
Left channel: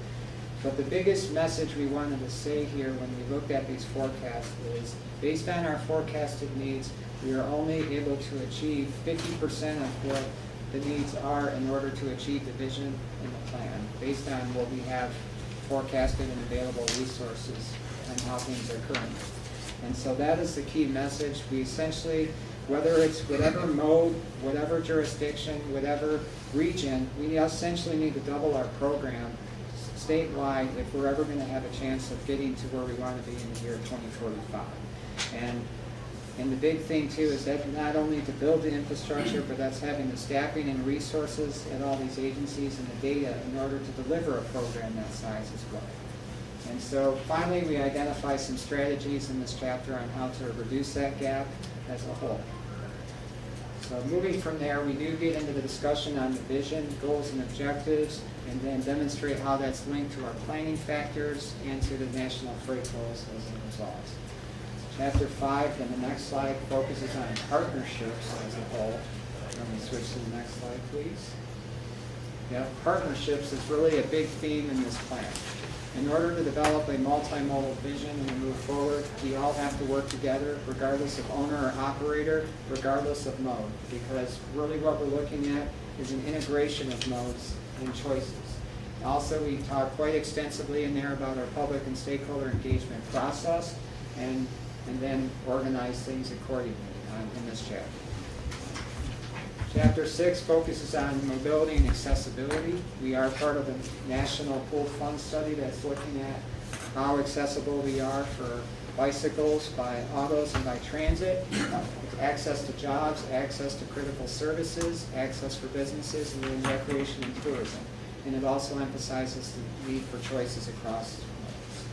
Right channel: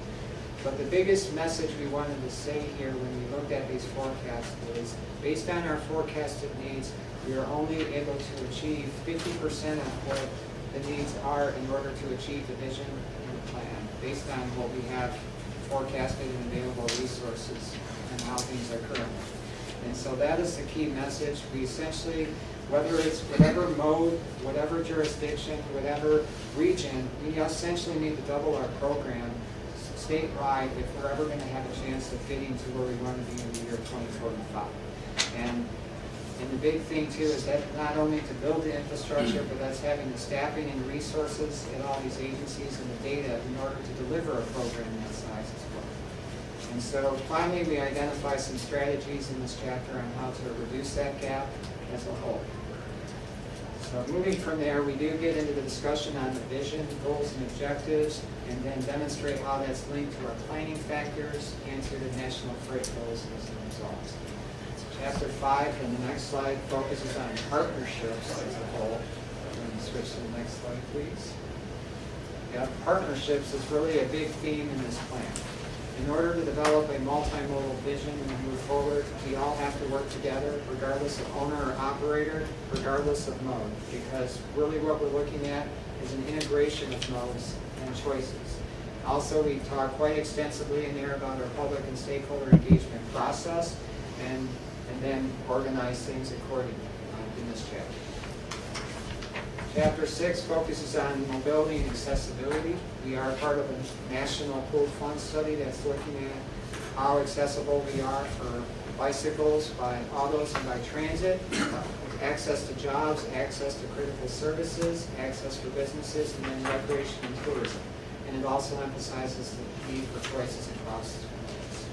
But the biggest message we wanted to say here when we looked at these forecasts is, based on our forecasted needs, we are only able to achieve 50% of what the needs are in order to achieve the vision in the plan, based on what we have forecasted and available resources and how things are currently. And so that is the key message. We essentially, whether it's whatever mode, whatever jurisdiction, whatever region, we essentially need to double our program statewide if we're ever going to have a chance of getting to where we want to be in the year 2045. And the big thing too is that not only to build the infrastructure, but that's having the staffing and resources at all these agencies and the data in order to deliver a program that size as well. And so finally, we identify some strategies in this chapter on how to reduce that gap as a whole. So moving from there, we do get into the discussion on the vision, goals, and objectives, and then demonstrate how that's linked to our planning factors and to the national freight goals as a result. Chapter 5, and the next slide, focuses on partnerships as a whole. Let me switch to the next slide, please. Yeah, partnerships is really a big theme in this plan. In order to develop a multimodal vision and move forward, we all have to work together, regardless of owner or operator, regardless of mode, because really what we're looking at is an integration of modes and choices. Also, we talk quite extensively in there about our public and stakeholder engagement process, and then organize things accordingly in this chapter. Chapter 6 focuses on mobility and accessibility. We are part of a national pooled fund study that's looking at how accessible we are for bicycles, by autos, and by transit, access to jobs, access to critical services, access for businesses, and then recreation and tourism. And it also emphasizes the need for choices across modes.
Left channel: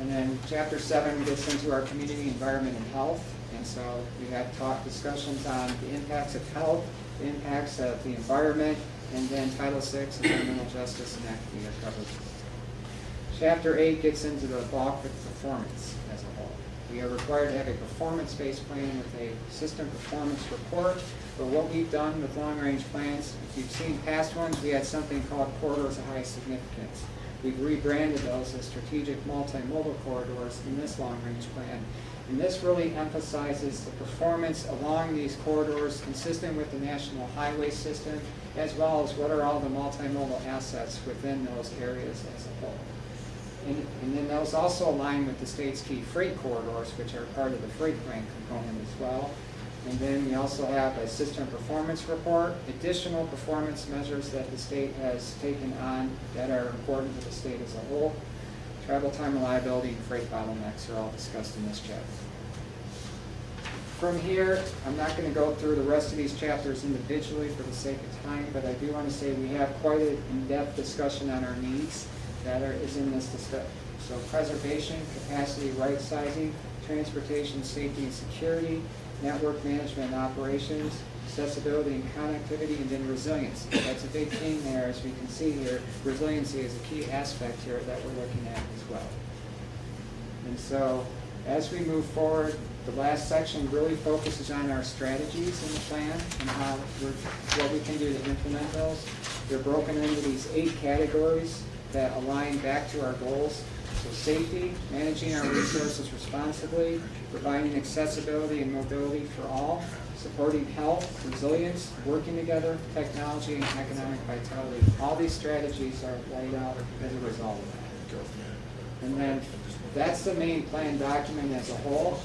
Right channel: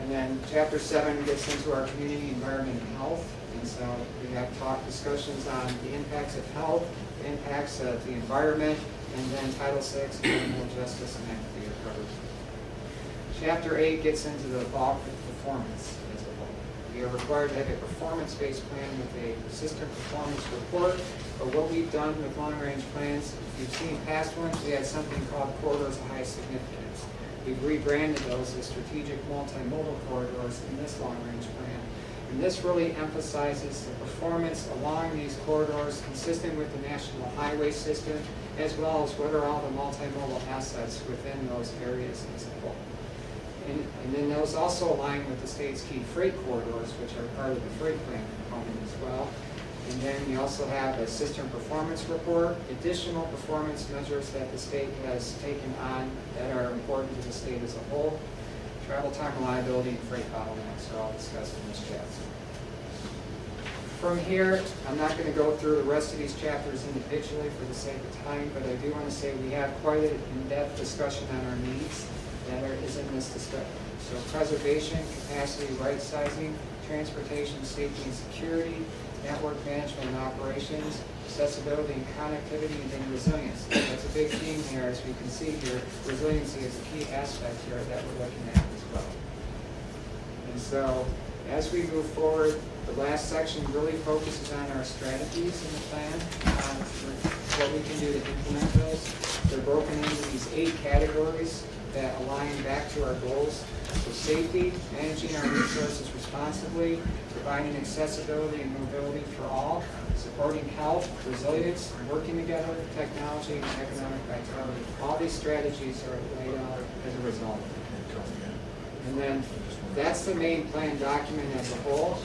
And then Chapter 7 gets into our community, environment, and health. And so we have discussions on the impacts of health, the impacts of the environment, and then Title VI and criminal justice and equity are covered. Chapter 8 gets into the bulk of performance as a whole. We are required to have a performance-based plan with a system performance report. But what we've done with long-range plans, if you've seen past ones, we had something called corridors of high significance. We've rebranded those as strategic multimodal corridors in this long-range plan. And this really emphasizes the performance along these corridors consistent with the national highway system, as well as what are all the multimodal assets within those areas as a whole. And then those also align with the state's key freight corridors, which are part of the freight plan component as well. And then we also have a system performance report, additional performance measures that the state has taken on that are important to the state as a whole. Travel time reliability and freight bottlenecks are all discussed in this chapter. From here, I'm not going to go through the rest of these chapters individually for the sake of time, but I do want to say we have quite an in-depth discussion on our needs that is in this discussion. So preservation, capacity, right sizing, transportation, safety and security, network management and operations, accessibility and connectivity, and then resilience. That's a big theme there, as we can see here. Resiliency is a key aspect here that we're looking at as well. And so, as we move forward, the last section really focuses on our strategies in the plan and what we can do to implement those. They're broken into these 8 categories that align back to our goals. So safety, managing our resources responsibly, providing accessibility and mobility for all, supporting health, resilience, working together, technology, and economic vitality. All these strategies are laid out as a result. And then that's the main plan document as a whole.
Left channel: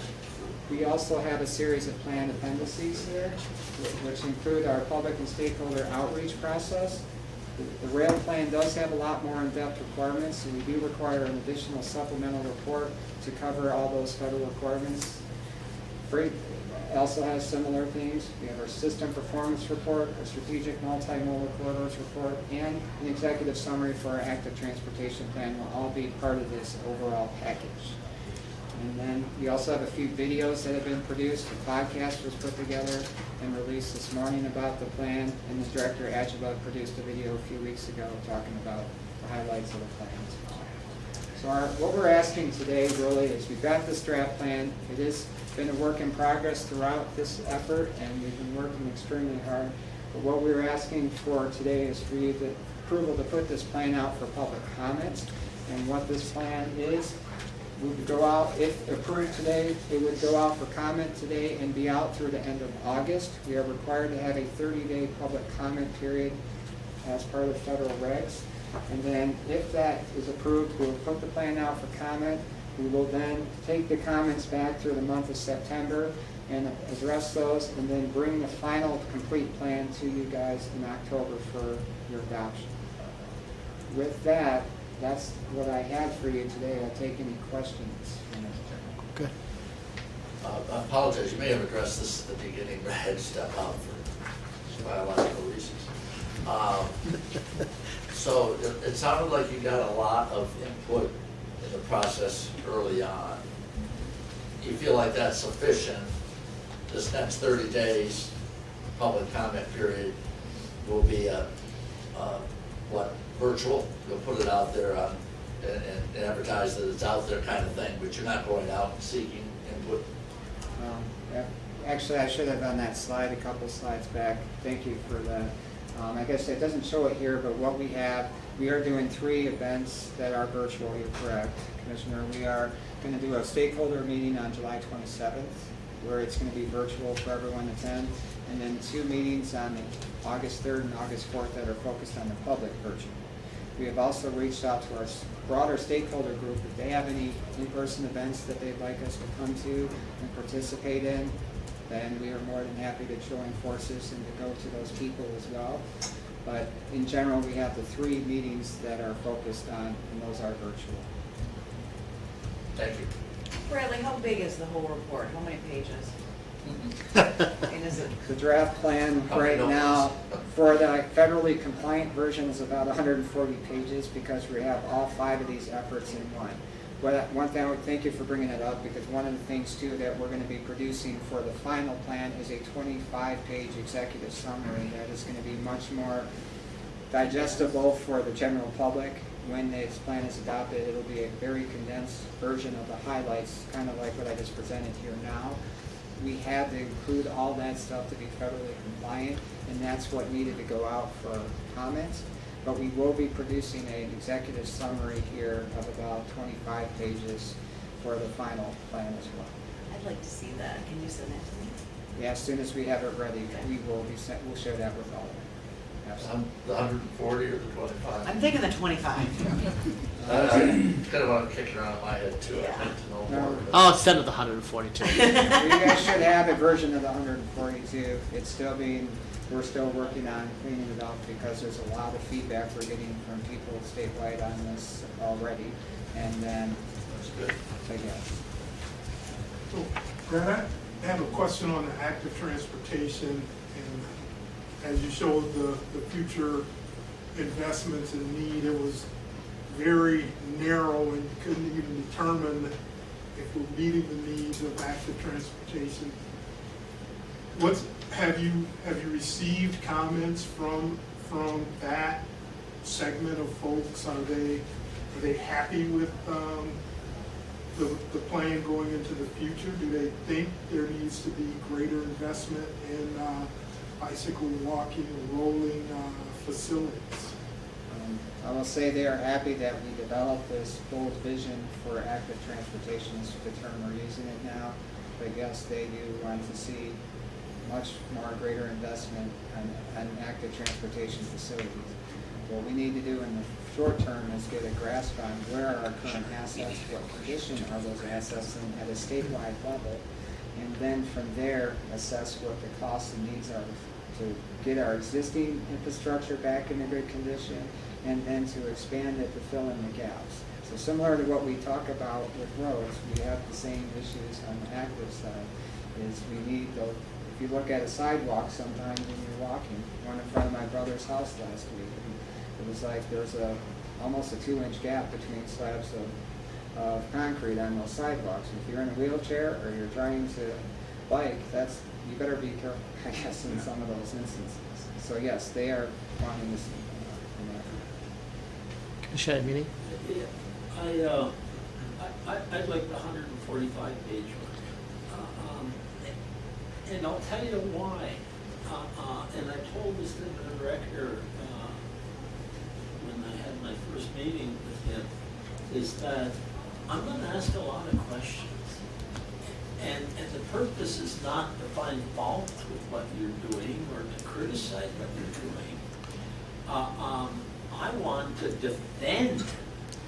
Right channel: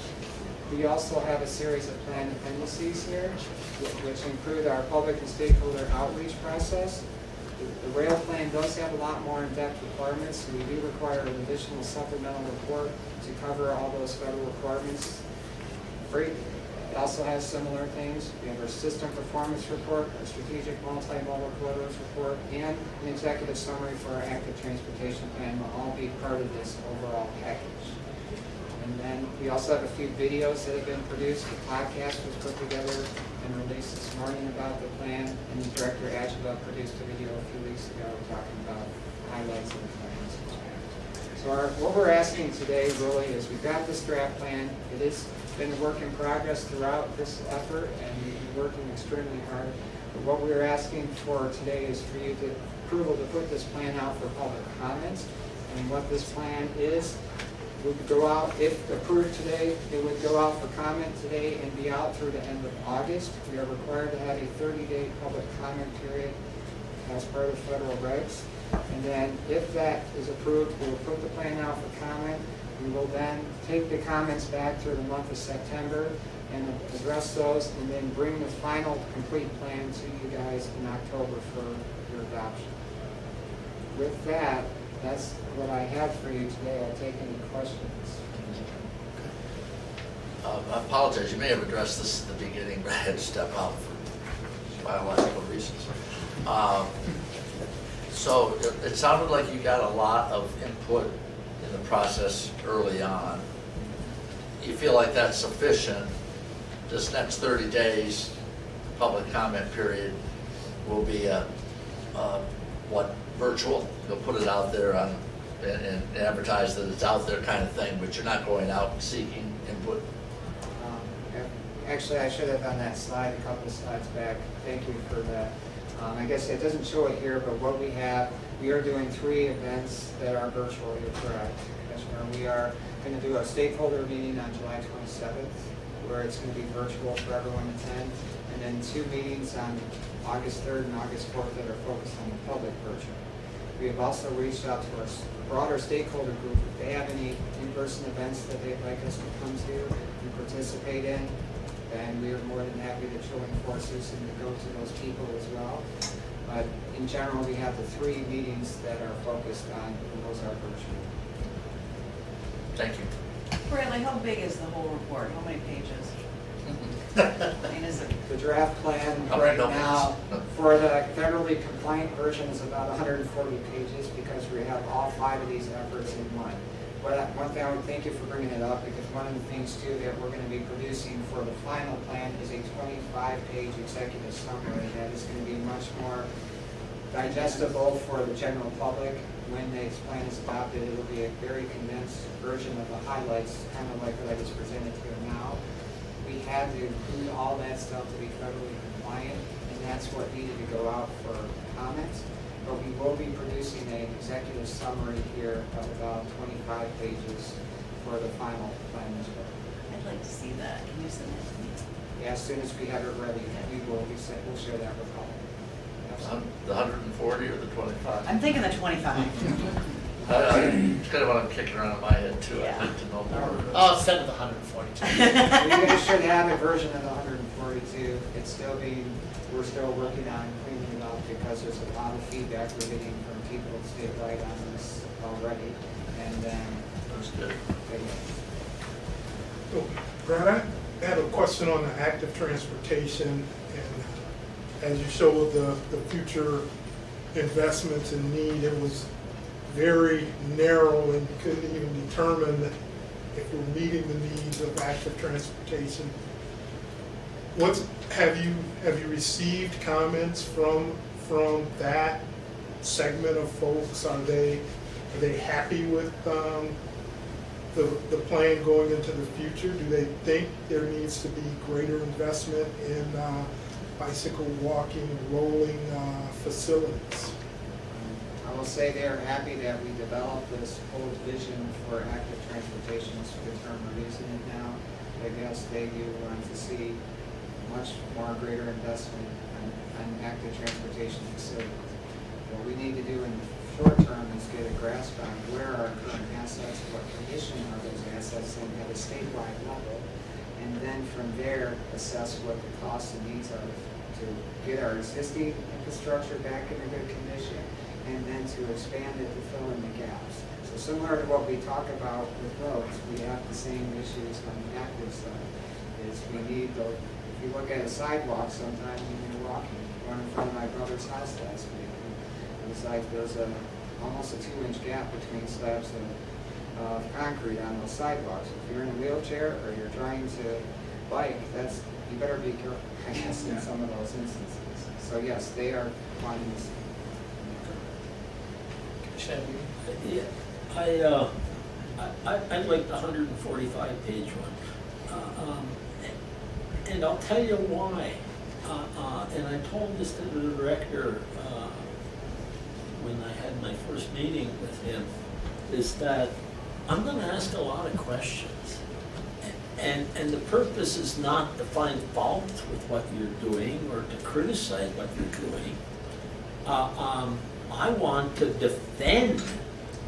We also have a series of plan dependencies here, which include our public and stakeholder outreach process. The rail plan does have a lot more in-depth requirements, and we do require an additional supplemental report to cover all those federal requirements. Freight also has similar things. We have our system performance report, our strategic multimodal corridors report, and an executive summary for our active transportation plan will all be part of this overall package. And then we also have a few videos that have been produced. The podcast was put together and released this morning about the plan, and the Director Adjunct produced a video a few weeks ago talking about the highlights of the comprehensive plan. So what we're asking today really is we've got this draft plan. It has been a work in progress throughout this effort, and we've been working extremely hard. But what we're asking for today is for you to approval to put this plan out for public comment. And what this plan is, would go out, if approved today, it would go out for comment today and be out through the end of August. We are required to have a 30-day public comment period as part of the federal regs. And then if that is approved, we'll put the plan out for comment. We will then take the comments back through the month of September and address those, and then bring the final complete plan to you guys in October for your adoption. With that, that's what I have for you today. I'll take any questions. Good. I apologize, you may have addressed this at the beginning, but I had to step out for biological reasons. So it sounded like you got a lot of input in the process early on. You feel like that's sufficient? This next 30 days, public comment period will be virtual? You'll put it out there on, and advertise that it's out there kind of thing, but you're not going out and seeking input? Actually, I should have done that slide a couple slides back. Thank you for that. I guess it doesn't show it here, but what we have, we are doing 3 events that are virtual. You're correct, Commissioner. We are going to do a stakeholder meeting on July 27th, where it's going to be virtual for everyone to attend, and then 2 meetings on August 3rd and August 4th that are focused on the public virtual. We have also reached out to our broader stakeholder group. If they have any in-person events that they'd like us to come to and participate in, then we are more than happy to join forces and to go to those people as well. But in general, we have the 3 meetings that are focused on, and those are virtual. Thank you. Bradley, how big is the whole report? How many pages? I mean, is it? The draft plan right now for the federally compliant version is about 140 pages because we have all 5 of these efforts in one. One thing I would thank you for bringing it up, because one of the things too that we're going to be producing for the final plan is a 25-page executive summary that is going to be much more digestible for the general public. When this plan is adopted, it will be a very condensed version of the highlights, kind of like what I just presented to you now. We had to include all that stuff to be federally compliant, and that's what needed to go out for comments. But we will be producing an executive summary here of about 25 pages for the final plan as well. I'd like to see that. Can you send that to me? Yeah, as soon as we have it ready, we'll share that with all. The 140 or the 25? I'm thinking the 25. It's kind of what I'm kicking around in my head too. I'd like to know more. Oh, instead of the 142. You guys should have a version of the 142. It's still we're still working on cleaning it up because there's a lot of feedback we're getting from people statewide on this already. And then, That's good. So, Brad, I have a question on the active transportation, and as you showed the future investments and need, it was very narrow and couldn't even determine if we're meeting the needs of active transportation. Have you received comments from that segment of folks? Are they happy with the plan going into the future? Do they think there needs to be greater investment in bicycle, walking, rolling facilities? I will say they are happy that we developed this full vision for active transportation, is the term we're using it now. I guess they do want to see much more greater investment on active transportation facilities. What we need to do in the short term is get a grasp on where are our current assets, what condition are those assets in at a statewide level, and then from there assess what the costs and needs are to get our existing infrastructure back in a good condition, and then to expand it to fill in the gaps. So similar to what we talk about with roads, we have the same issues on the active side. Is we need the, if you look at a sidewalk sometimes when you're walking, one in front of my brother's house last week, it was like there's almost a 2-inch gap between slabs of concrete on those sidewalks. If you're in a wheelchair or you're trying to bike, you better be careful, I guess, in some of those instances. So yes, they are wanting to see. Commission meeting? Yeah, I'd like the 145-page one. And I'll tell you why. And I told this to the director when I had my first meeting with him, is that I'm gonna ask a lot of questions. And the purpose is not to find fault with what you're doing or to criticize what you're doing. I want to defend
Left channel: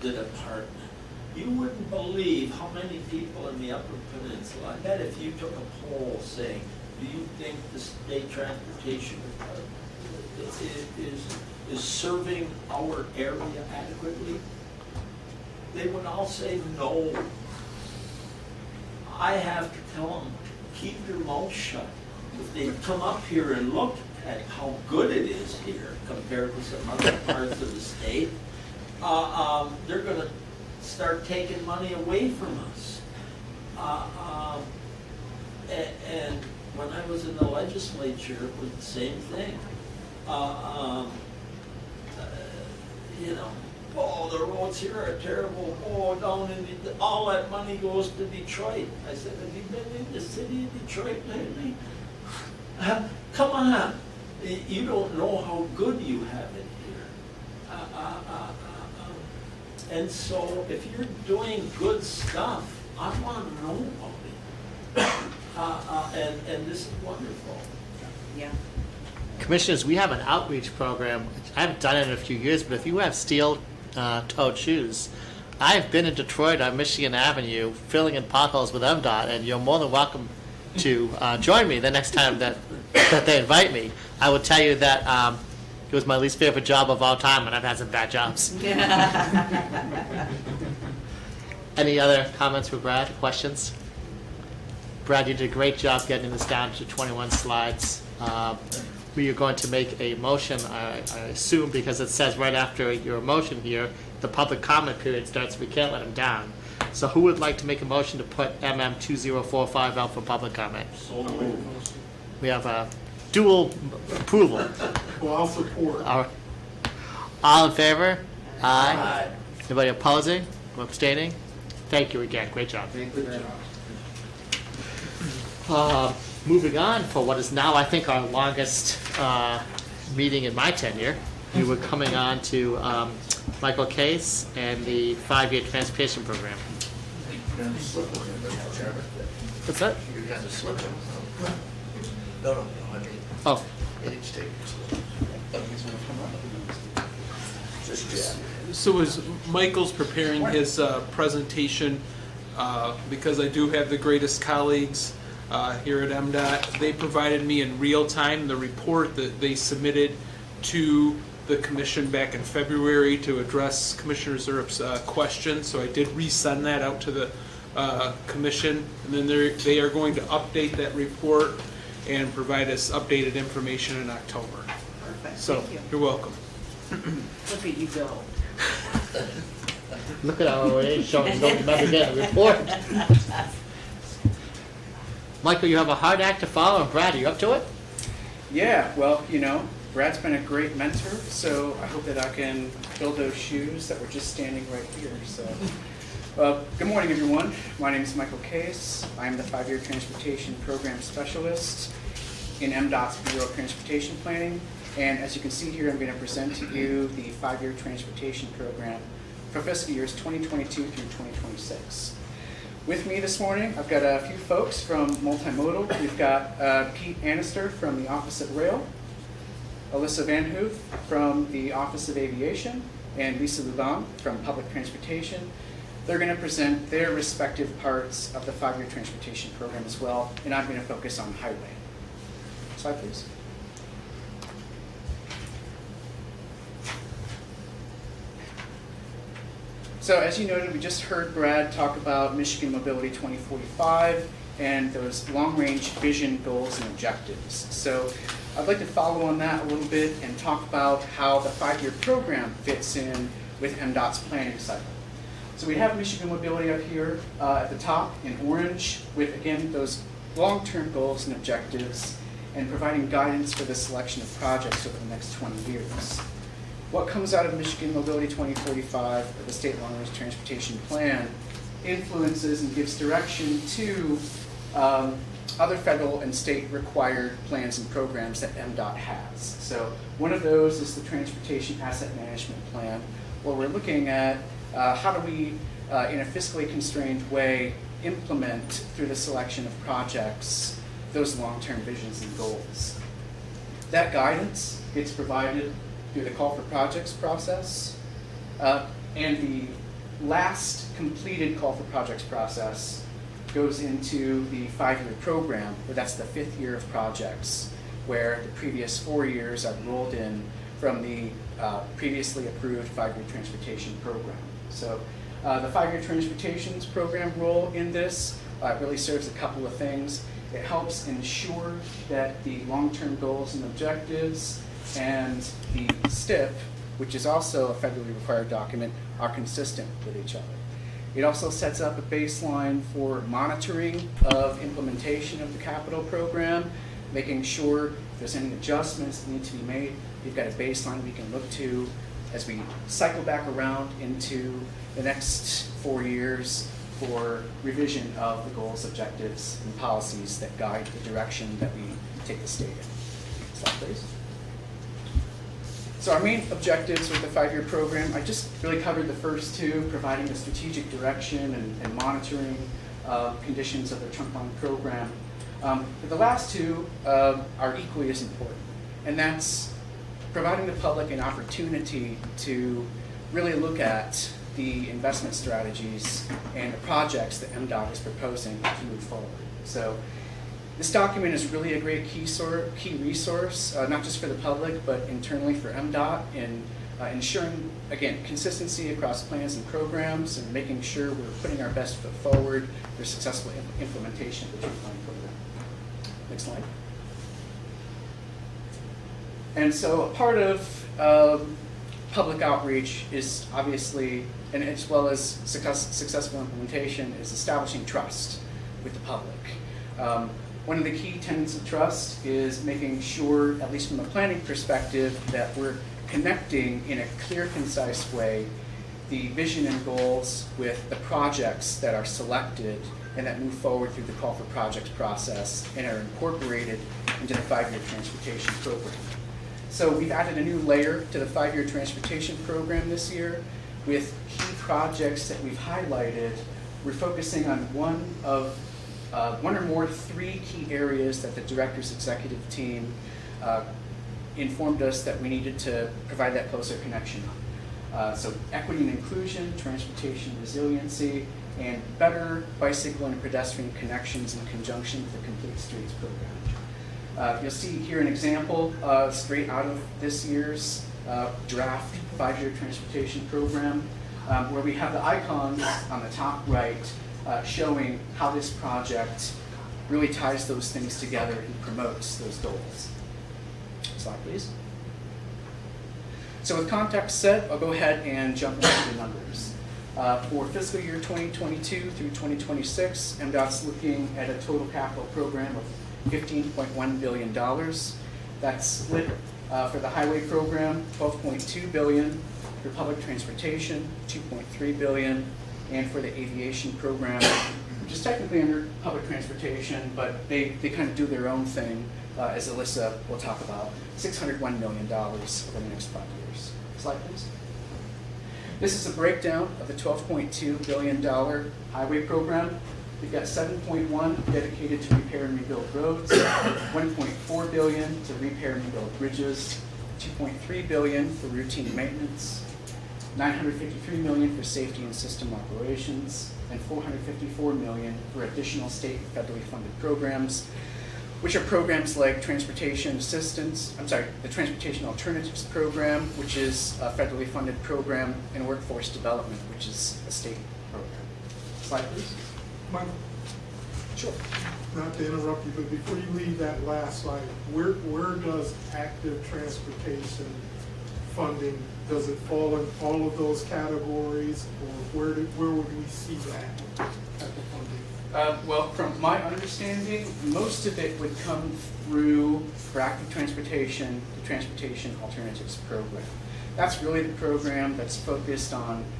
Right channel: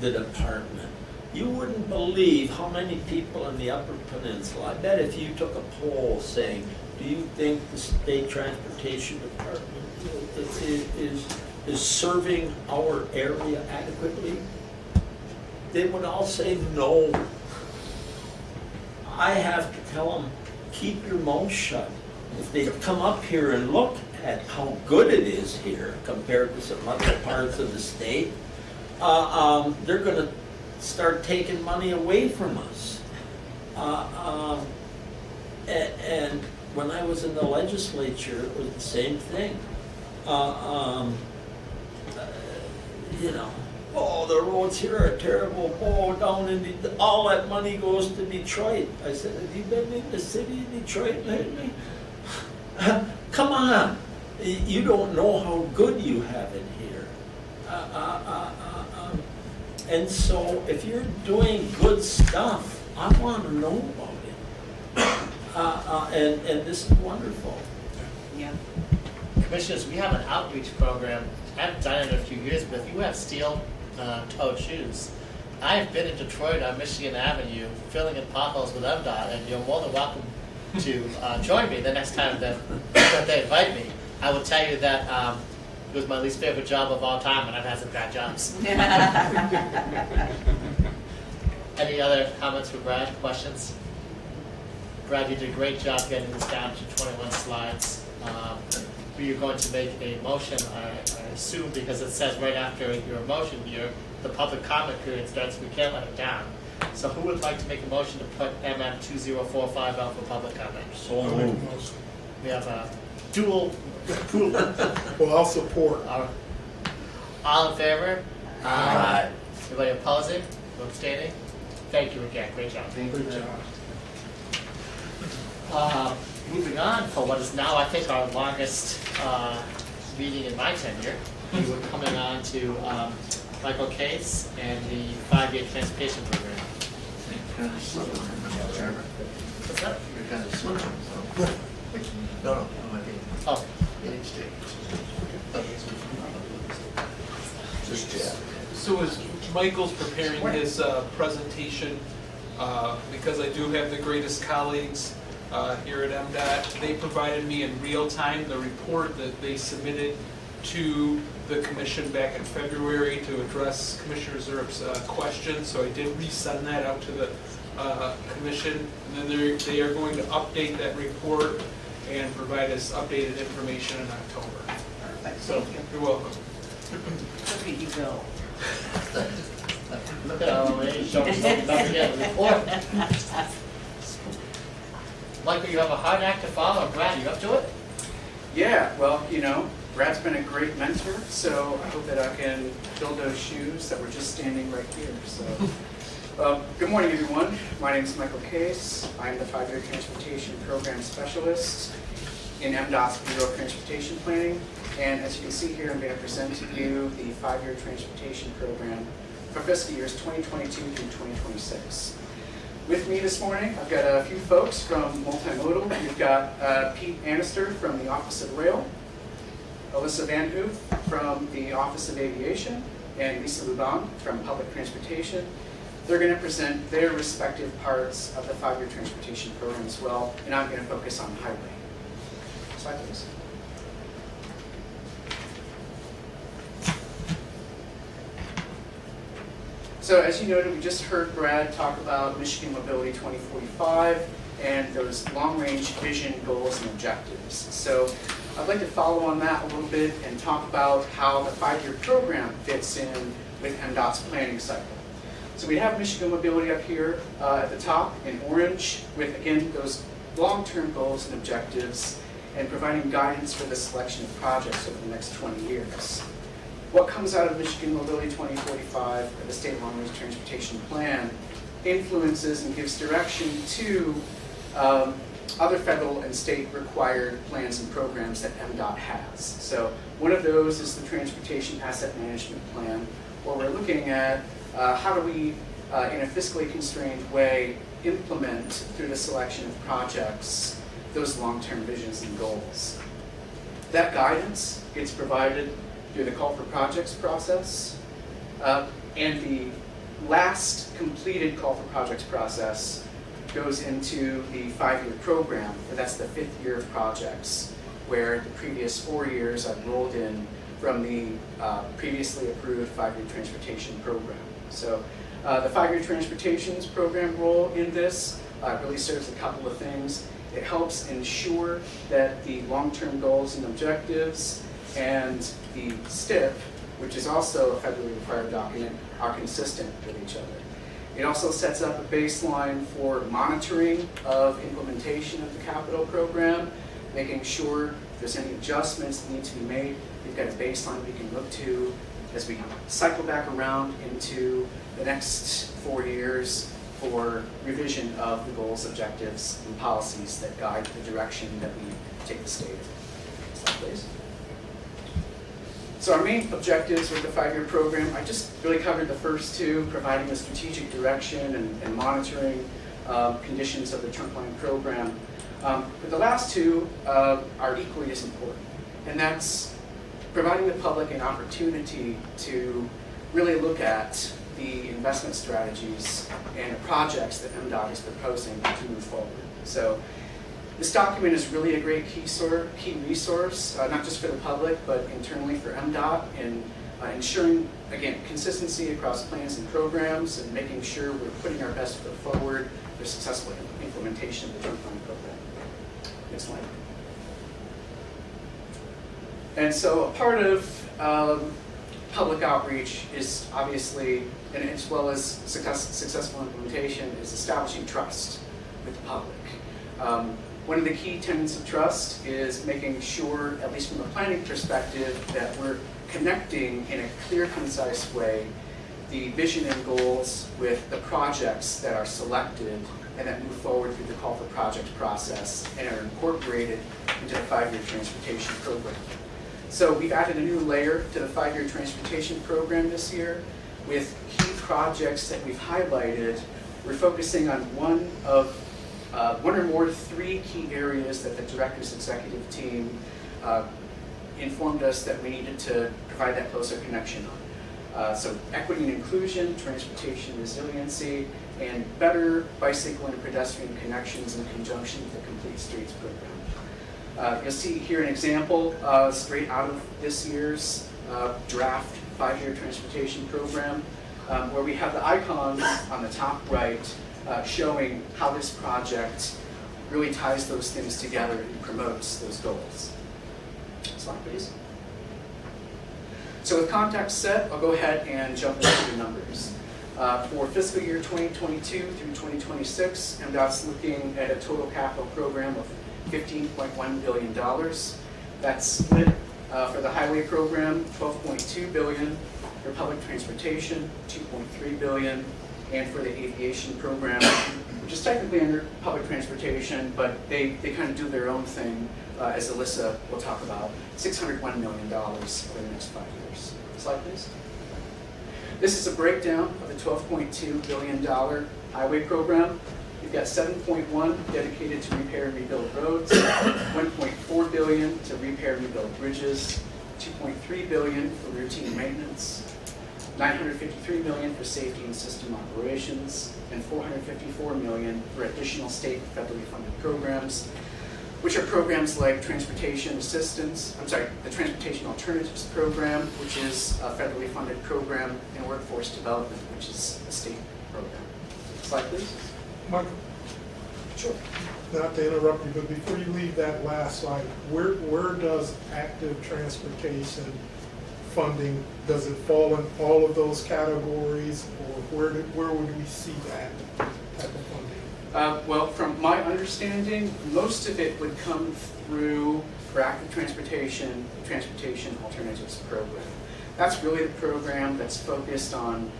the department. You wouldn't believe how many people in the Upper Peninsula, I bet if you took a poll saying, do you think the state transportation department is serving our area adequately? They would all say no. I have to tell them, keep your mouth shut. If they come up here and look at how good it is here compared to some other parts of the state, they're gonna start taking money away from us. And when I was in the legislature, it was the same thing. You know, oh, the roads here are terrible. Oh, down in all that money goes to Detroit. I said, have you been in the city of Detroit lately? Come on, you don't know how good you have it here. And so if you're doing good stuff, I want to know about it. And this is wonderful. Yeah. Commissioners, we have an outreach program. I haven't done it in a few years, but if you have steel-toed shoes, I've been in Detroit on Michigan Avenue filling in potholes with MDOT, and you're more than welcome to join me the next time that they invite me. I will tell you that it was my least favorite job of all time, and I've had some bad jobs. Any other comments for Brad? Questions? Brad, you did a great job getting this down to 21 slides. We are going to make a motion, I assume, because it says right after your motion here, the public comment period starts. We can't let them down. So who would like to make a motion to put MM 2045 out for public comment? So moved. We have a dual approval. Well, I'll support. All in favor? Aye. Anybody opposing or abstaining? Thank you again. Great job. Thank you very much. Moving on for what is now, I think, our longest meeting in my tenure. We were coming on to Michael Case and the 5-year transportation program. You're kind of slipping there, Mr. Chairman. What's that? You're kind of slipping. No, I'm not being. Oh, Just Jack. So as Michael's preparing his presentation, because I do have the greatest colleagues here at MDOT, they provided me in real time the report that they submitted to the commission back in February to address Commissioner Zerup's question. So I did resend that out to the commission, and then they are going to update that report and provide us updated information in October. Perfect, So thank you. you're welcome. Look at you go. look at our age showing us don't remember getting the report. Michael, you have a hard act to follow, and Brad, are you up to it? Yeah, well, you know, Brad's been a great mentor, so I hope that I can fill those shoes that were just standing right here. So, good morning, everyone. My name is Michael Case. I'm the 5-year transportation program specialist in MDOT's Bureau of Transportation Planning. And as you can see here, I'm going to present to you the 5-year transportation program for fiscal years 2022 through 2026. With me this morning, I've got a few folks from Multimodal. We've got Pete Annister from the Office of Rail, Alyssa Van Hoof from the Office of Aviation, and Lisa Luban from Public Transportation. They're going to present their respective parts of the 5-year transportation program as well, and I'm going to focus on highway. Slide, please. So as you noted, we just heard Brad talk about Michigan Mobility 2045 and those long-range vision goals and objectives. So I'd like to follow on that a little bit and talk about how the 5-year program fits in with MDOT's planning cycle. So we have Michigan Mobility up here at the top in orange with, again, those long-term goals and objectives and providing guidance for the selection of projects over the next 20 years. What comes out of Michigan Mobility 2045, or the State Long-Range Transportation Plan, influences and gives direction to other federal and state required plans and programs that MDOT has. So one of those is the Transportation Asset Management Plan, where we're looking at how do we, in a fiscally constrained way, implement through the selection of projects those long-term visions and goals. That guidance gets provided through the call for projects process, and the last completed call for projects process goes into the 5-year program, where that's the 5th year of projects, where the previous 4 years are rolled in from the previously approved 5-year transportation program. So the 5-year transportation program role in this really serves a couple of things. It helps ensure that the long-term goals and objectives and the STIP, which is also a federally required document, are consistent with each other. It also sets up a baseline for monitoring of implementation of the capital program, making sure if there's any adjustments that need to be made, we've got a baseline we can look to as we cycle back around into the next 4 years for revision of the goals, objectives, and policies that guide the direction that we take the state. Slide, please. So our main objectives with the 5-year program, I just really covered the first two, providing the strategic direction and monitoring conditions of the trunk line program. But the last two are equally as important, and that's providing the public an opportunity to really look at the investment strategies and the projects that MDOT is proposing to move forward. So this document is really a great key resource, not just for the public, but internally for MDOT in ensuring, again, consistency across plans and programs and making sure we're putting our best foot forward for successful implementation of the trunk line program. Next slide. And so a part of public outreach is obviously, and as well as successful implementation, is establishing trust with the public. One of the key tenets of trust is making sure, at least from a planning perspective, that we're connecting in a clear, concise way the vision and goals with the projects that are selected and that move forward through the call for projects process and are incorporated into the 5-year transportation program. So we've added a new layer to the 5-year transportation program this year with key projects that we've highlighted. We're focusing on one or more 3 key areas that the director's executive team informed us that we needed to provide that closer connection on. So equity and inclusion, transportation resiliency, and better bicycle and pedestrian connections in conjunction with the Complete Streets program. You'll see here an example straight out of this year's draft 5-year transportation program, where we have the icons on the top right showing how this project really ties those things together and promotes those goals. Slide, please. So with context set, I'll go ahead and jump into the numbers. For fiscal year 2022 through 2026, MDOT's looking at a total capital program of $15.1 billion. That's split for the highway program, $12.2 billion, for public transportation, $2.3 billion, and for the aviation program, which is technically under public transportation, but they kind of do their own thing, as Alyssa will talk about, $601 million over the next 5 years. Slide, please. This is a breakdown of the $12.2 billion highway program. We've got $7.1 dedicated to repair and rebuild roads, $1.4 billion to repair and rebuild bridges, $2.3 billion for routine maintenance, $953 million for safety and system operations, and $454 million for additional state federally funded programs, which are programs like transportation assistance, the Transportation Alternatives Program, which is a federally funded program, and workforce development, which is a state program. Slide, please. Michael, Sure. not to interrupt you, but before you leave that last slide, where does active transportation funding, does it fall in all of those categories, or where would we see that type of funding? Well, from my understanding, most of it would come through for active transportation, the Transportation Alternatives Program. That's really the program that's focused on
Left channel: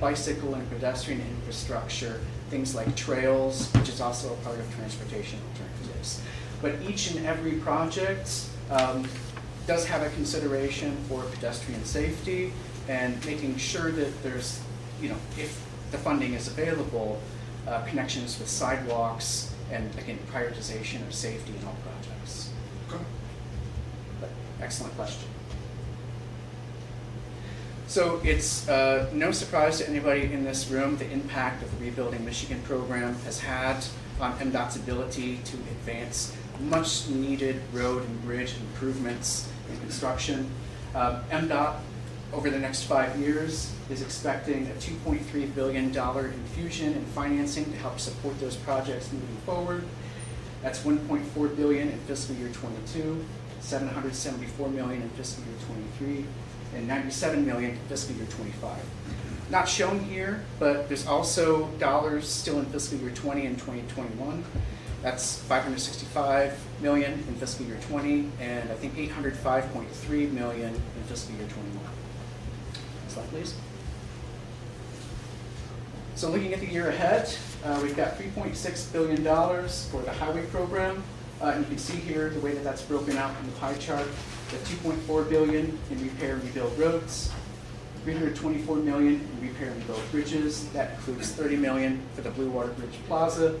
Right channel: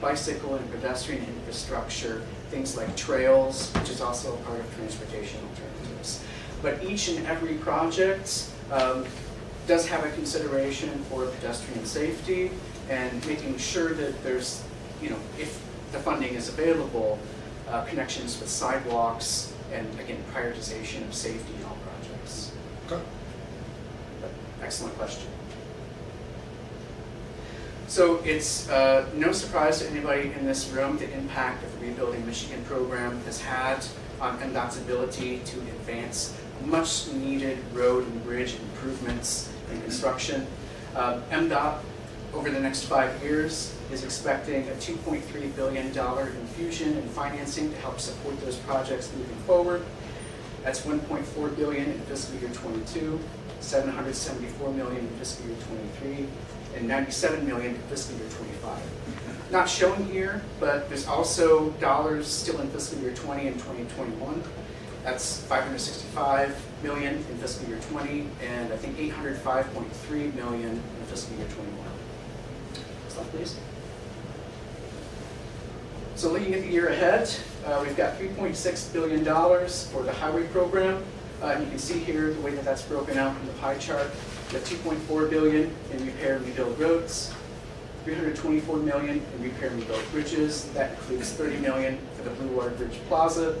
bicycle and pedestrian infrastructure, things like trails, which is also a part of transportation alternatives. But each and every project does have a consideration for pedestrian safety and making sure that there's, if the funding is available, connections with sidewalks and, again, prioritization of safety in all projects. Okay. Excellent question. So it's no surprise to anybody in this room the impact of the Rebuilding Michigan program has had on MDOT's ability to advance much needed road and bridge improvements in construction. MDOT, over the next 5 years, is expecting a $2.3 billion infusion in financing to help support those projects moving forward. That's $1.4 billion in fiscal year 22, $774 million in fiscal year 23, and $97 million in fiscal year 25. Not shown here, but there's also dollars still in fiscal year 20 and 2021. That's $565 million in fiscal year 20, and I think $805.3 million in fiscal year 21. Next one, please. So looking at the year ahead, we've got $3.6 billion for the highway program. You can see here the way that that's broken out in the pie chart. We have $2.4 billion in repair and rebuild roads, $324 million in repair and rebuild bridges. That includes $30 million for the Blue Water Bridge Plaza,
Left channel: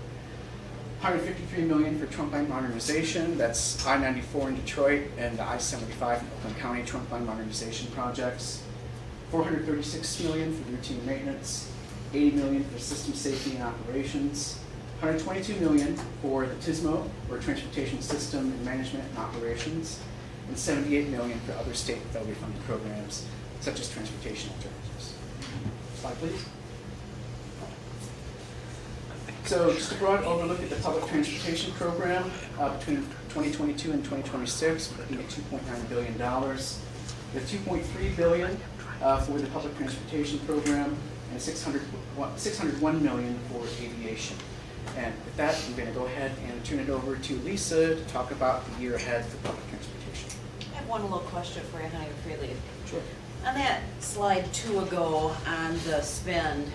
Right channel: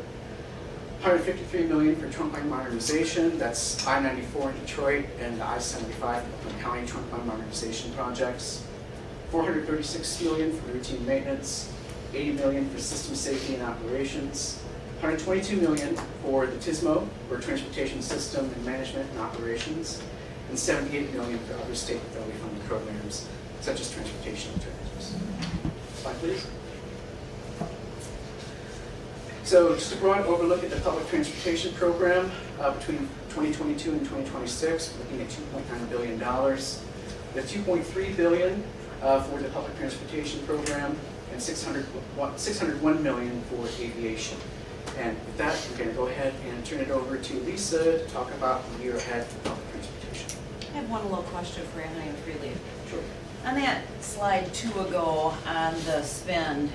$153 million for trunk line modernization. That's I-94 in Detroit and the I-75 in County trunk line modernization projects. $436 million for routine maintenance, $80 million for system safety and operations, $122 million for the TSMO, or Transportation System Management and Operations, and $78 million for other state and federally funded programs, such as transportation alternatives. Slide, please. So just a broad overlook at the public transportation program between 2022 and 2026, we're looking at $2.9 billion. We have $2.3 billion for the public transportation program and $601 million for aviation. And with that, we're going to go ahead and turn it over to Lisa to talk about the year ahead for public transportation. I have one little question for Anna and Freely. Sure. On that slide 2 ago on the spend,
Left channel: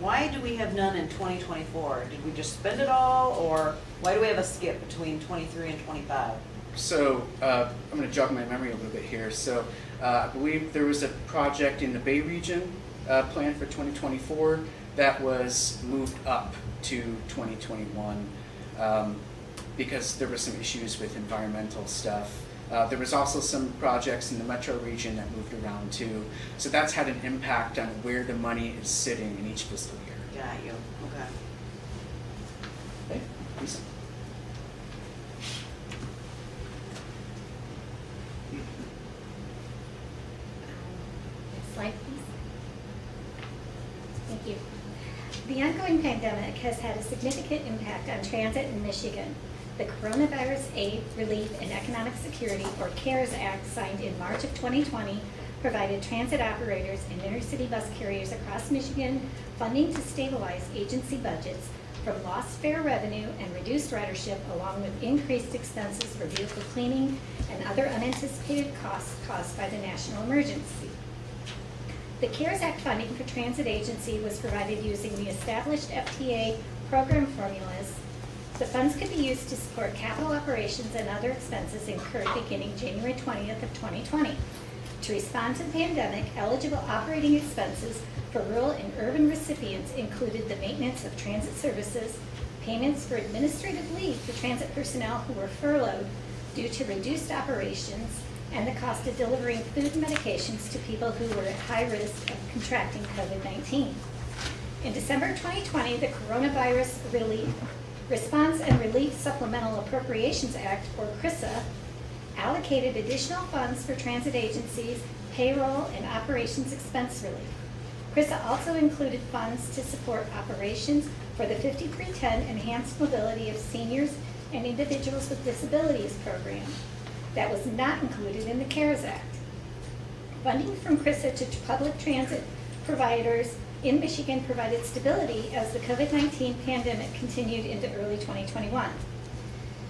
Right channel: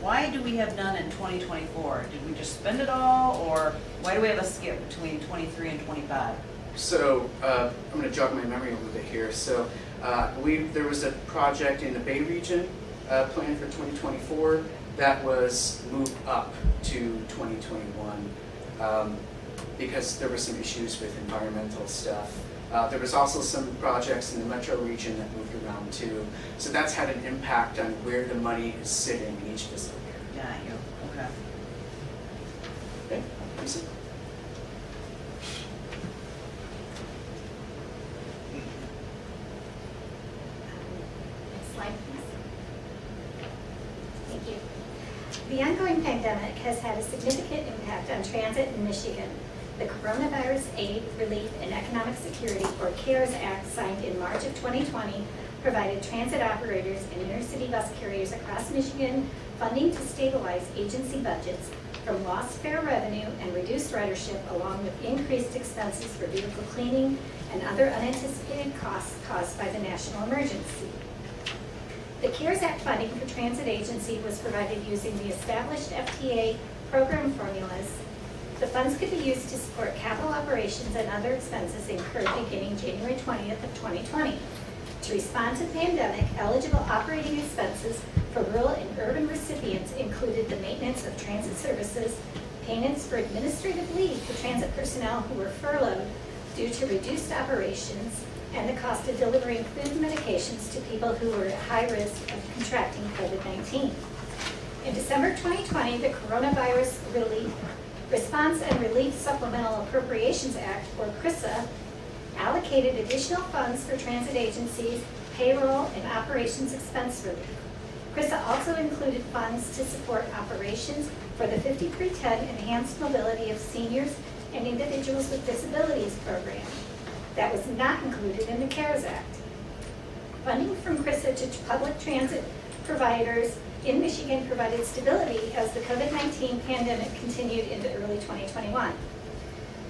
why do we have none in 2024? Did we just spend it all, or why do we have a skip between 23 and 25? So I'm going to jog my memory a little bit here. So I believe there was a project in the Bay region planned for 2024 that was moved up to 2021 because there were some issues with environmental stuff. There was also some projects in the metro region that moved around too. So that's had an impact on where the money is sitting in each fiscal year. Got you. Okay. Okay, Lisa? Next slide, please. Thank you. The ongoing pandemic has had a significant impact on transit in Michigan. The Coronavirus Aid, Relief, and Economic Security, or CARES Act, signed in March of 2020, provided transit operators and intercity bus carriers across Michigan funding to stabilize agency budgets from lost fare revenue and reduced ridership, along with increased expenses for vehicle cleaning and other unanticipated costs caused by the national emergency. The CARES Act funding for transit agency was provided using the established FTA program formulas. The funds could be used to support capital operations and other expenses incurred beginning January 20th of 2020. To respond to the pandemic, eligible operating expenses for rural and urban recipients included the maintenance of transit services, payments for administrative leave for transit personnel who were furloughed due to reduced operations, and the cost of delivering food and medications to people who were at high risk of contracting COVID-19. In December 2020, the Coronavirus Response and Relief Supplemental Appropriations Act, or CRISA, allocated additional funds for transit agencies, payroll, and operations expense relief. CRISA also included funds to support operations for the 5310 Enhanced Mobility of Seniors and Individuals with Disabilities program. That was not included in the CARES Act. Funding from CRISA to public transit providers in Michigan provided stability as the COVID-19 pandemic continued into early 2021.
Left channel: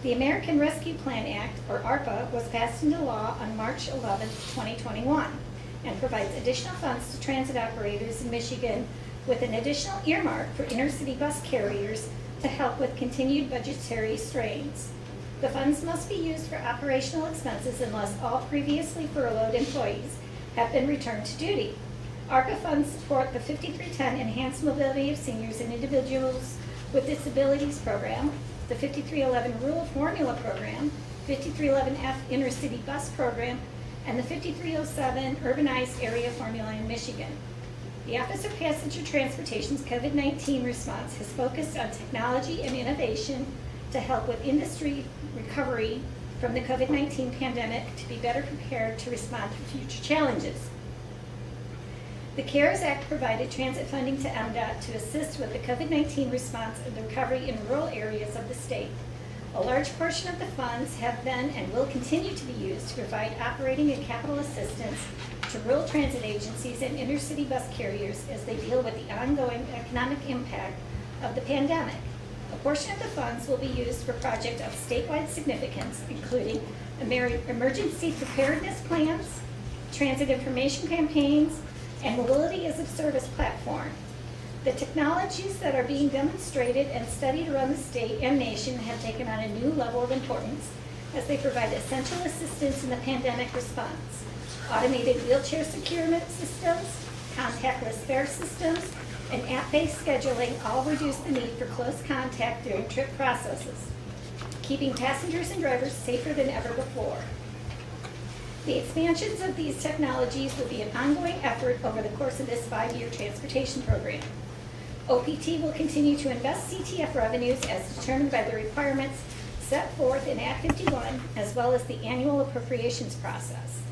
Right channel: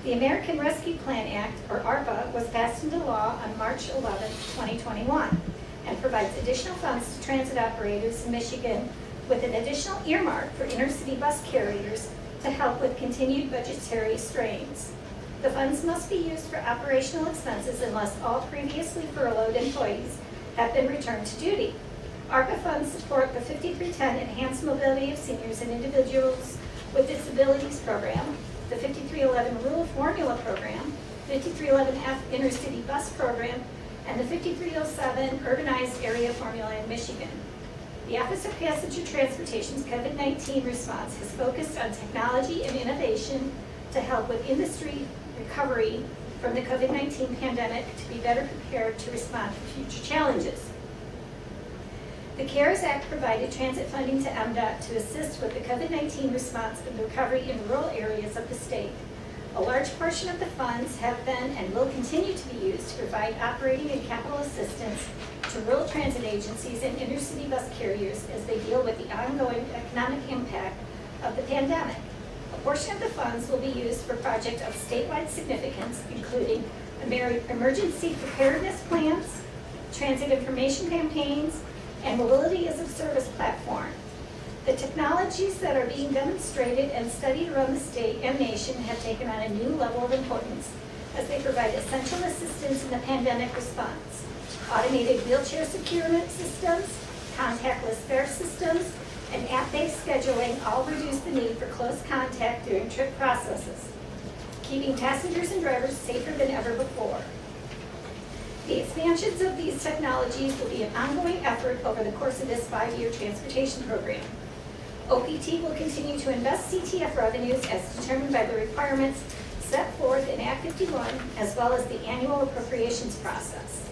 The American Rescue Plan Act, or ARPA, was passed into law on March 11, 2021. and provides additional funds to transit operators in Michigan with an additional earmark for intercity bus carriers to help with continued budgetary strains. The funds must be used for operational expenses unless all previously furloughed employees have been returned to duty. ARPA funds support the 5310 Enhanced Mobility of Seniors and Individuals with Disabilities Program, the 5311 Rural Formula Program, 5311F Intercity Bus Program, and the 5307 Urbanized Area Formula in Michigan. The Office of Passenger Transportation's COVID-19 response has focused on technology and innovation to help with industry recovery from the COVID-19 pandemic to be better prepared to respond to future challenges. The CARES Act provided transit funding to MDOT to assist with the COVID-19 response and recovery in rural areas of the state. A large portion of the funds have been and will continue to be used to provide operating and capital assistance to rural transit agencies and intercity bus carriers as they deal with the ongoing economic impact of the pandemic. A portion of the funds will be used for projects of statewide significance, including emergency preparedness plans, transit information campaigns, and mobility as a service platform. The technologies that are being demonstrated and studied around the state and nation have taken on a new level of importance as they provide essential assistance in the pandemic response. Automated wheelchair securement systems, contactless fare systems, and app-based scheduling all reduce the need for close contact during trip processes, keeping passengers and drivers safer than ever before. The expansions of these technologies will be an ongoing effort over the course of this 5-year transportation program. OPT will continue to invest CTF revenues as determined by the requirements set forth in Act 51, as well as the annual appropriations process.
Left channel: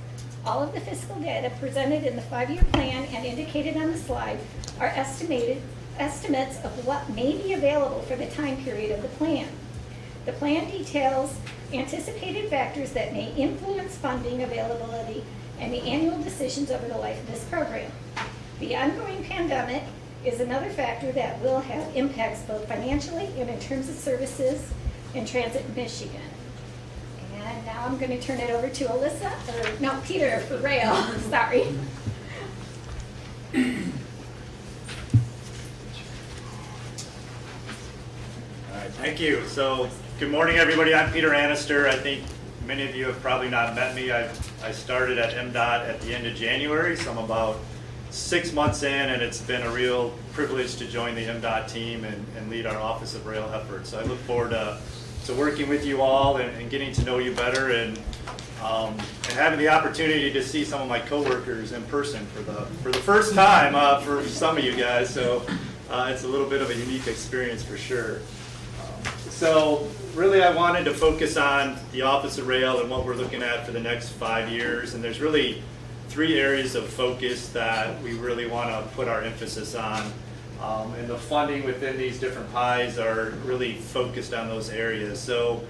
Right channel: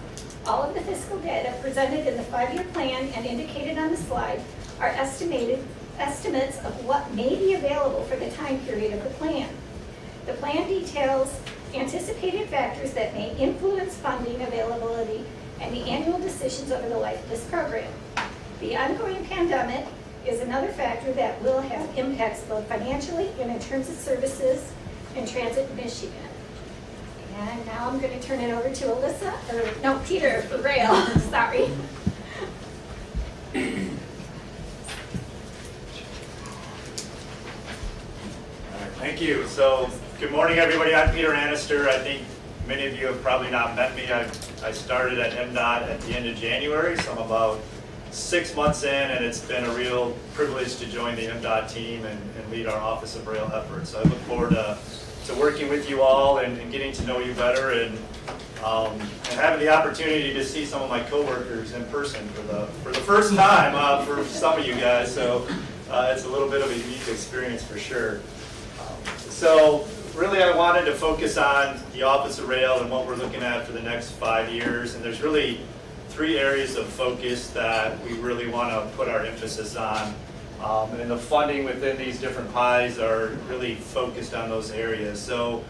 All of the fiscal data presented in the 5-year plan and indicated on the slide are estimates of what may be available for the time period of the plan. The plan details anticipated factors that may influence funding availability and the annual decisions over the life of this program. The ongoing pandemic is another factor that will have impacts both financially and in terms of services and transit in Michigan. And now I'm going to turn it over to Peter for rail. Sorry. Thank you. So, good morning, everybody. I'm Peter Annister. I think many of you have probably not met me. I started at MDOT at the end of January, so I'm about 6 months in, and it's been a real privilege to join the MDOT team and lead our Office of Rail efforts. So I look forward to working with you all and getting to know you better and having the opportunity to see some of my coworkers in person for the first time for some of you guys. So it's a little bit of a unique experience for sure. So really I wanted to focus on the Office of Rail and what we're looking at for the next 5 years. And there's really 3 areas of focus that we really want to put our emphasis on. And the funding within these different pies are really focused on those areas. So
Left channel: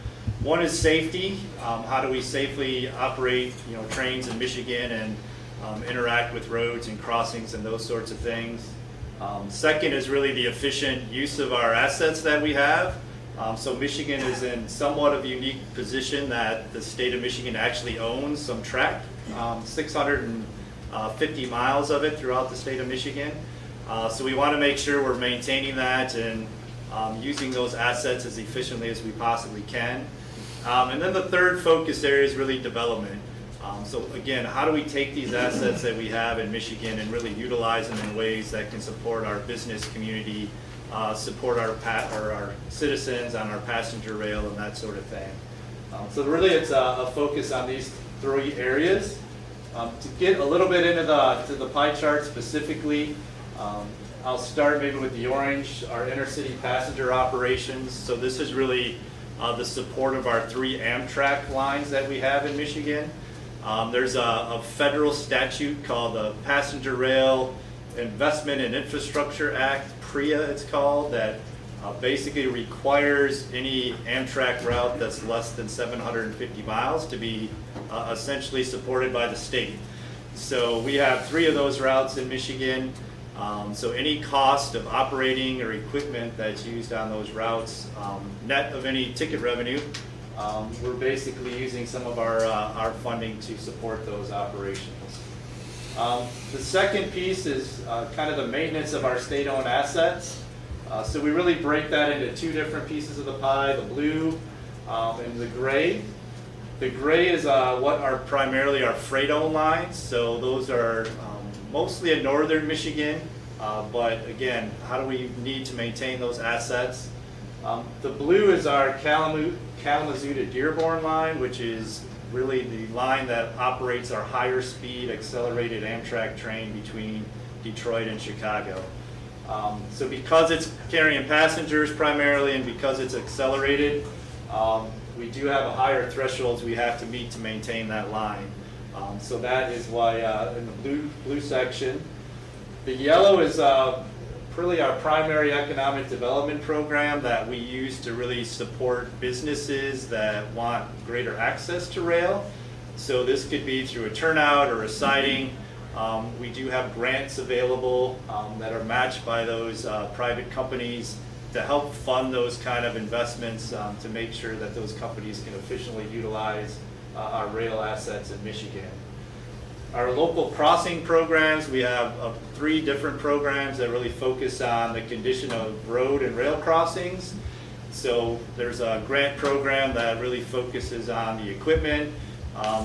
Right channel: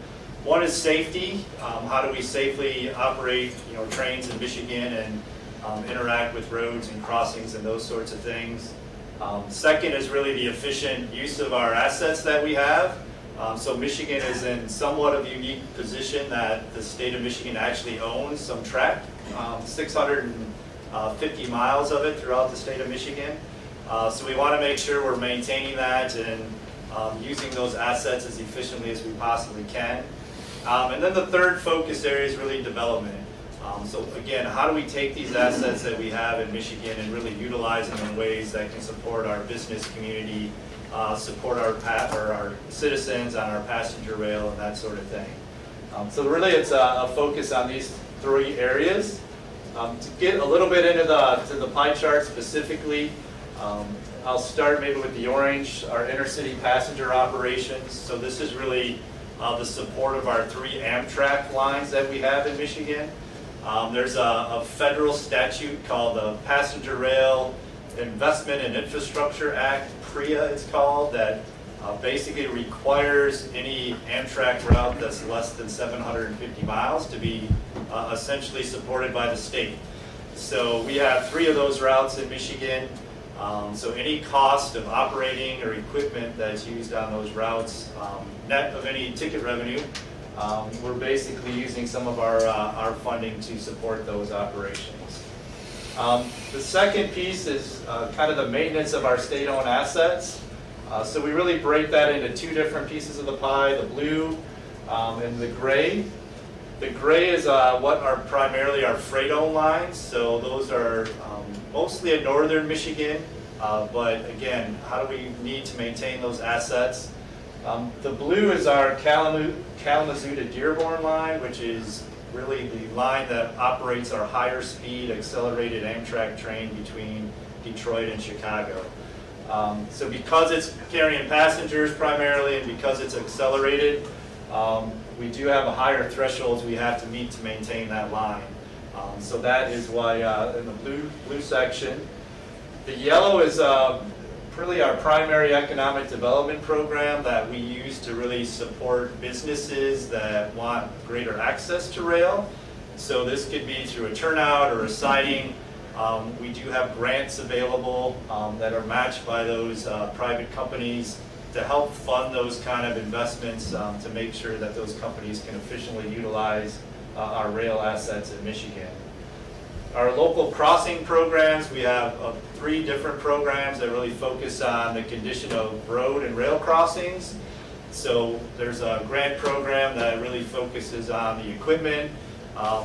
one is safety. How do we safely operate trains in Michigan and interact with roads and crossings and those sorts of things. Second is really the efficient use of our assets that we have. So Michigan is in somewhat of a unique position that the state of Michigan actually owns some track, 650 miles of it throughout the state of Michigan. So we want to make sure we're maintaining that and using those assets as efficiently as we possibly can. And then the third focus area is really development. So again, how do we take these assets that we have in Michigan and really utilize them in ways that can support our business community, support our citizens on our passenger rail and that sort of thing. So really it's a focus on these 3 areas. To get a little bit into the pie chart specifically, I'll start maybe with the orange, our intercity passenger operations. So this is really the support of our 3 Amtrak lines that we have in Michigan. There's a federal statute called the Passenger Rail Investment and Infrastructure Act, PRIA it's called, that basically requires any Amtrak route that's less than 750 miles to be essentially supported by the state. So we have 3 of those routes in Michigan. So any cost of operating or equipment that's used on those routes, net of any ticket revenue, we're basically using some of our funding to support those operations. The second piece is kind of the maintenance of our state-owned assets. So we really break that into two different pieces of the pie, the blue and the gray. The gray is what are primarily our freight-owned lines. So those are mostly in northern Michigan. But again, how do we need to maintain those assets? The blue is our Kalamazoo to Dearborn line, which is really the line that operates our higher speed accelerated Amtrak train between Detroit and Chicago. So because it's carrying passengers primarily and because it's accelerated, we do have a higher thresholds we have to meet to maintain that line. So that is why in the blue section. The yellow is really our primary economic development program that we use to really support businesses that want greater access to rail. So this could be through a turnout or a siding. We do have grants available that are matched by those private companies to help fund those kind of investments to make sure that those companies can efficiently utilize our rail assets in Michigan. Our local crossing programs, we have 3 different programs that really focus on the condition of road and rail crossings. So there's a grant program that really focuses on the equipment,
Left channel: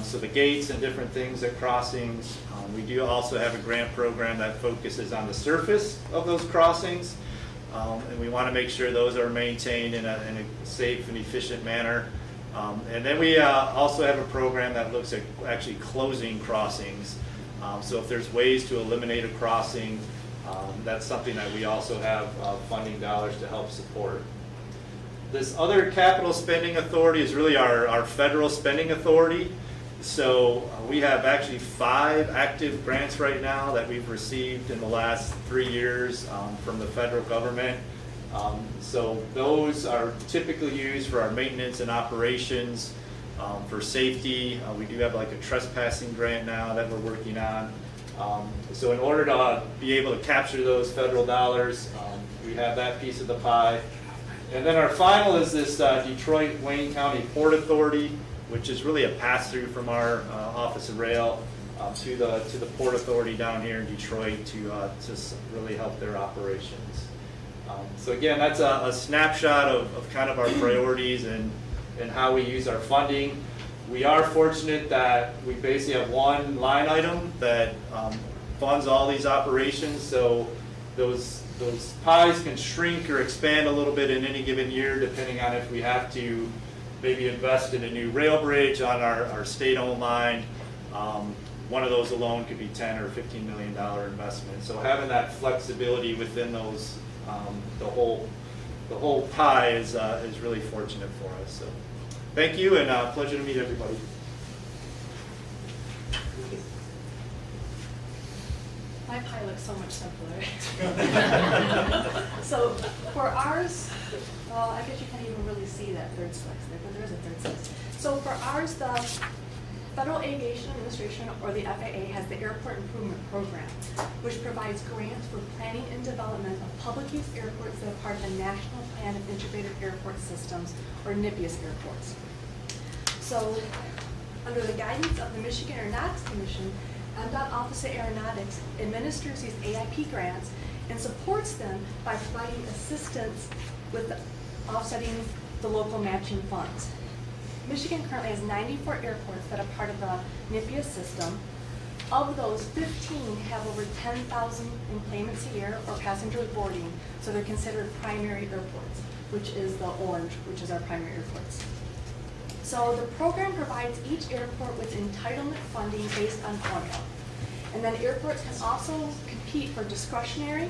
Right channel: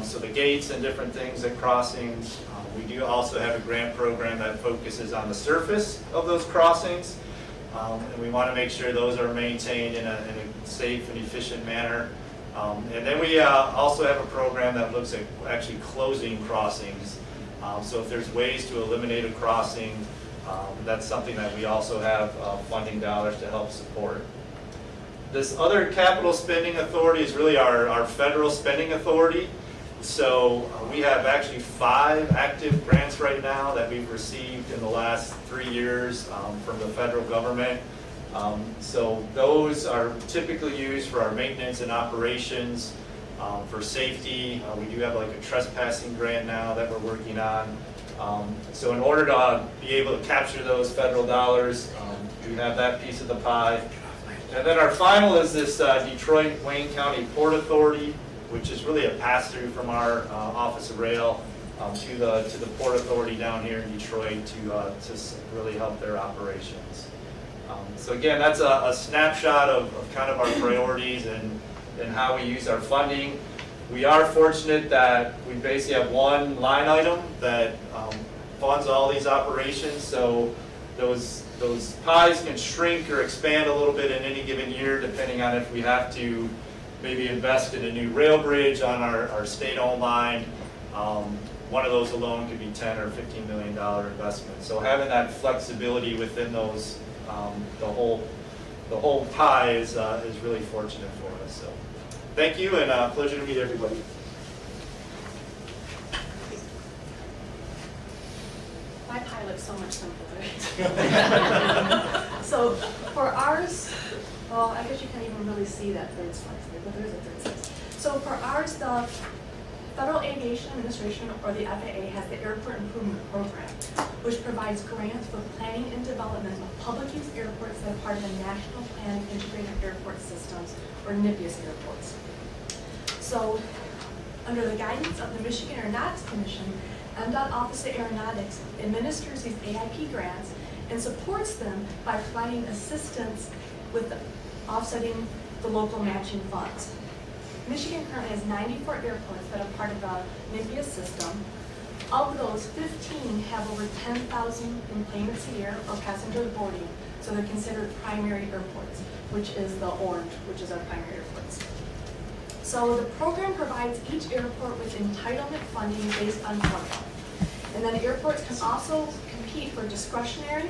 so the gates and different things at crossings. We do also have a grant program that focuses on the surface of those crossings, and we want to make sure those are maintained in a safe and efficient manner. And then we also have a program that looks at actually closing crossings. So if there's ways to eliminate a crossing, that's something that we also have funding dollars to help support. This other capital spending authority is really our federal spending authority. So we have actually 5 active grants right now that we've received in the last 3 years from the federal government. So those are typically used for our maintenance and operations, for safety. We do have like a trespassing grant now that we're working on. So in order to be able to capture those federal dollars, we have that piece of the pie. And then our final is this Detroit Wayne County Port Authority, which is really a pass-through from our Office of Rail to the Port Authority down here in Detroit to really help their operations. So again, that's a snapshot of kind of our priorities and how we use our funding. We are fortunate that we basically have one line item that funds all these operations, so those pies can shrink or expand a little bit in any given year depending on if we have to maybe invest in a new rail bridge on our state-owned line. One of those alone could be $10 or $15 million investment. So having that flexibility within those, the whole pie is really fortunate for us. So thank you, and pleasure to meet everybody. My pie looks so much simpler. So for ours, well, I guess you can't even really see that third slice there, but there is a third slice. So for ours, the Federal Aviation Administration, or the FAA, has the Airport Improvement Program, which provides grants for planning and development of public use airports that are part of the National Plan of Integrated Airport Systems, or NIPIAS airports. So under the guidance of the Michigan Aeronautics Commission, MDOT Office of Aeronautics administers these AIP grants and supports them by providing assistance with offsetting the local matching funds. Michigan currently has 94 airports that are part of the NIPIAS system. Of those, 15 have over 10,000 enplanements a year or passengers boarding, so they're considered primary airports, which is the orange, which is our primary airports. So the program provides each airport with entitlement funding based on formula. And then airports can also compete for discretionary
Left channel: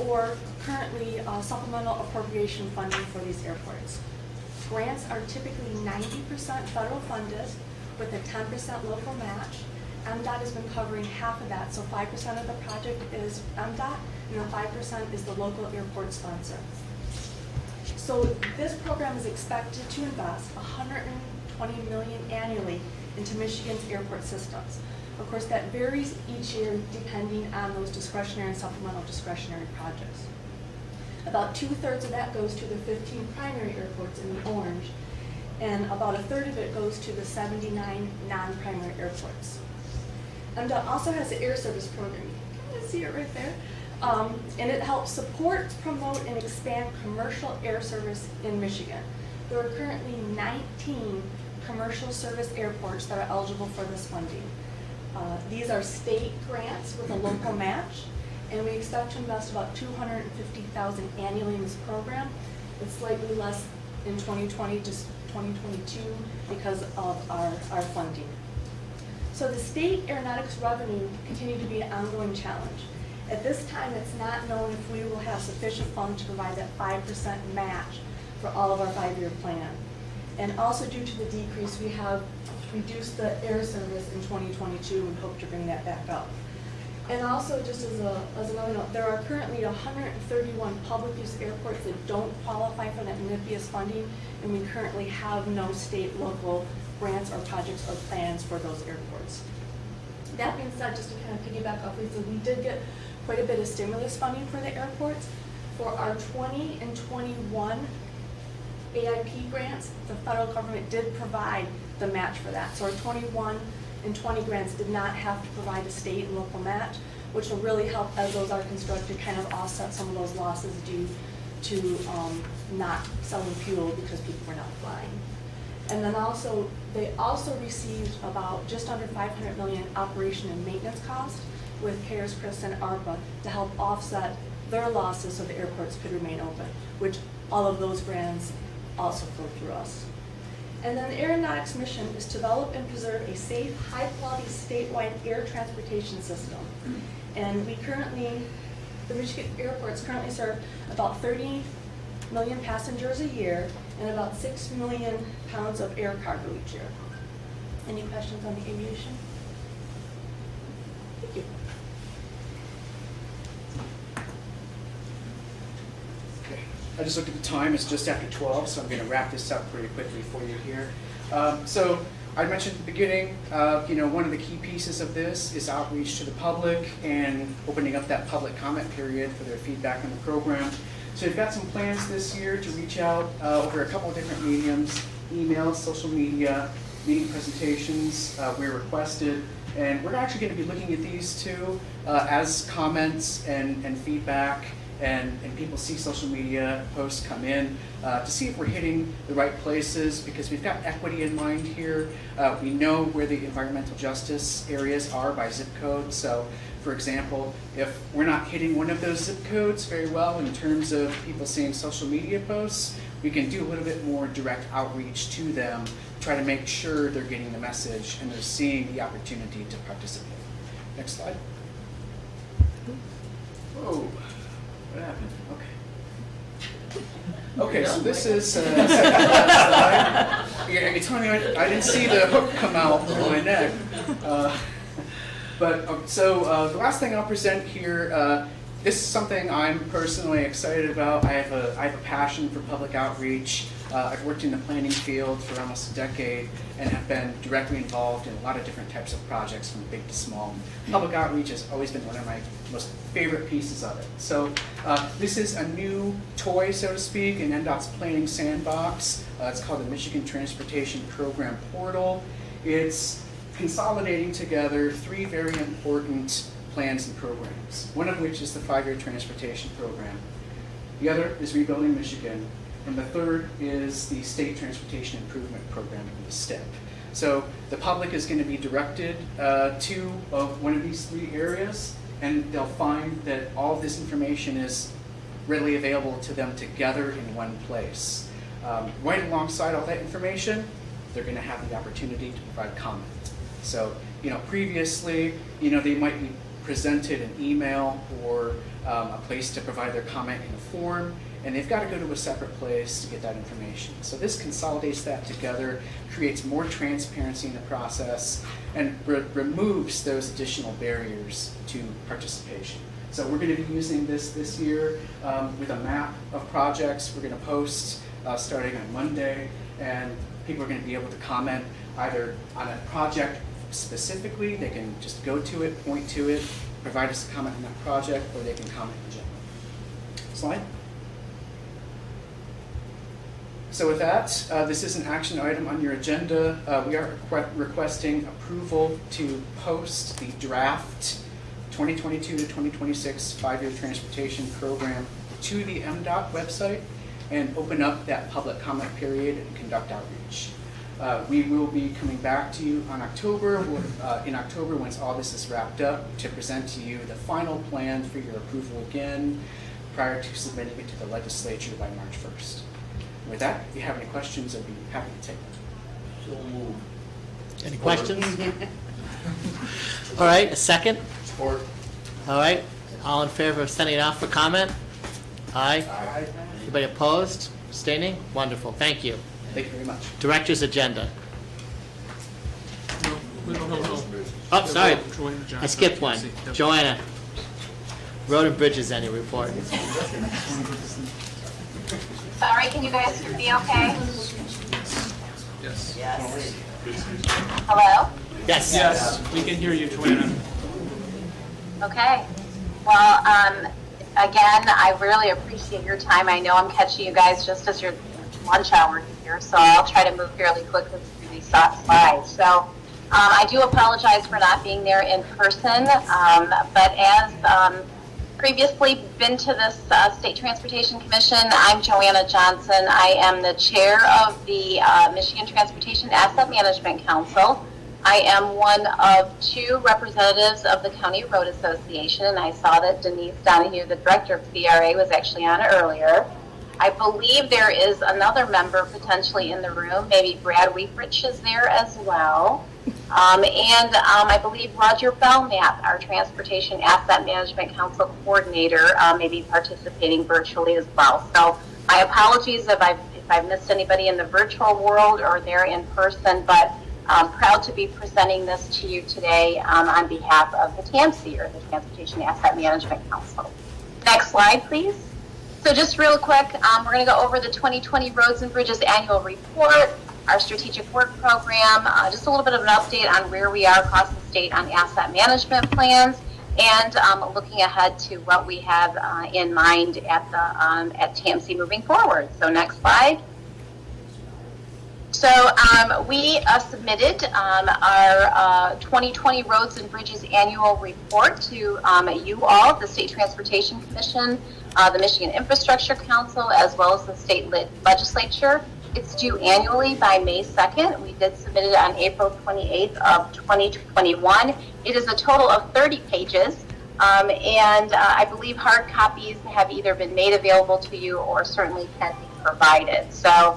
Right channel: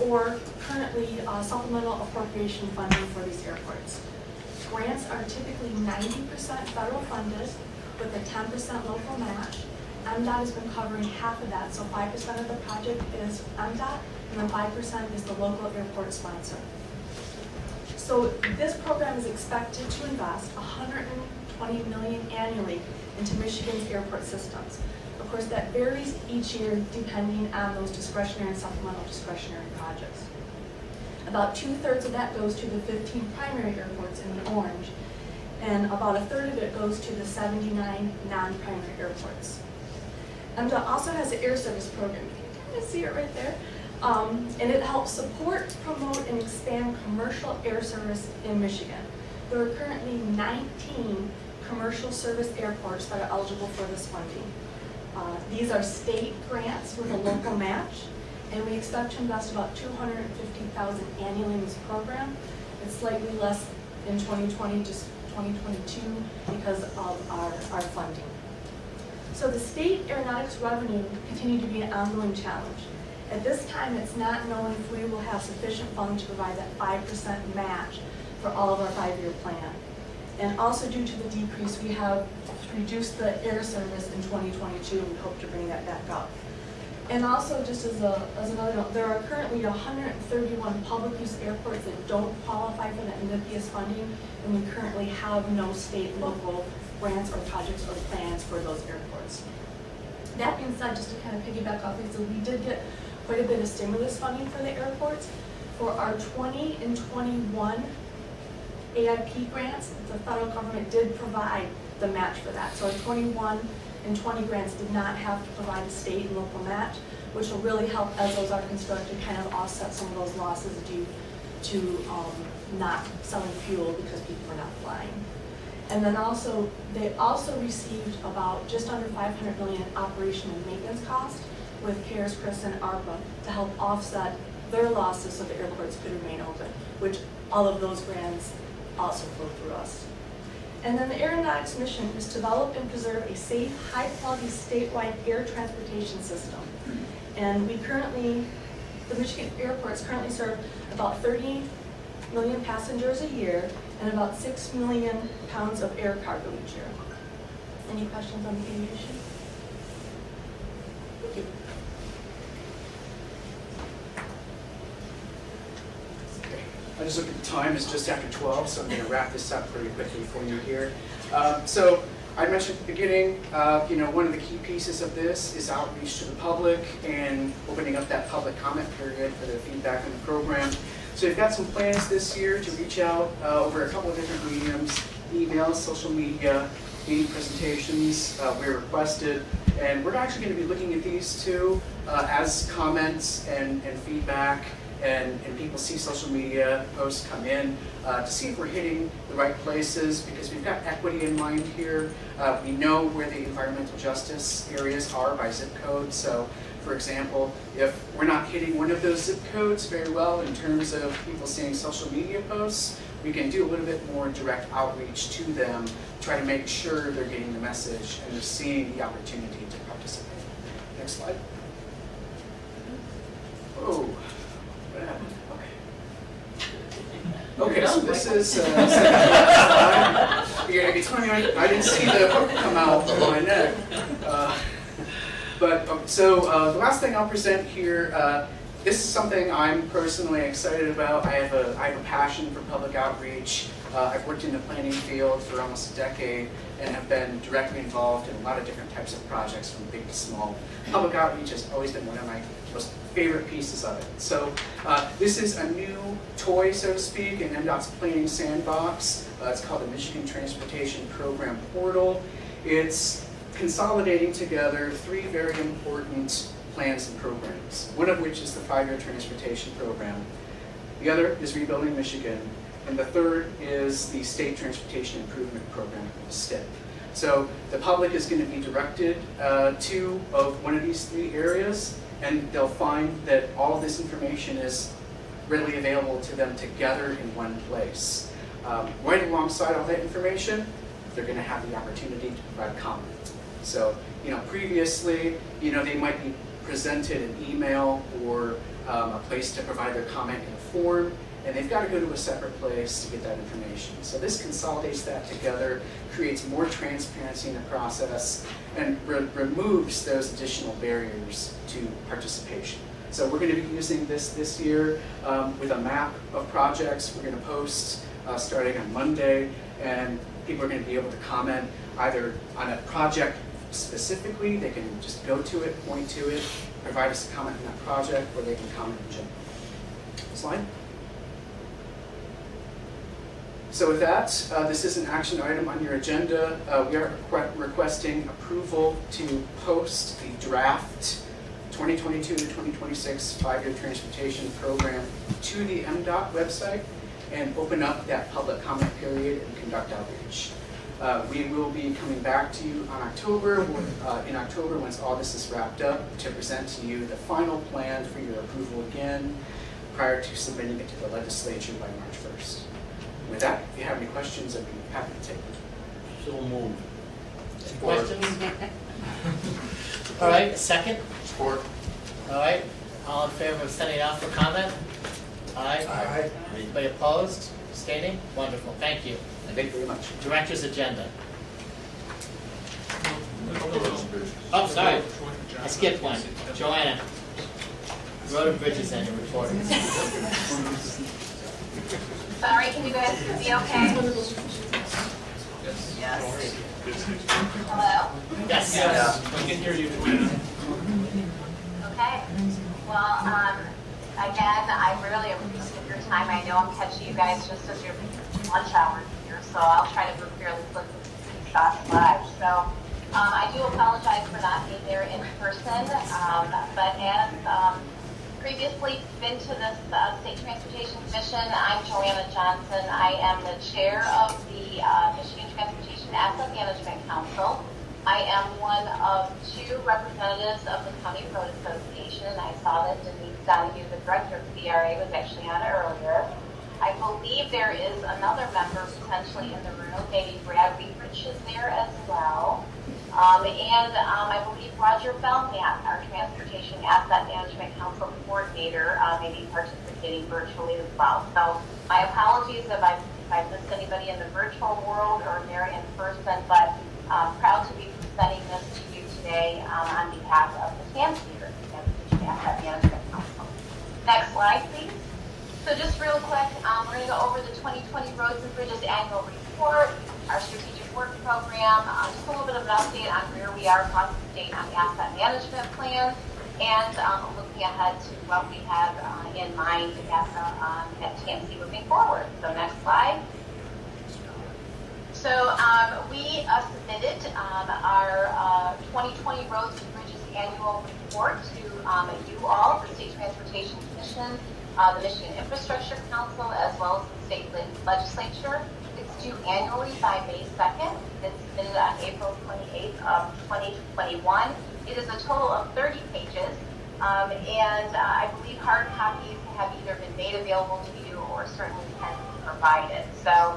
or currently supplemental appropriation funding for these airports. Grants are typically 90% federal funded with a 10% local match. MDOT has been covering half of that, so 5% of the project is MDOT, and then 5% is the local airport sponsor. So this program is expected to invest $120 million annually into Michigan's airport systems. Of course, that varies each year depending on those discretionary and supplemental discretionary projects. About 2/3 of that goes to the 15 primary airports in the orange, and about 1/3 of it goes to the 79 non-primary airports. MDOT also has the air service program. You can kind of see it right there. And it helps support, promote, and expand commercial air service in Michigan. There are currently 19 commercial service airports that are eligible for this funding. These are state grants with a local match, and we expect to invest about $250,000 annually in this program. It's slightly less in 2020, just 2022, because of our funding. So the state aeronautics revenue continue to be an ongoing challenge. At this time, it's not known if we will have sufficient funds to provide that 5% match for all of our 5-year plan. And also due to the decrease, we have reduced the air service in 2022. We hope to bring that back up. And also, just as another note, there are currently 131 public use airports that don't qualify for that NIPIAS funding, and we currently have no state, local grants or projects or plans for those airports. That being said, just to kind of piggyback off, so we did get quite a bit of stimulus funding for the airports. For our 20 and 21 AIP grants, the federal government did provide the match for that. So our 21 and 20 grants did not have to provide a state and local match, which will really help as those are constructed kind of offset some of those losses due to not selling fuel because people were not flying. And then also, they also received about just under $500 million in operation and maintenance costs with CARES, CRIS, and ARPA to help offset their losses so the airports could remain open, which all of those grants also flow through us. And then the aeronautics mission is to develop and preserve a safe, high-quality statewide air transportation system. And we currently, the Michigan airports currently serve about 30 million passengers a year and about 6 million pounds of air cargo each year. Any questions on the aviation? Thank you. Okay. I just looked at the time, it's just after 12, so I'm going to wrap this up pretty quickly for you here. So I mentioned at the beginning, one of the key pieces of this is outreach to the public and opening up that public comment period for the feedback on the program. So we've got some plans this year to reach out over a couple of different mediums, emails, social media, meeting presentations where requested. And we're actually going to be looking at these too as comments and feedback and people see social media posts come in to see if we're hitting the right places, because we've got equity in mind here. We know where the environmental justice areas are by zip code. So for example, if we're not hitting one of those zip codes very well in terms of people seeing social media posts, we can do a little bit more direct outreach to them, try to make sure they're getting the message and they're seeing the opportunity to participate. Next slide. Oh, what happened? Okay. Okay, so this is, yeah, it's funny, I didn't see the hook come out of my neck. The last thing I'll present here, this is something I'm personally excited about. I have a passion for public outreach. I've worked in the planning field for almost a decade and have been directly involved in a lot of different types of projects from big to small. Public outreach has always been one of my most favorite pieces of it. So this is a new toy, so to speak, in MDOT's planning sandbox. It's called the Michigan Transportation Program Portal. It's consolidating together 3 very important plans and programs, one of which is the 5-year transportation program. The other is Rebuilding Michigan, and the third is the State Transportation Improvement Program, STIP. So the public is going to be directed to one of these 3 areas, and they'll find that all this information is readily available to them together in one place. Right alongside all that information, they're going to have the opportunity to provide comment. So, previously, they might be presented an email or a place to provide their comment in a form, and they've got to go to a separate place to get that information. So this consolidates that together, creates more transparency in the process, and removes those additional barriers to participation. So we're going to be using this year with a map of projects. We're going to post starting on Monday, and people are going to be able to comment either on a project specifically, they can just go to it, point to it, provide us a comment on that project, or they can comment in general. Slide. So with that, this is an action item on your agenda. We are requesting approval to post the draft 2022 to 2026 five-year transportation program to the MDOT website and open up that public comment period and conduct outreach. We will be coming back to you on in October, once all this is wrapped up, to present to you the final plan for your approval again prior to submitting it to the legislature by March 1st. With that, if you have any questions, I'd be happy to take them. So moved. Any questions? All right, a second? Support. All right, all in favor of sending it out for comment? Aye. Aye. Anybody opposed? Abstaining? Wonderful, thank you. Thank you very much. Director's agenda. Oh, sorry, I skipped one. Joanna. Road and Bridges, any report? Sorry, can you guys hear me okay? Yes. Yes. Hello? Yes. Yes, we can hear you, Joanna. Okay. Well, again, I really appreciate your time. I know I'm catching you guys just as your lunch hour here, so I'll try to move fairly quickly through these slides. So I do apologize for not being there in person, but as previously been to this State Transportation Commission, I'm Joanna Johnson. I am the chair of the Michigan Transportation Asset Management Council. I am one of two representatives of the County Road Association, and I saw that Denise Donohue, the director of CRA, was actually on earlier. I believe there is another member potentially in the room. Maybe Brad Weefrich is there as well. And I believe Roger Belknap, our Transportation Asset Management Council coordinator, may be participating virtually as well. So my apologies if I've missed anybody in the virtual world or there in person, but I'm proud to be presenting this to you today on behalf of the TAMC, or the Transportation Asset Management Council. Next slide, please. So just real quick, we're going to go over the 2020 Roads and Bridges Annual Report, our strategic work program, just a little bit of an update on where we are across the state on asset management plans, and looking ahead to what we have in mind at TAMC moving forward. So next slide. So we submitted our 2020 Roads and Bridges Annual Report to you all, the State Transportation Commission, the Michigan Infrastructure Council, as well as the state legislature. It's due annually by May 2nd. We did submit it on April 28th of 2021. It is a total of 30 pages, and I believe hard copies have either been made available to you or certainly can be provided. So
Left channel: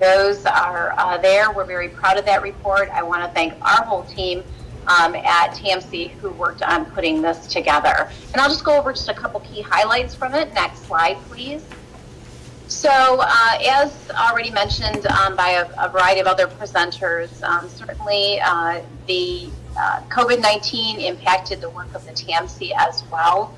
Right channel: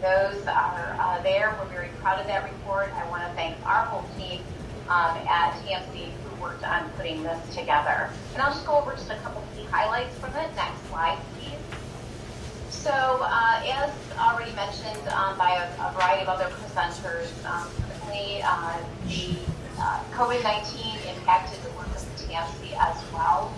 those are there. We're very proud of that report. I want to thank our whole team at TAMC who worked on putting this together. And I'll just go over just a couple key highlights from it. Next slide, please. So as already mentioned by a variety of other presenters, certainly the COVID-19 impacted the work of the TAMC as well.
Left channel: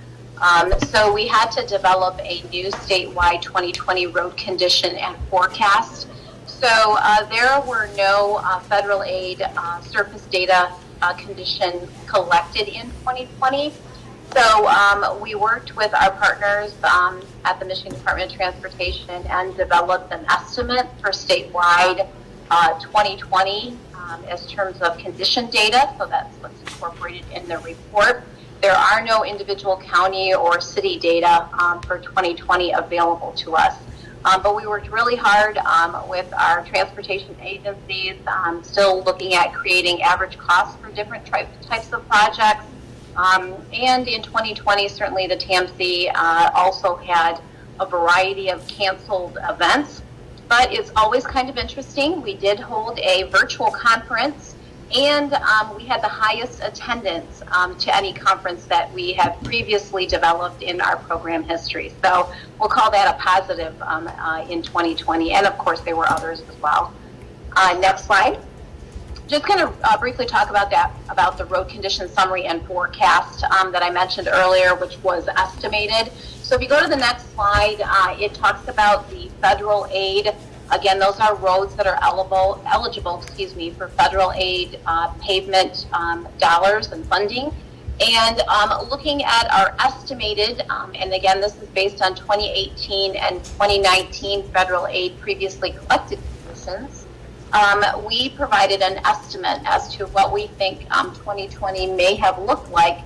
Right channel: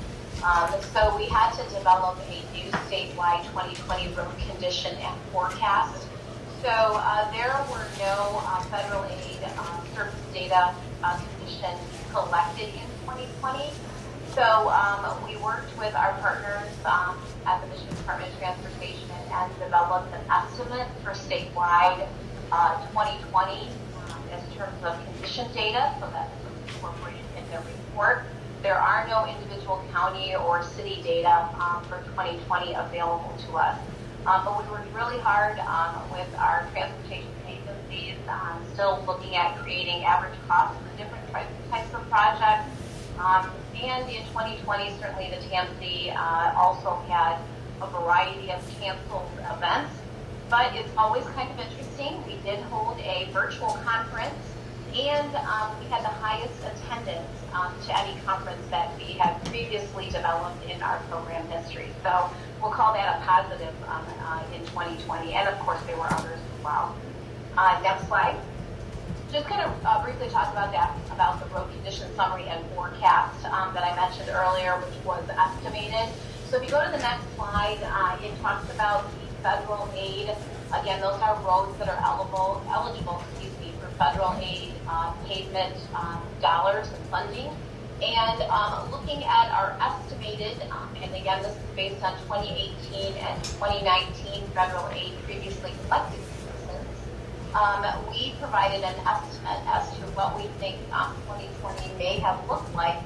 So we had to develop a new statewide 2020 road condition and forecast. So there were no federal aid surface data condition collected in 2020. So we worked with our partners at the Michigan Department of Transportation and developed an estimate for statewide 2020 as terms of condition data. So that's what's incorporated in the report. There are no individual county or city data for 2020 available to us. But we worked really hard with our transportation agencies, still looking at creating average costs for different types of projects. And in 2020, certainly the TAMC also had a variety of canceled events. But it's always kind of interesting. We did hold a virtual conference, and we had the highest attendance to any conference that we have previously developed in our program history. So we'll call that a positive in 2020. And of course, there were others as well. Next slide. Just kind of briefly talk about that, about the road condition summary and forecast that I mentioned earlier, which was estimated. So if you go to the next slide, it talks about the federal aid. Again, those are roads that are eligible for federal aid pavement dollars and funding. And looking at our estimated, and again, this is based on 2018 and 2019 federal aid previously collected citizens, we provided an estimate as to what we think 2020 may have looked like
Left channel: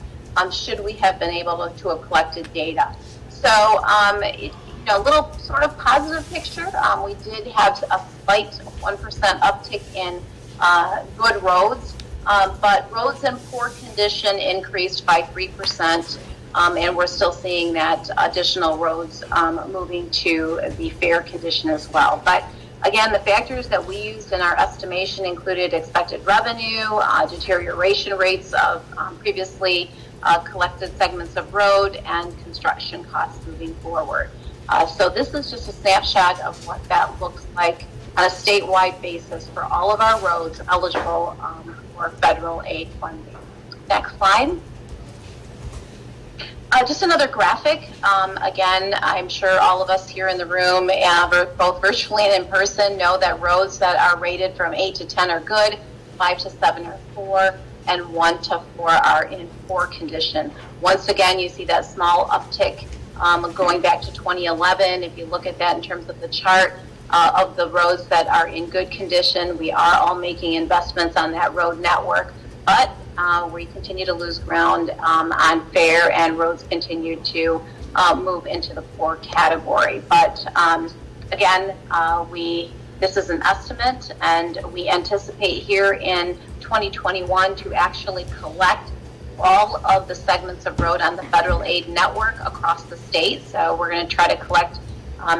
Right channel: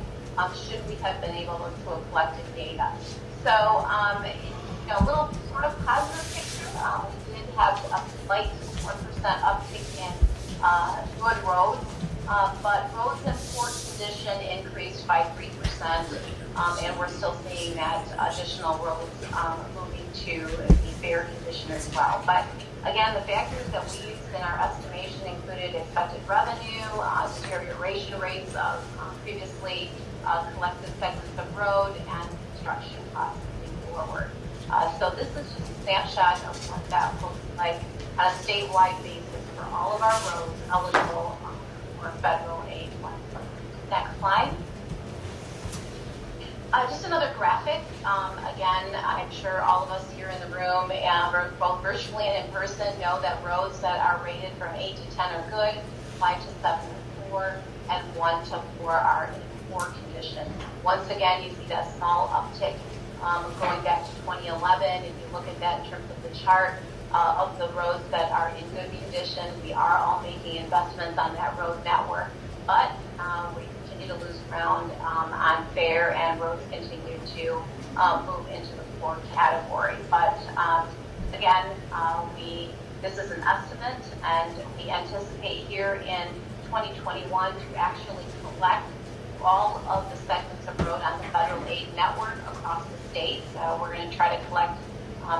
should we have been able to have collected data. So, a little sort of positive picture. We did have a slight 1% uptick in good roads, but roads in poor condition increased by 3%, and we're still seeing that additional roads moving to the fair condition as well. But again, the factors that we used in our estimation included expected revenue, deterioration rates of previously collected segments of road, and construction costs moving forward. So this is just a snapshot of what that looks like on a statewide basis for all of our roads eligible for federal aid funding. Next slide. Just another graphic. Again, I'm sure all of us here in the room, both virtually and in person, know that roads that are rated from 8 to 10 are good, 5 to 7 are poor, and 1 to 4 are in poor condition. Once again, you see that small uptick going back to 2011. If you look at that in terms of the chart of the roads that are in good condition, we are all making investments on that road network, but we continue to lose ground on fair, and roads continue to move into the poor category. But again, this is an estimate, and we anticipate here in 2021 to actually collect all of the segments of road on the federal aid network across the state. So we're going to try to collect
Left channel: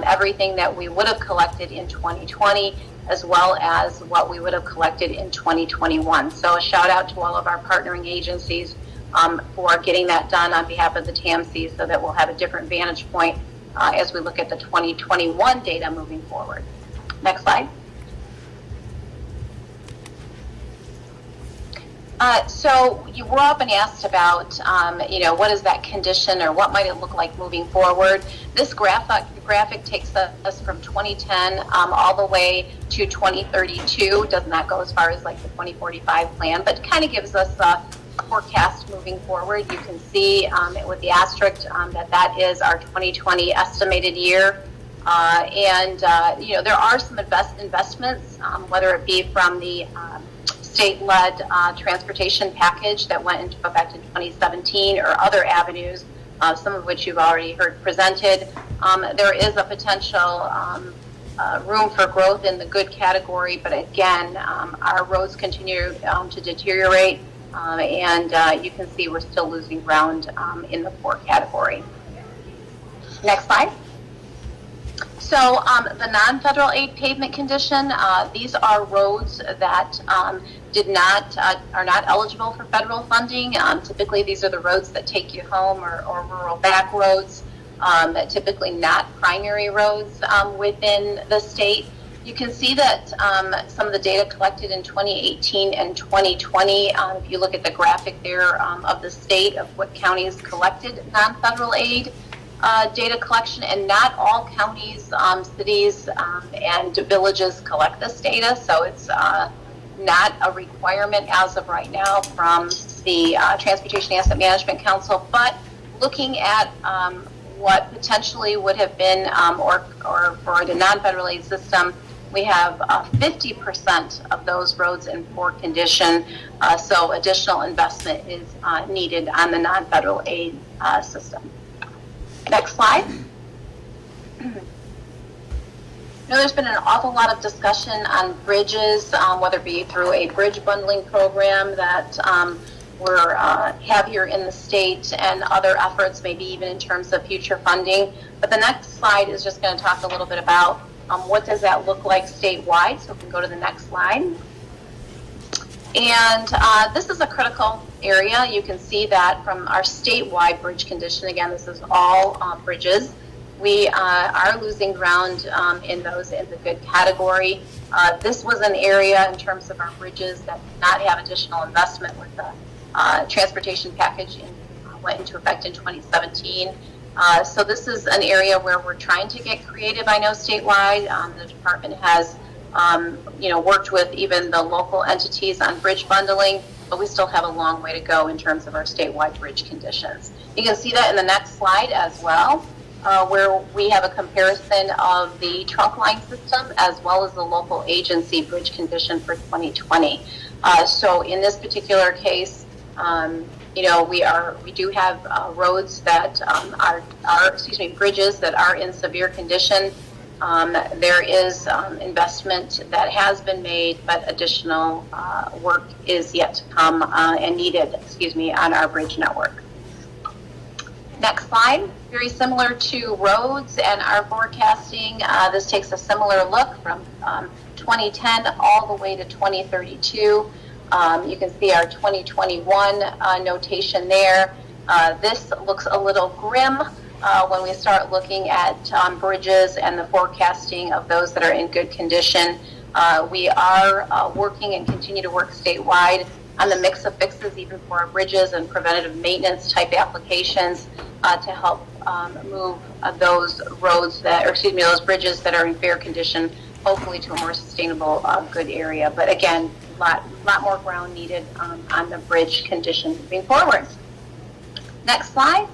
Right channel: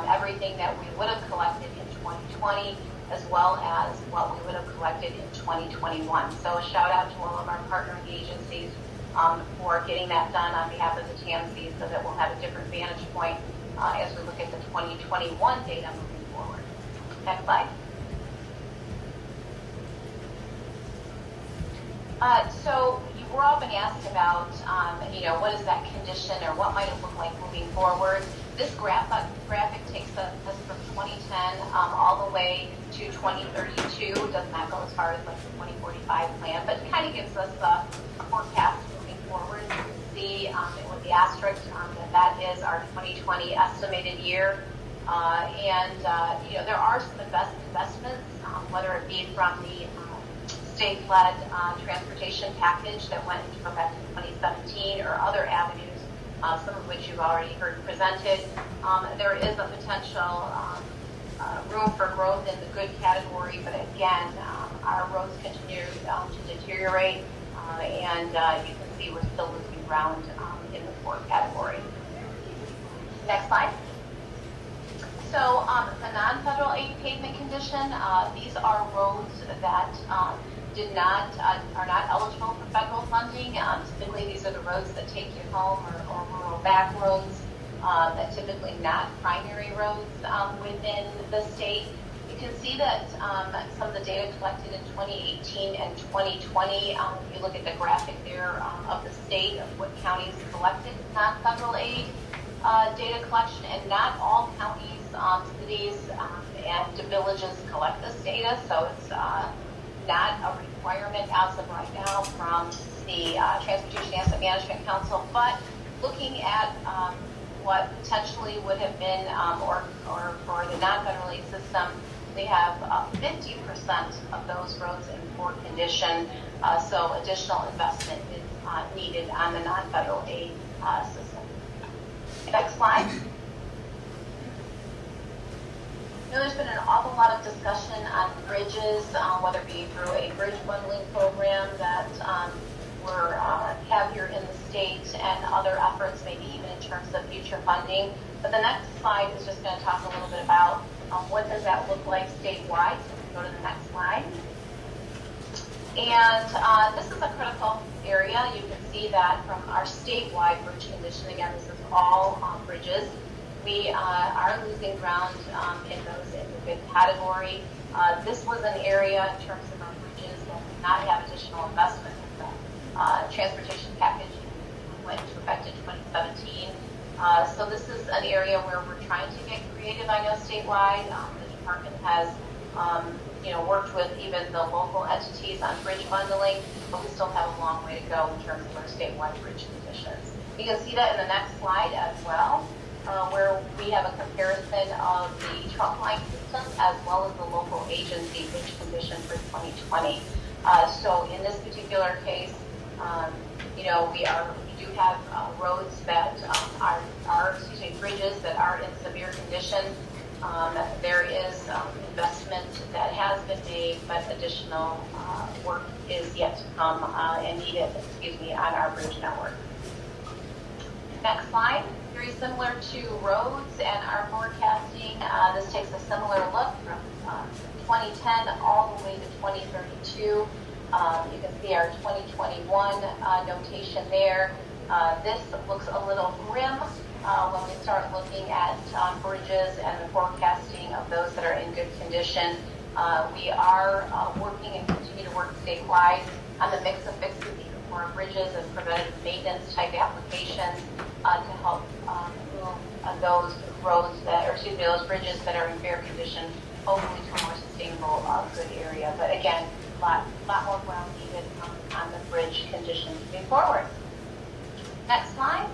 everything that we would have collected in 2020, as well as what we would have collected in 2021. So a shout out to all of our partnering agencies for getting that done on behalf of the TAMCs, so that we'll have a different vantage point as we look at the 2021 data moving forward. Next slide. So you were often asked about, what is that condition, or what might it look like moving forward? This graphic takes us from 2010 all the way to 2032. Does not go as far as like the 2045 plan, but kind of gives us a forecast moving forward. You can see with the asterisk that is our 2020 estimated year. There are some investments, whether it be from the state-led transportation package that went into effect in 2017, or other avenues, some of which you've already heard presented. There is a potential room for growth in the good category, but again, our roads continue to deteriorate, and you can see we're still losing ground in the poor category. Next slide. So the non-federal aid pavement condition, these are roads that are not eligible for federal funding. Typically, these are the roads that take you home, or rural back roads, typically not primary roads within the state. You can see that some of the data collected in 2018 and 2020, if you look at the graphic there of the state of what counties collected non-federal aid, data collection, and not all counties, cities, and villages collect this data, so it's not a requirement as of right now from the Transportation Asset Management Council. But looking at what potentially would have been, or for the non-federal aid system, we have 50% of those roads in poor condition, so additional investment is needed on the non-federal aid system. Next slide. There's been an awful lot of discussion on bridges, whether it be through a bridge bundling program that we're have here in the state, and other efforts, maybe even in terms of future funding. But the next slide is just going to talk a little bit about what does that look like statewide. So we can go to the next slide. And this is a critical area. You can see that from our statewide bridge condition, again, this is all bridges. We are losing ground in those in the good category. This was an area in terms of our bridges that did not have additional investment with the transportation package went into effect in 2017. So this is an area where we're trying to get creative, I know, statewide. The department has worked with even the local entities on bridge bundling. but we still have a long way to go in terms of our statewide bridge conditions. You can see that in the next slide as well, where we have a comparison of the trunk line system as well as the local agency bridge condition for 2020. So in this particular case, you know, we do have roads that bridges that are in severe condition. There is investment that has been made, but additional work is yet to come and needed, on our bridge network. Next slide. Very similar to roads and our forecasting. This takes a similar look from 2010 all the way to 2032. You can see our 2021 notation there. This looks a little grim when we start looking at bridges and the forecasting of those that are in good condition. We are working and continue to work statewide on the mix of fixes even for our bridges and preventative maintenance type applications to help move those roads that, those bridges that are in fair condition, hopefully to a more sustainable, good area. But again, a lot more ground needed on the bridge condition moving forward. Next slide.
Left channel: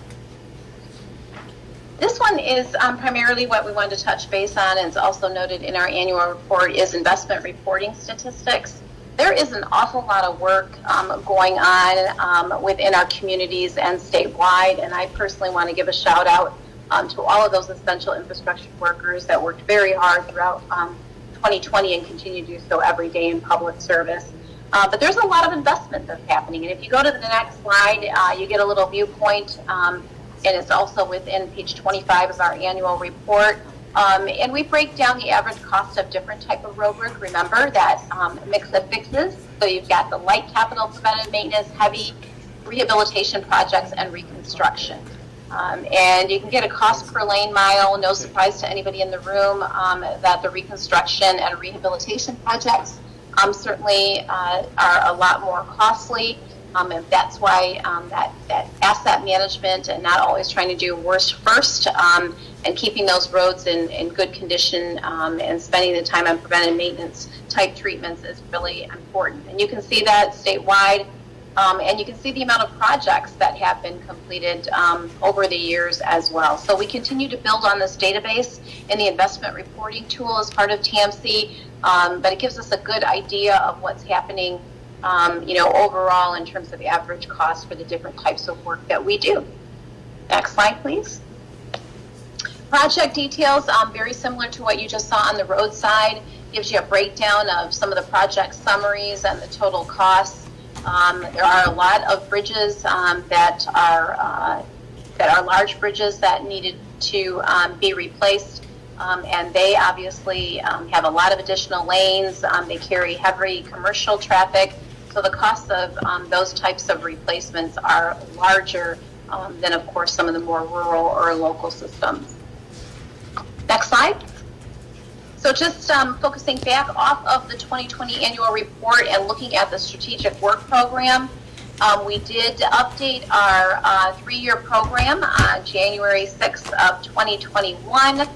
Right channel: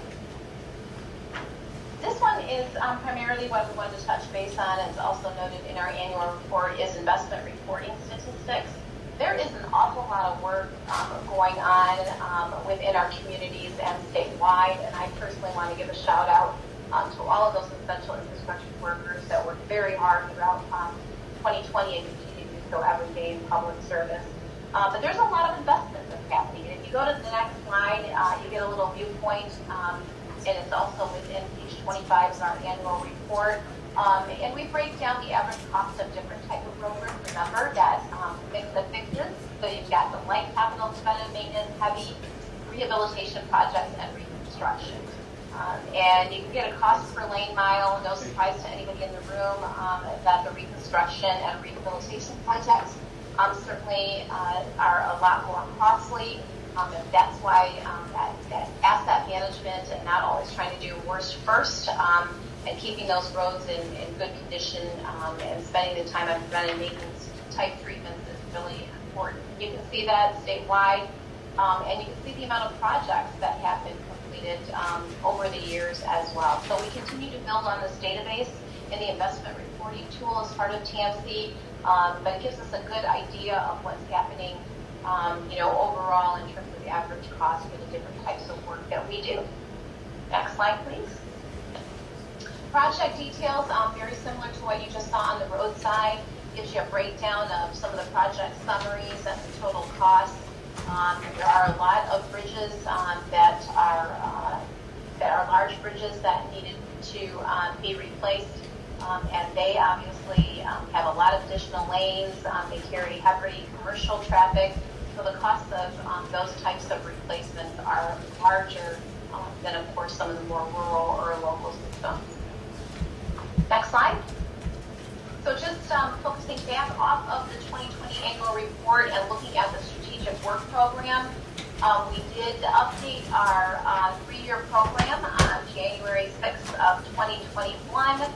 This one is primarily what we wanted to touch base on, and it's also noted in our annual report, is investment reporting statistics. There is an awful lot of work going on within our communities and statewide, and I personally want to give a shout out to all of those essential infrastructure workers that worked very hard throughout 2020 and continue to do so every day in public service. But there's a lot of investment that's happening, and if you go to the next slide, you get a little viewpoint, and it's also within page 25 of our annual report. And we break down the average cost of different type of road work. Remember that mix of fixes. So you've got the light capital preventive maintenance, heavy rehabilitation projects, and reconstruction. And you can get a cost per lane mile. No surprise to anybody in the room that the reconstruction and rehabilitation projects certainly are a lot more costly. And that's why that asset management and not always trying to do worst first and keeping those roads in good condition and spending the time on preventive maintenance type treatments is really important. And you can see that statewide, and you can see the amount of projects that have been completed over the years as well. So we continue to build on this database in the investment reporting tool as part of TMC, but it gives us a good idea of what's happening overall in terms of average cost for the different types of work that we do. Next slide, please. Project details, very similar to what you just saw on the road side, gives you a breakdown of some of the project summaries and the total costs. There are a lot of bridges that are large bridges that needed to be replaced, and they obviously have a lot of additional lanes. They carry heavy commercial traffic, so the costs of those types of replacements are larger than, of course, some of the more rural or local systems. Next slide. So just focusing back off of the 2020 annual report and looking at the strategic work program, we did update our 3-year program on January 6th of 2021.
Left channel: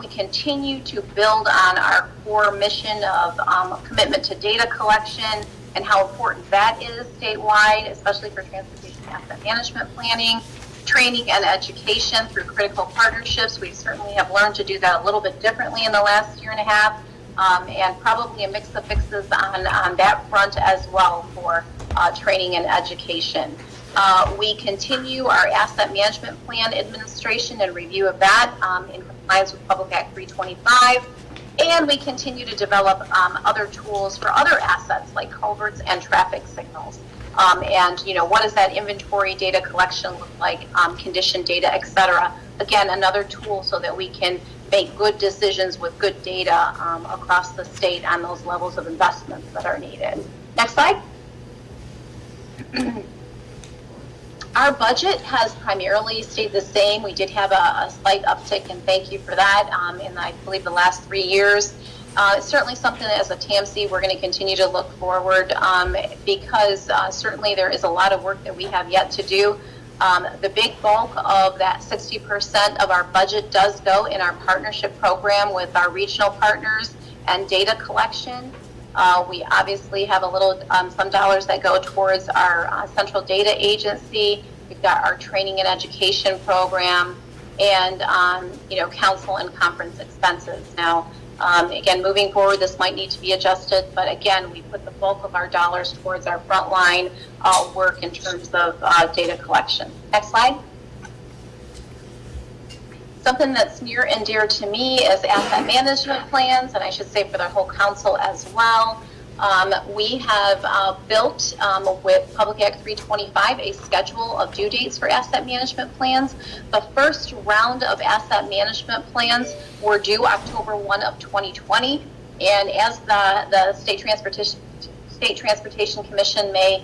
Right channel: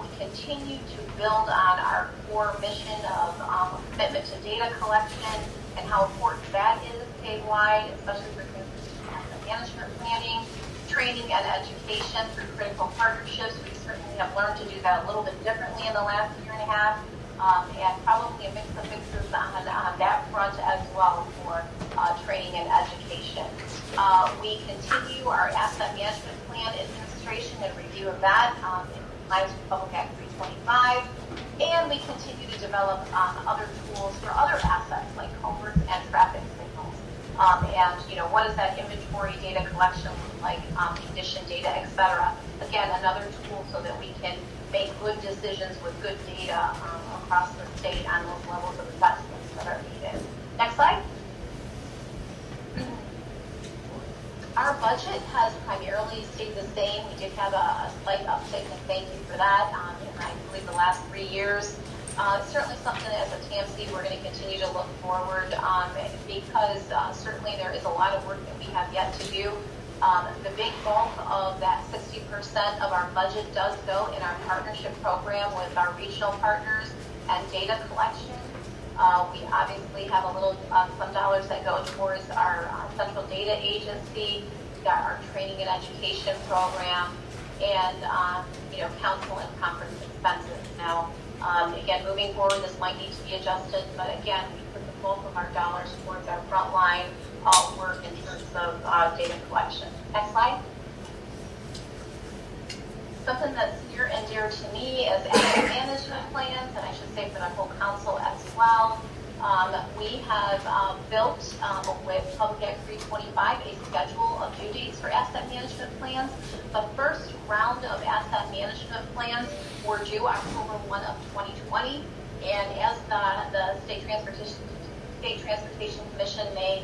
We continue to build on our core mission of commitment to data collection and how important that is statewide, especially for transportation asset management planning, training and education through critical partnerships. We certainly have learned to do that a little bit differently in the last year and a half, and probably a mix of fixes on that front as well for training and education. We continue our asset management plan administration and review of that in compliance with Public Act 325, and we continue to develop other tools for other assets like culverts and traffic signals. And what does that inventory data collection look like, condition data, et cetera. Again, another tool so that we can make good decisions with good data across the state on those levels of investments that are needed. Next slide. Our budget has primarily stayed the same. We did have a slight uptick, and thank you for that, in I believe the last 3 years. It's certainly something that as a TMC we're going to continue to look forward because certainly there is a lot of work that we have yet to do. The big bulk of that 60% of our budget does go in our partnership program with our regional partners and data collection. We obviously have a little, some dollars that go towards our central data agency. We've got our training and education program, and council and conference expenses. Now, again, moving forward, this might need to be adjusted, but again, we put the bulk of our dollars towards our frontline work in terms of data collection. Next slide. Something that's near and dear to me is asset management plans, and I should say for the whole council as well. We have built with Public Act 325 a schedule of due dates for asset management plans. The first round of asset management plans were due October 1 of 2020, and as the State Transportation Commission may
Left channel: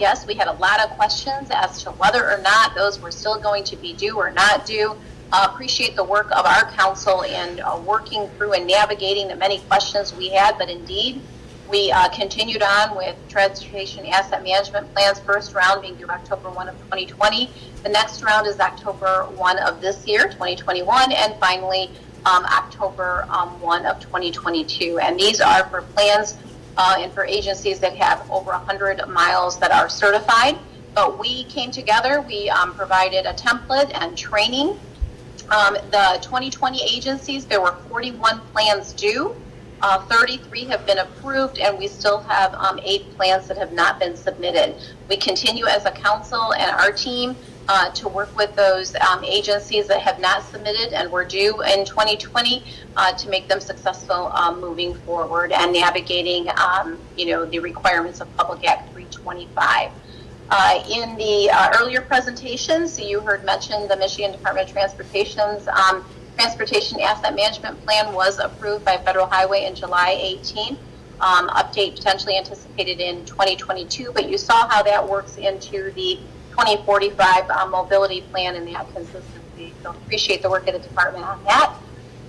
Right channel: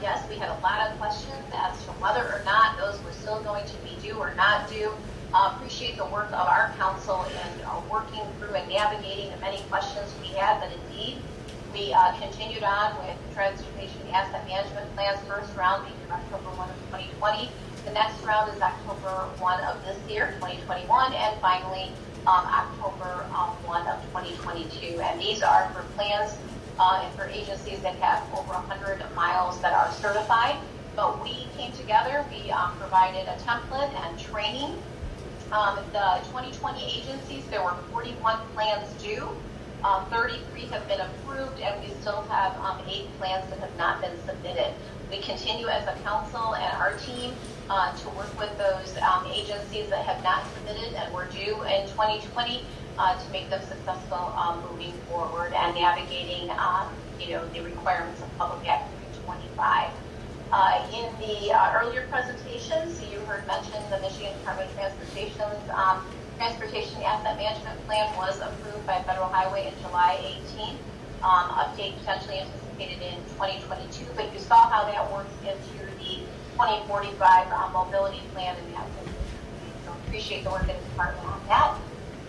guess, we had a lot of questions as to whether or not those were still going to be due or not due. Appreciate the work of our council in working through and navigating the many questions we had, but indeed, we continued on with transportation asset management plans, first round being due October 1 of 2020. The next round is October 1 of this year, 2021, and finally October 1 of 2022. And these are for plans and for agencies that have over 100 miles that are certified. But we came together, we provided a template and training. The 2020 agencies, there were 41 plans due. 33 have been approved, and we still have 8 plans that have not been submitted. We continue as a council and our team to work with those agencies that have not submitted and were due in 2020 to make them successful moving forward and navigating the requirements of Public Act 325. In the earlier presentations, you heard mentioned the Michigan Department of Transportation's Transportation Asset Management Plan was approved by Federal Highway in July 18th. Update potentially anticipated in 2022, but you saw how that works into the 2045 mobility plan and that consistency. So appreciate the work of the department on that.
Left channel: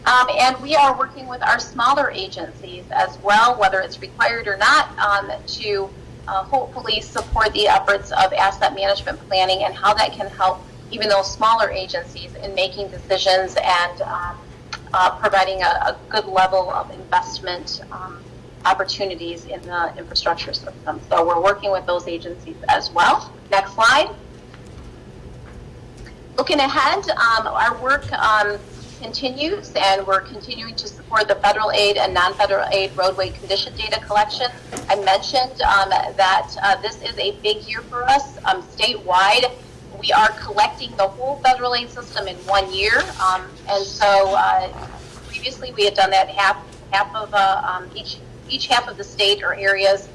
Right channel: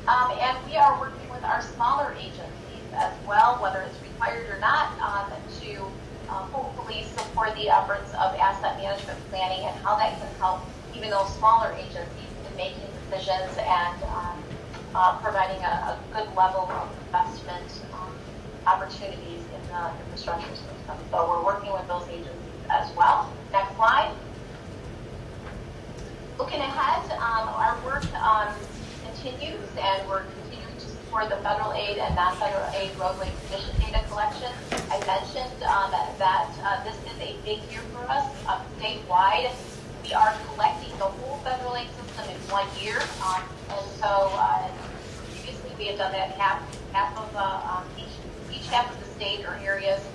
And we are working with our smaller agencies as well, whether it's required or not, to hopefully support the efforts of asset management planning and how that can help even those smaller agencies in making decisions and providing a good level of investment opportunities in the infrastructure system. So we're working with those agencies as well. Next slide. Looking ahead, our work continues, and we're continuing to support the federal aid and non-federal aid roadway condition data collection. I mentioned that this is a big year for us statewide. We are collecting the whole federal aid system in 1 year, and so previously we had done that half of each half of the state or areas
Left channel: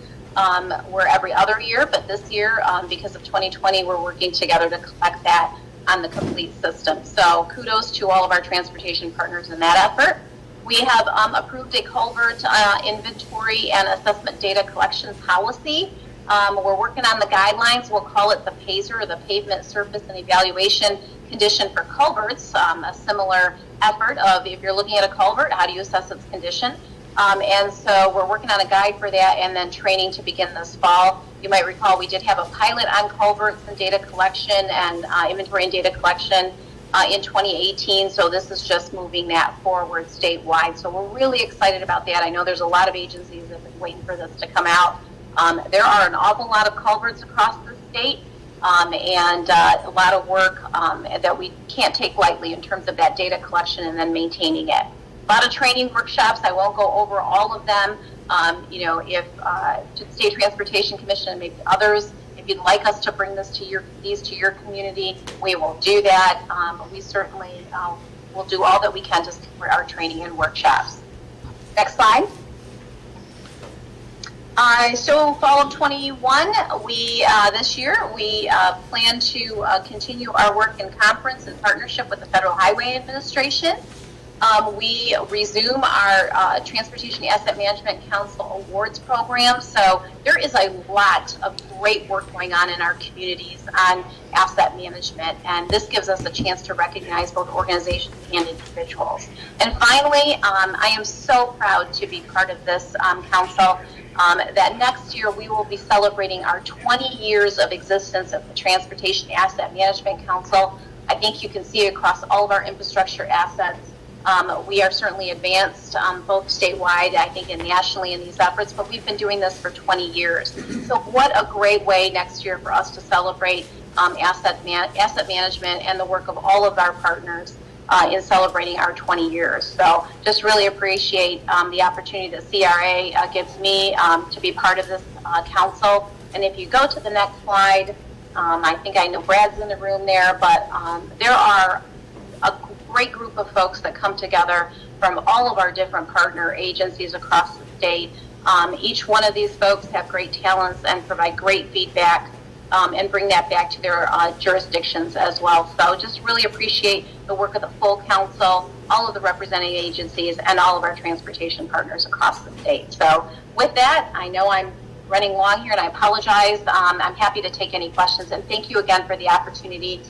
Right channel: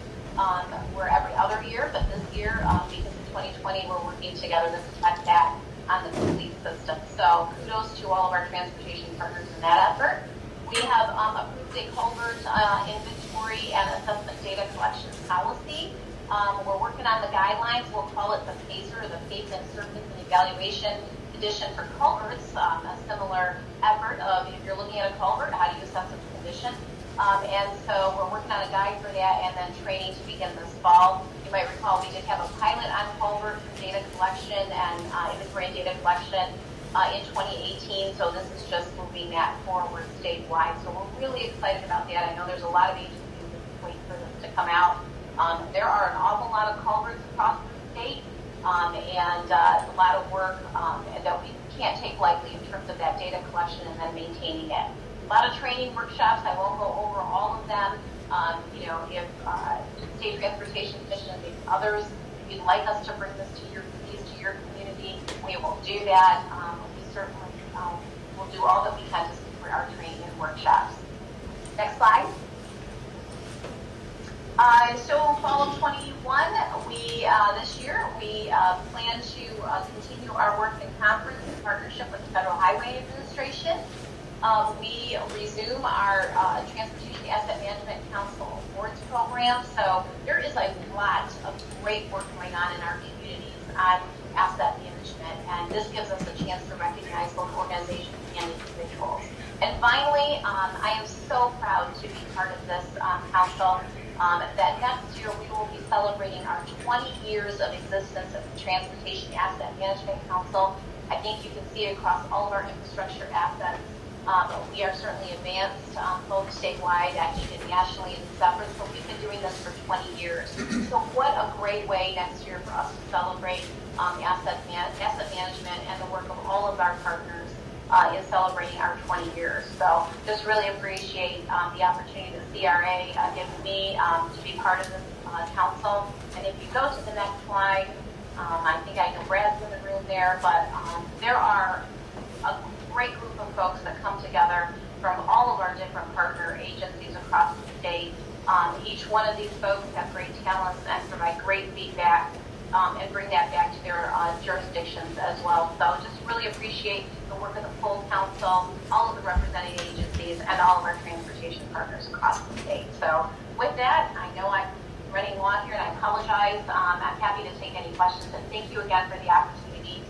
were every other year, but this year, because of 2020, we're working together to collect that on the complete system. So kudos to all of our transportation partners in that effort. We have approved a culvert inventory and assessment data collections policy. We're working on the guidelines. We'll call it the PASER, the Pavement Surface and Evaluation Condition for Culverts, a similar effort of if you're looking at a culvert, how do you assess its condition? And so we're working on a guide for that and then training to begin this fall. You might recall we did have a pilot on culverts and data collection and inventory and data collection in 2018, so this is just moving that forward statewide. So we're really excited about that. I know there's a lot of agencies that have been waiting for this to come out. There are an awful lot of culverts across the state, and a lot of work that we can't take lightly in terms of that data collection and then maintaining it. A lot of training workshops. I won't go over all of them. If to the State Transportation Commission and maybe others, if you'd like us to bring these to your community, we will do that. We certainly will do all that we can to support our training and workshops. Next slide. So fall of 21, this year, we plan to continue our work in conference in partnership with the Federal Highway Administration. We resume our Transportation Asset Management Council Awards program. So there is a lot of great work going on in our communities on asset management, and this gives us a chance to recognize both organizations and individuals. And finally, I am so proud to be part of this council. That next year we will be celebrating our 20 years of existence of the Transportation Asset Management Council. I think you can see across all of our infrastructure assets We are certainly advanced, both statewide, I think, and nationally in these efforts, but we've been doing this for 20 years. So what a great way next year for us to celebrate asset management and the work of all of our partners in celebrating our 20 years. So just really appreciate the opportunity that CRA gives me to be part of this council. And if you go to the next slide, I think I know Brad's in the room there, but there are a great group of folks that come together from all of our different partner agencies across the state. Each one of these folks have great talents and provide great feedback and bring that back to their jurisdictions as well. So just really appreciate the work of the full council, all of the representing agencies, and all of our transportation partners across the state. So with that, I know I'm running long here and I apologize. I'm happy to take any questions, and thank you again for the opportunity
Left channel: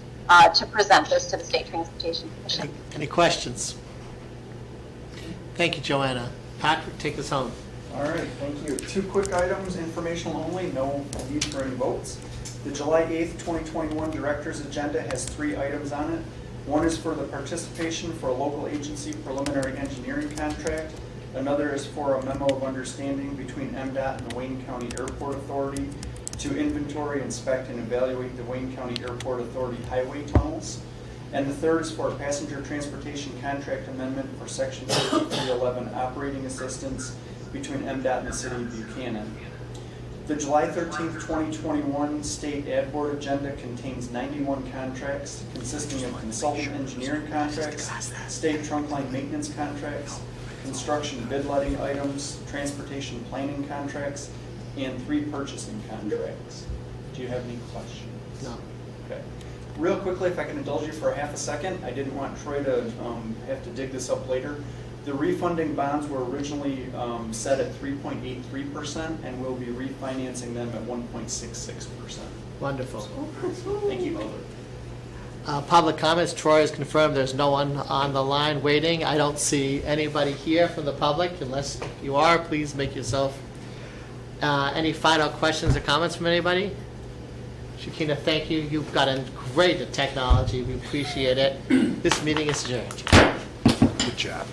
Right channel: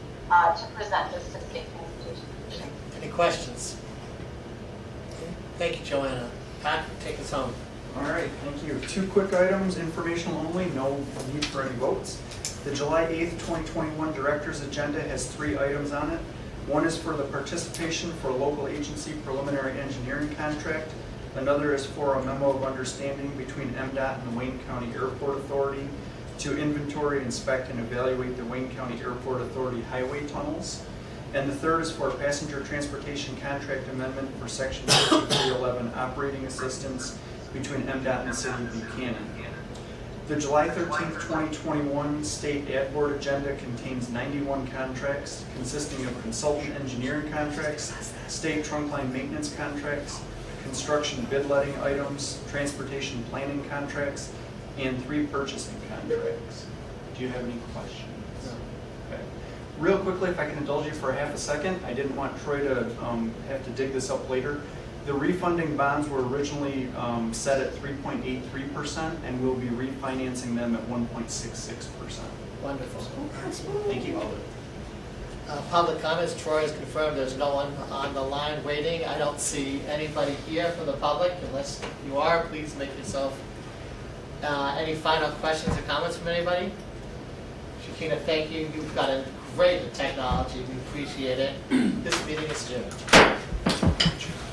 to present this to the State Transportation Commission. Any questions? Thank you, Joanna. Patrick, take us home. All right, thank you. 2 quick items, informational only, no need for any votes. The July 8th, 2021 Director's Agenda has 3 items on it. One is for the participation for a local agency preliminary engineering contract. Another is for a memo of understanding between MDOT and the Wayne County Airport Authority to inventory, inspect, and evaluate the Wayne County Airport Authority highway tunnels. And the third is for a passenger transportation contract amendment for Section 5311 operating assistance between MDOT and the City of Buchanan. The July 13th, 2021 State Ad Board Agenda contains 91 contracts consisting of consultant engineering contracts, state trunk line maintenance contracts, construction bid letting items, transportation planning contracts, and 3 purchasing contracts. Do you have any questions? No. Okay. Real quickly, if I can indulge you for a half a second, I didn't want Troy to have to dig this up later. The refunding bonds were originally set at 3.83%, and we'll be refinancing them at 1.66%. Wonderful. Thank you. Public comments. Troy has confirmed there's no one on the line waiting. I don't see anybody here from the public. Unless you are, please make yourself. Any final questions or comments from anybody? Shakina, thank you. You've got a great technology. We appreciate it. This meeting is adjourned. Good job.